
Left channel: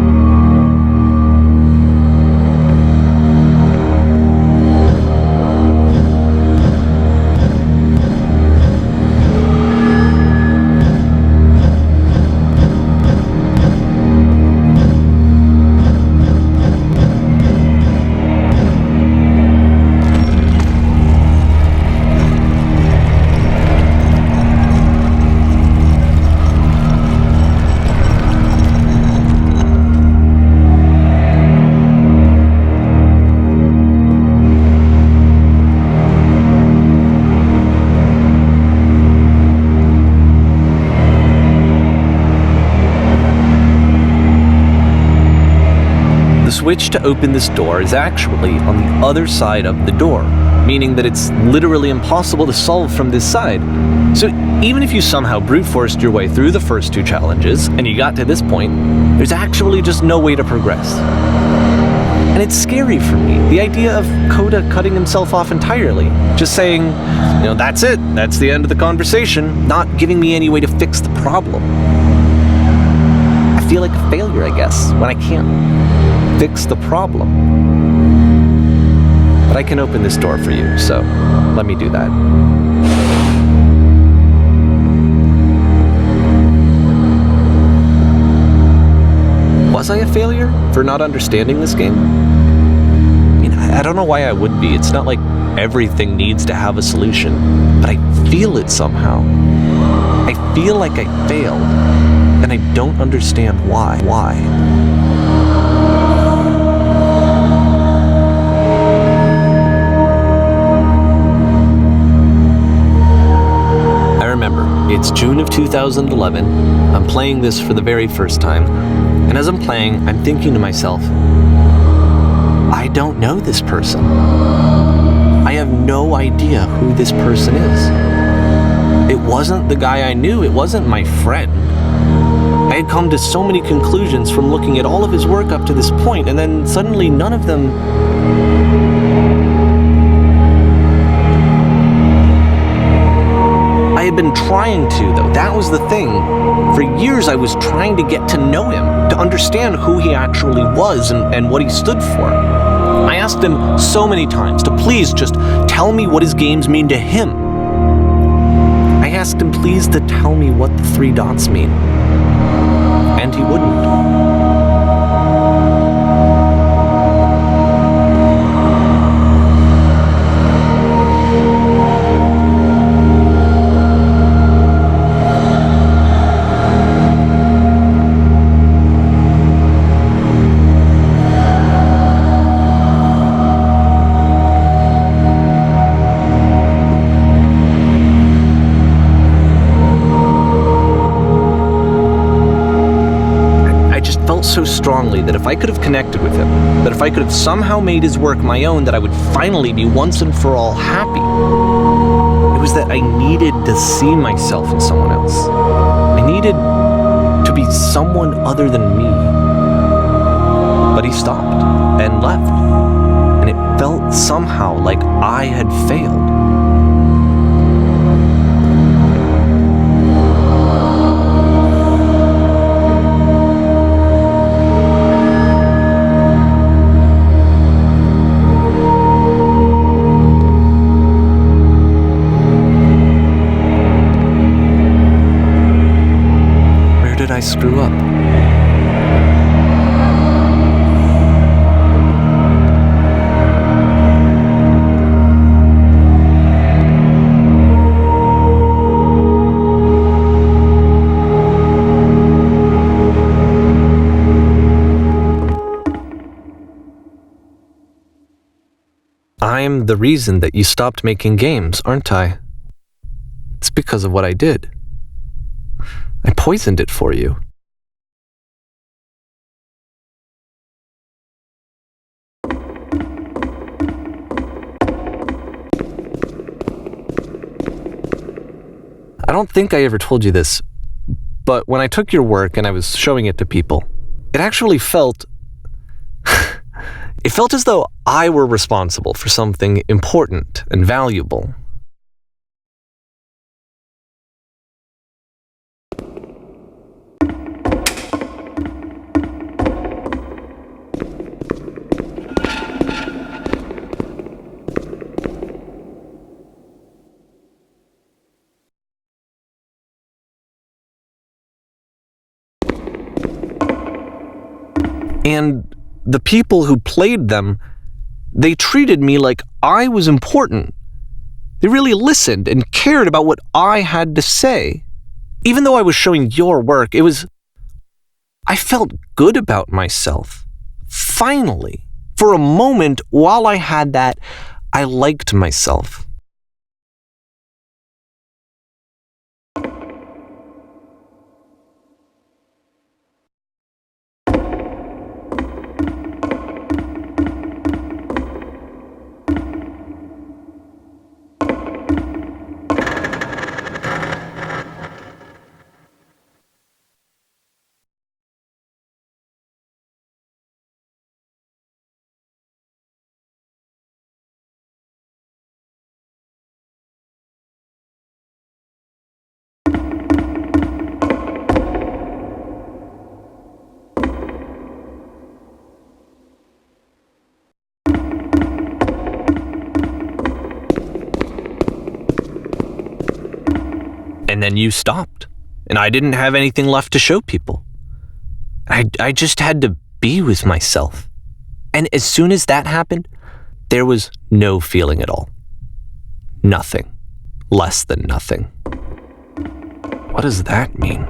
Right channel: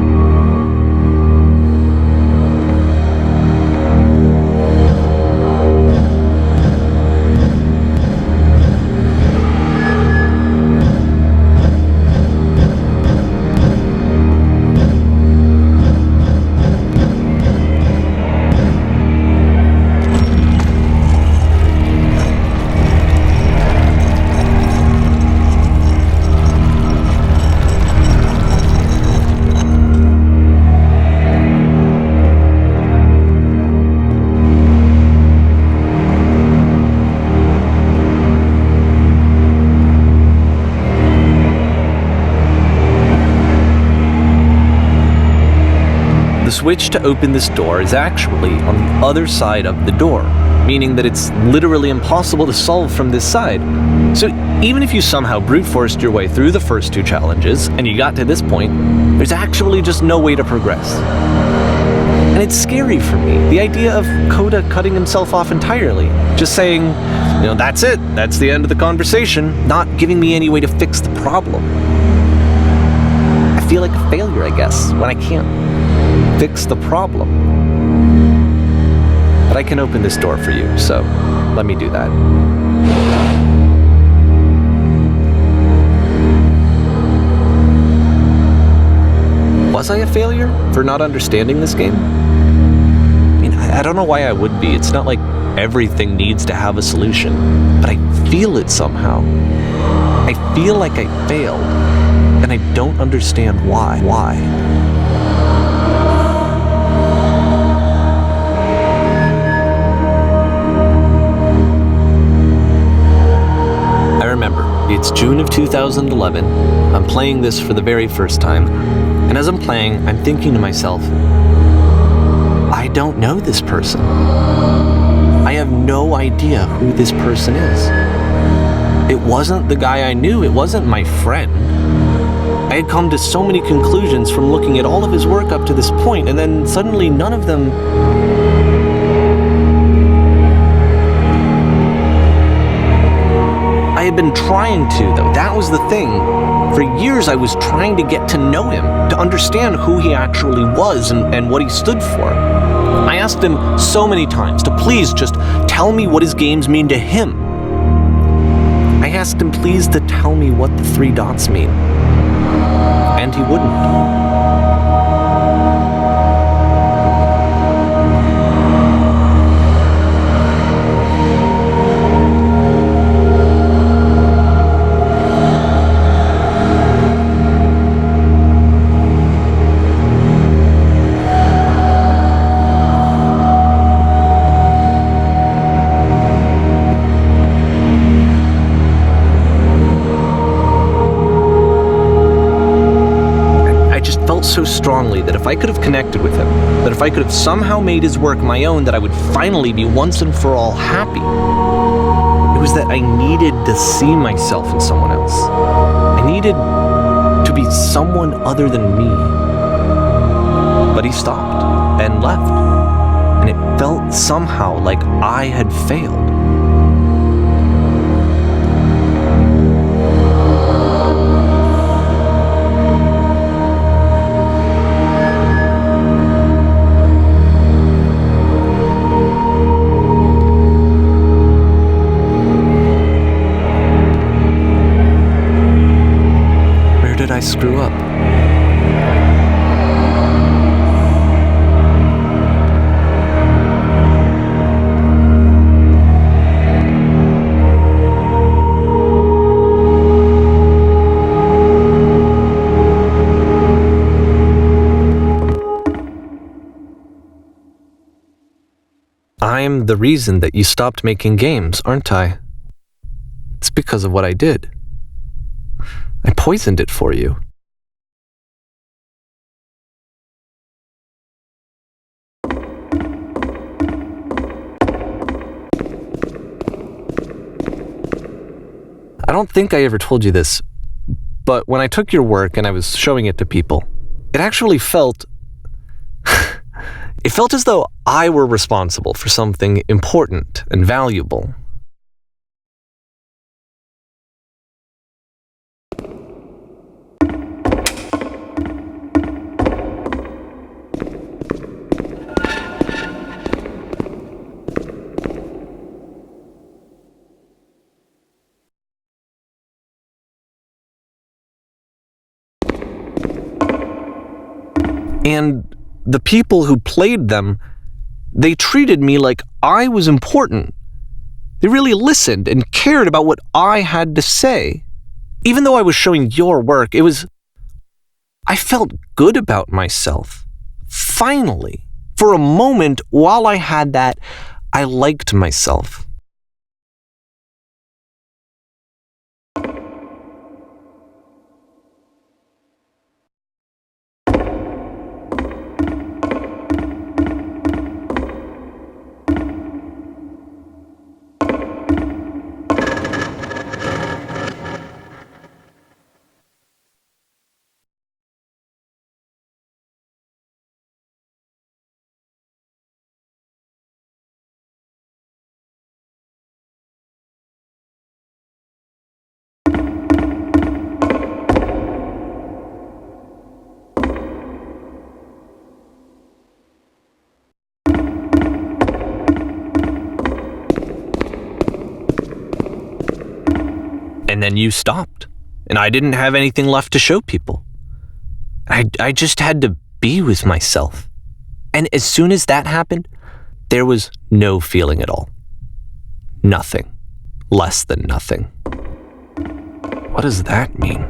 The switch to open this door is actually on the other side of the door, meaning that it's literally impossible to solve from this side. So even if you somehow brute forced your way through the first 2 challenges and you got to this point, there's actually just no way to progress. And it's scary for me, the idea of Coda cutting himself off entirely, just saying, you know, that's it, that's the end of the conversation, not giving me any way to fix the problem. I feel like a failure, I guess, when I can't fix the problem. But I can open this door for you, so let me do that. Was I a failure for not understanding this game? I mean, I don't know why I would be. It's not like everything needs to have a solution, but I feel it somehow. I feel like I failed, and I don't understand why. I remember, it's June of 2011, I'm playing this for the very first time, and as I'm playing, I'm thinking to myself, I don't know this person. I have no idea who this person is. It wasn't the guy I knew, it wasn't my friend. I had come to so many conclusions from looking at all of his work up to this point, and then suddenly none of them... I had been trying to, though. That was the thing. For years, I was trying to get to know him, to understand who he actually was and what he stood for. I asked him so many times to please just tell me what his games mean to him. I asked him please to tell me what the 3 dots mean. And he wouldn't. Felt so strongly that if I could have connected with him, that if I could have somehow made his work my own, that I would finally be once and for all happy. It was that I needed to see myself in someone else. I needed to be someone other than me. But he stopped and left, and it felt somehow like I had failed. Did I screw up? I'm the reason that you stopped making games, aren't I? It's because of what I did. I poisoned it for you. I don't think I ever told you this, but when I took your work and I was showing it to people, it actually felt... it felt as though I were responsible for something important and valuable. And the people who played them, they treated me like I was important. They really listened and cared about what I had to say. Even though I was showing your work, I felt good about myself. Finally, for a moment, while I had that, I liked myself. And then you stopped, and I didn't have anything left to show people. I just had to be with myself. And as soon as that happened, there was no feeling at all. Nothing. Less than nothing. What does that mean?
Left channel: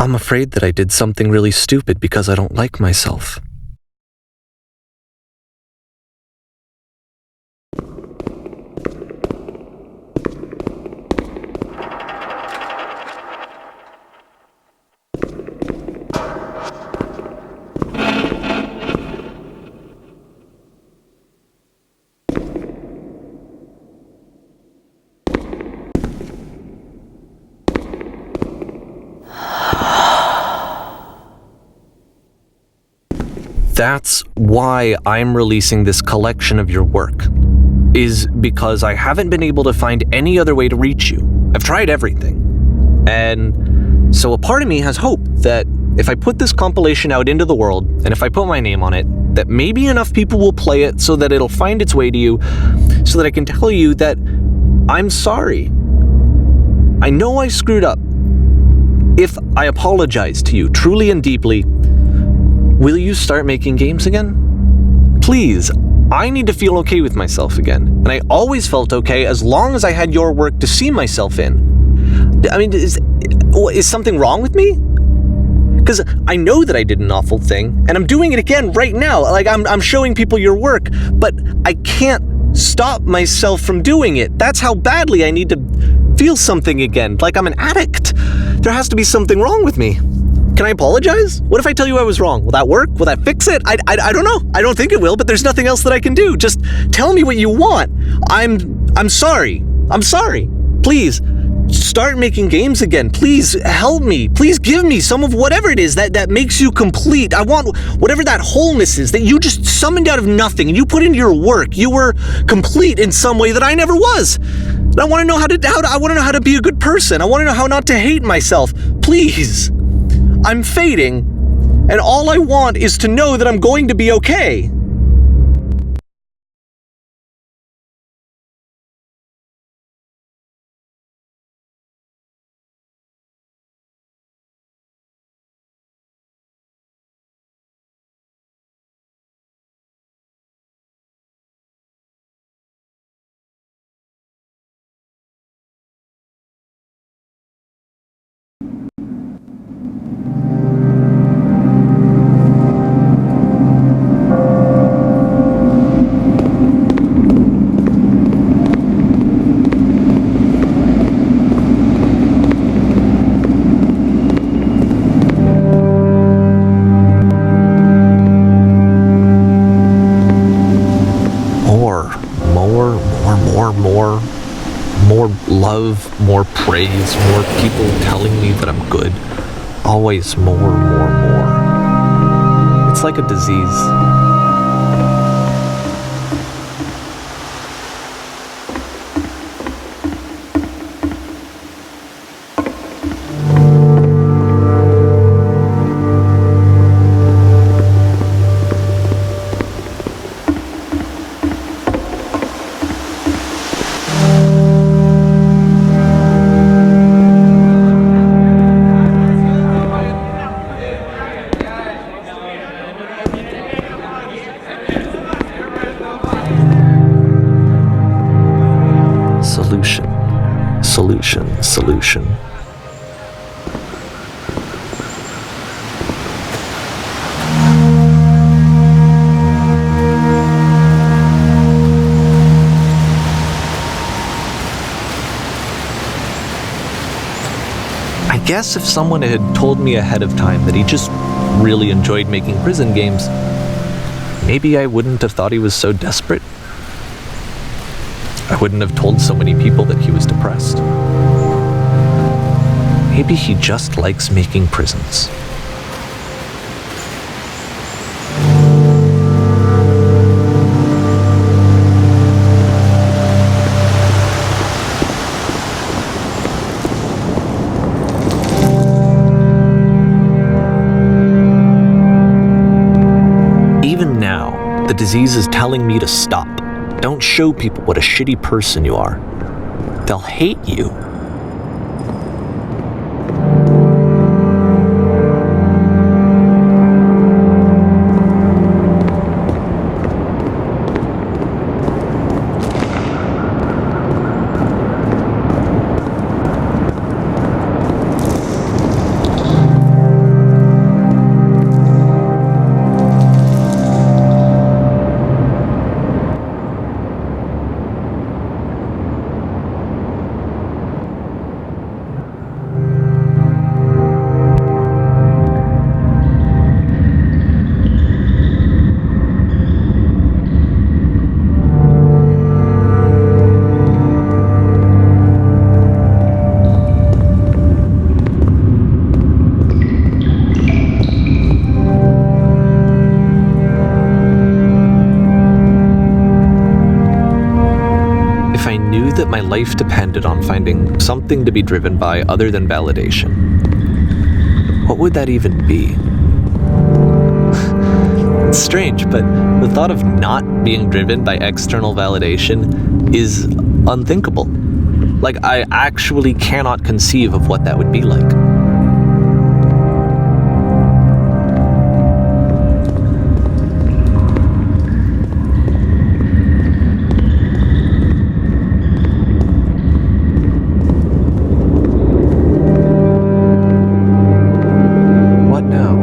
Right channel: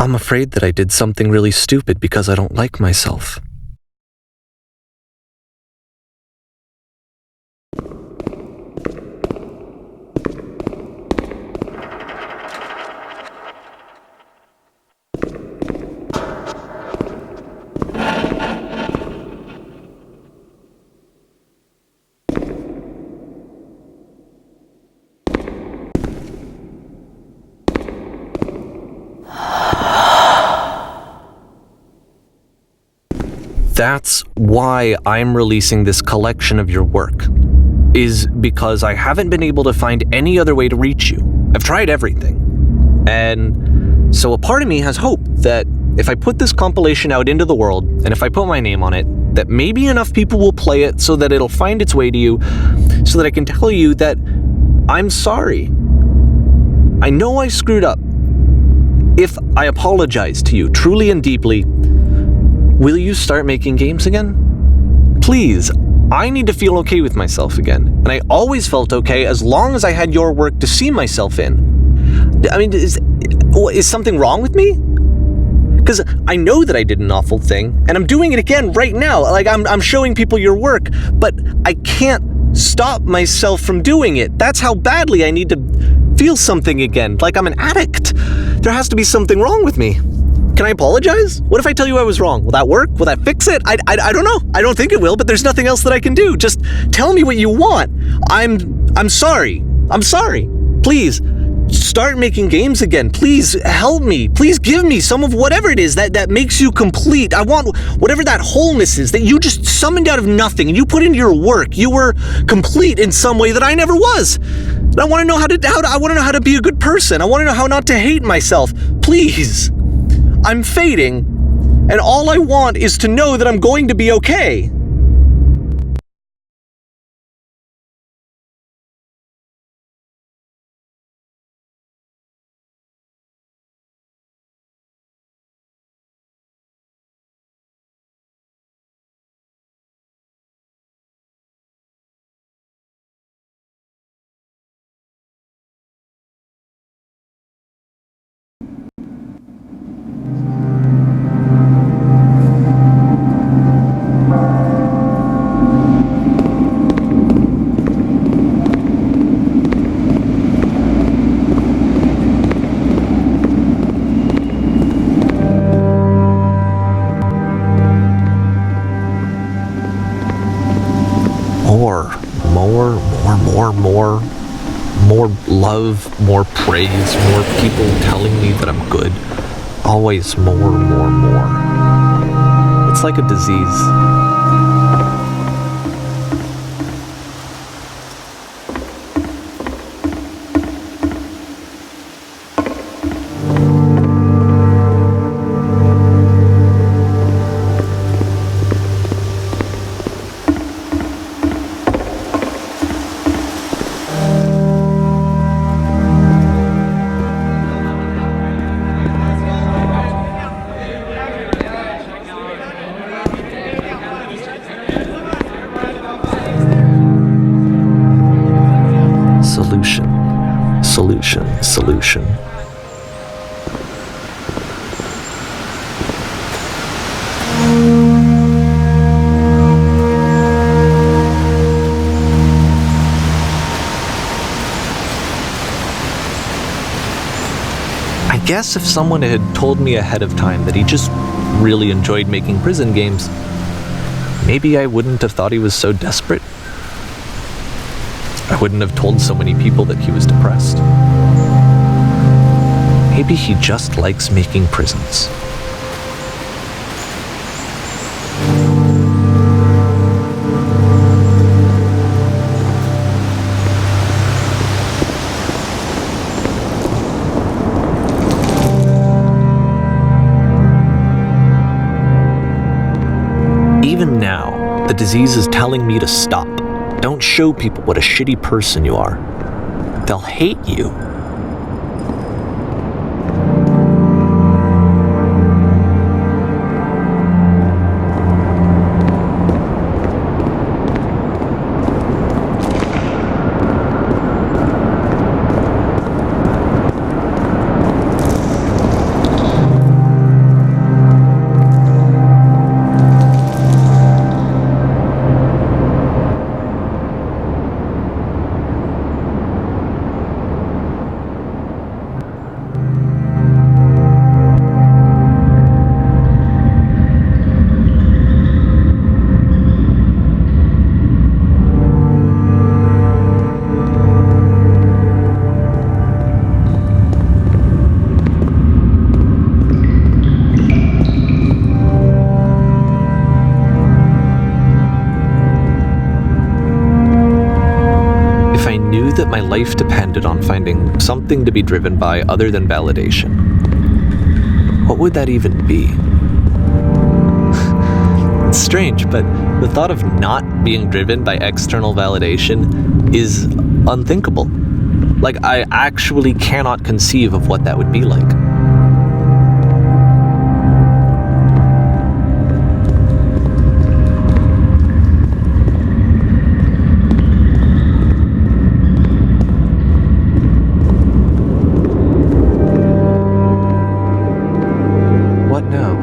I'm afraid that I did something really stupid because I don't like myself. That's why I'm releasing this collection of your work, is because I haven't been able to find any other way to reach you. I've tried everything. And so a part of me has hope that if I put this compilation out into the world, and if I put my name on it, that maybe enough people will play it so that it'll find its way to you, so that I can tell you that I'm sorry. I know I screwed up. If I apologize to you truly and deeply, will you start making games again? Please, I need to feel okay with myself again. And I always felt okay as long as I had your work to see myself in. I mean, is something wrong with me? Because I know that I did an awful thing, and I'm doing it again right now. Like, I'm showing people your work, but I can't stop myself from doing it. That's how badly I need to feel something again, like I'm an addict. There has to be something wrong with me. Can I apologize? What if I tell you I was wrong? Will that work? Will that fix it? I don't know. I don't think it will, but there's nothing else that I can do. Just tell me what you want. I'm sorry. I'm sorry. Please, start making games again. Please help me. Please give me some of whatever it is that makes you complete. I want whatever that wholeness is that you just summoned out of nothing and you put into your work. You were complete in some way that I never was. And I want to know I want to know how to be a good person. I want to know how not to hate myself. Please. I'm fading, and all I want is to know that I'm going to be okay. More love, more praise, more people telling me that I'm good. Always more. It's like a disease. Solution. I guess if someone had told me ahead of time that he just really enjoyed making prison games, maybe I wouldn't have thought he was so desperate. I wouldn't have told so many people that he was depressed. Maybe he just likes making prisons. Even now, the disease is telling me to stop. Don't show people what a shitty person you are. They'll hate you. I knew that my life depended on finding something to be driven by other than validation, what would that even be? It's strange, but the thought of not being driven by external validation is unthinkable. Like, I actually cannot conceive of what that would be like. What now?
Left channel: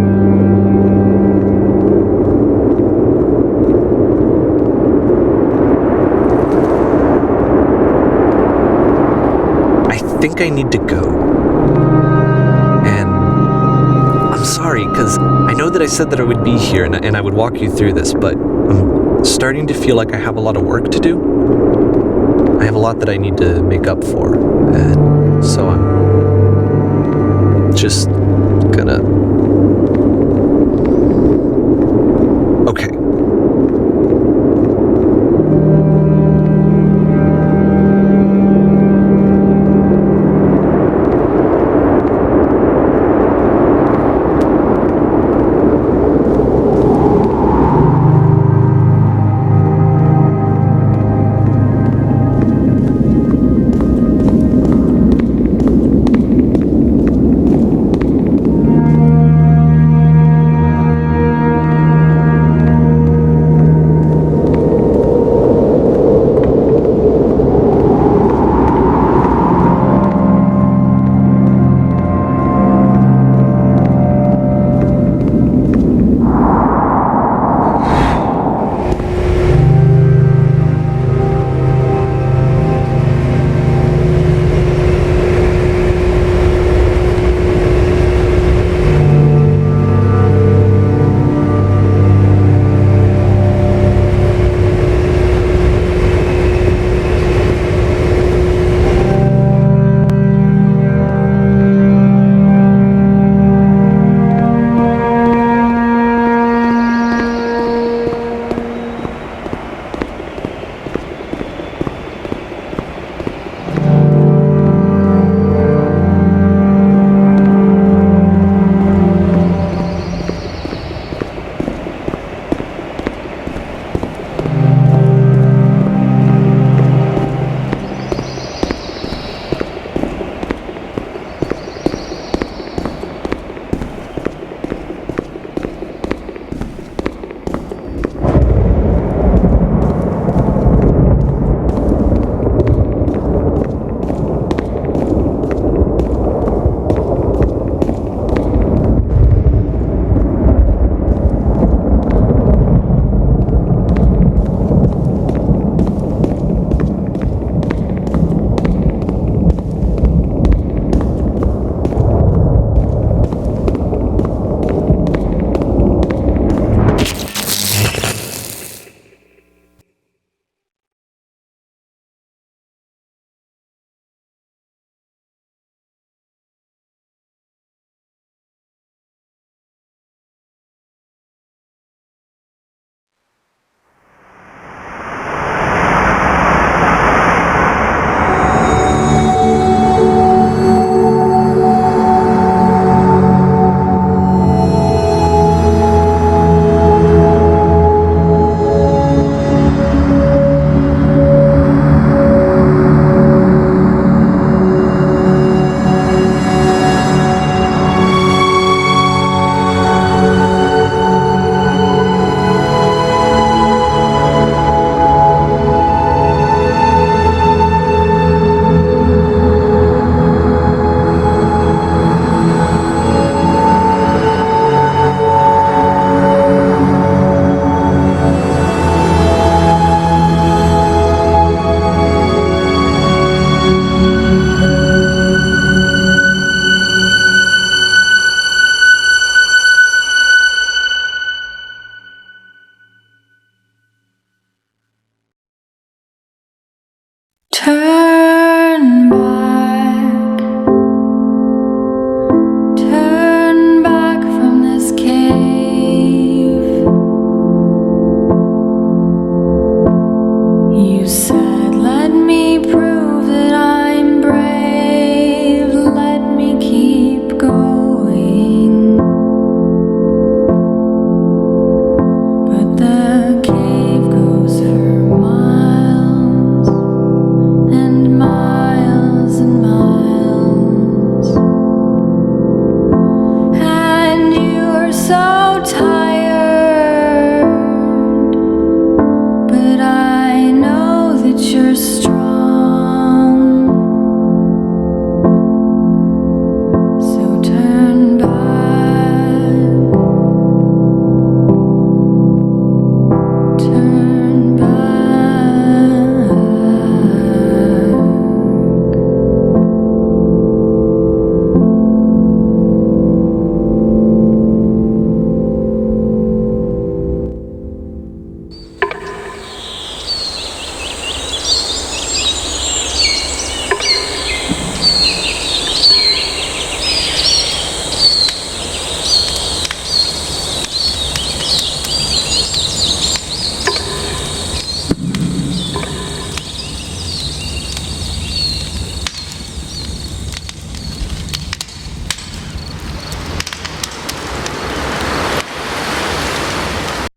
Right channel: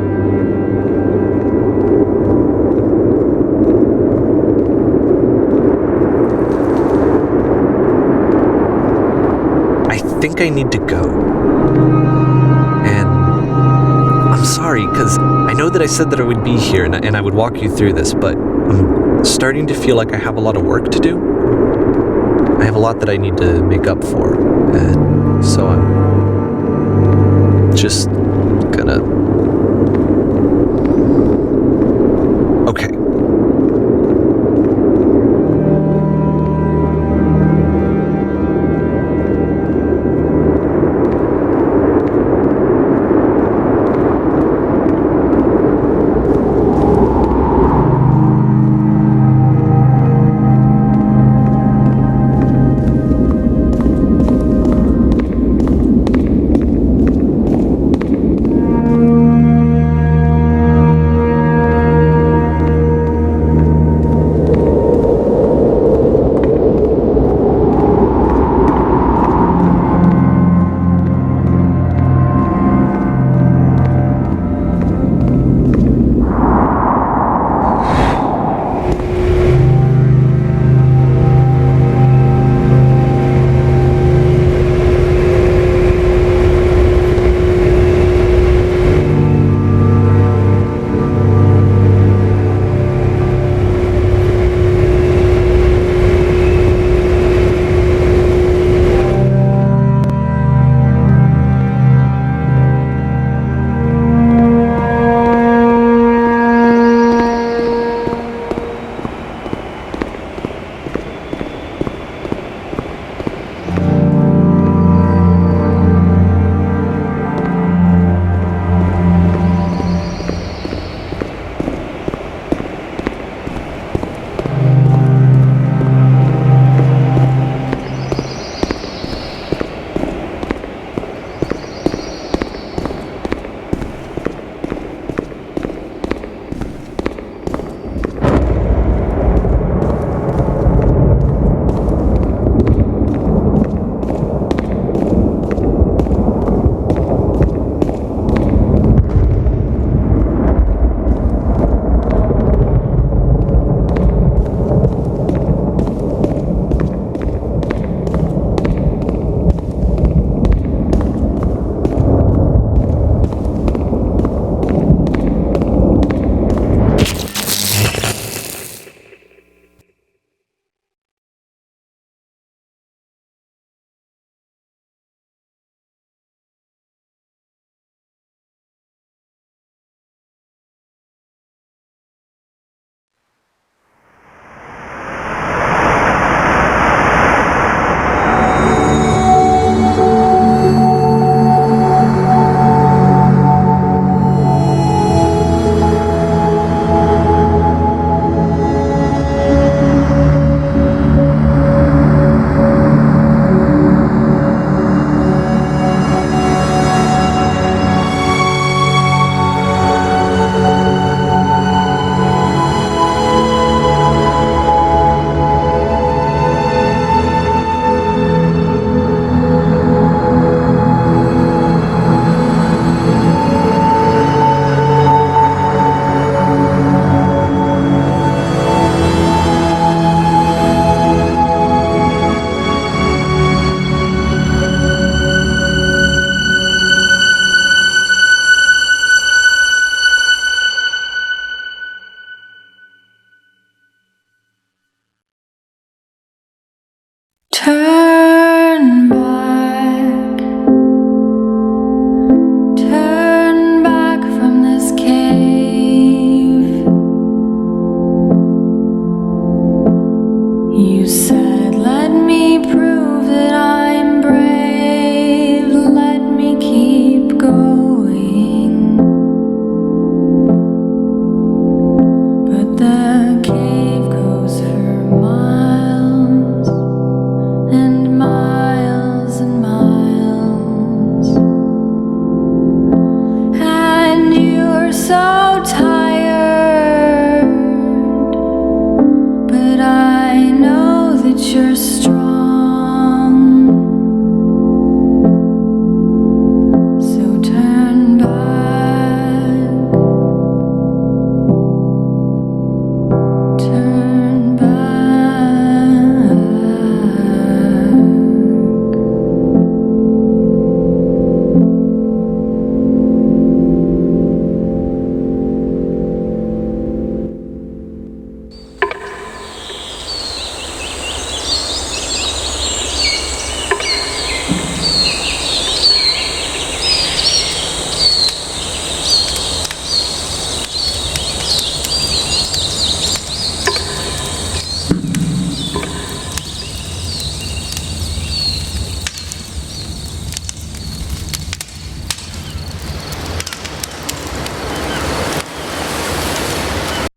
I think I need to go. And I'm sorry, because I know that I said that I would be here and I would walk you through this, but I'm starting to feel like I have a lot of work to do. I have a lot that I need to make up for, and so I'm just gonna... Okay. so tired, but I know that you're so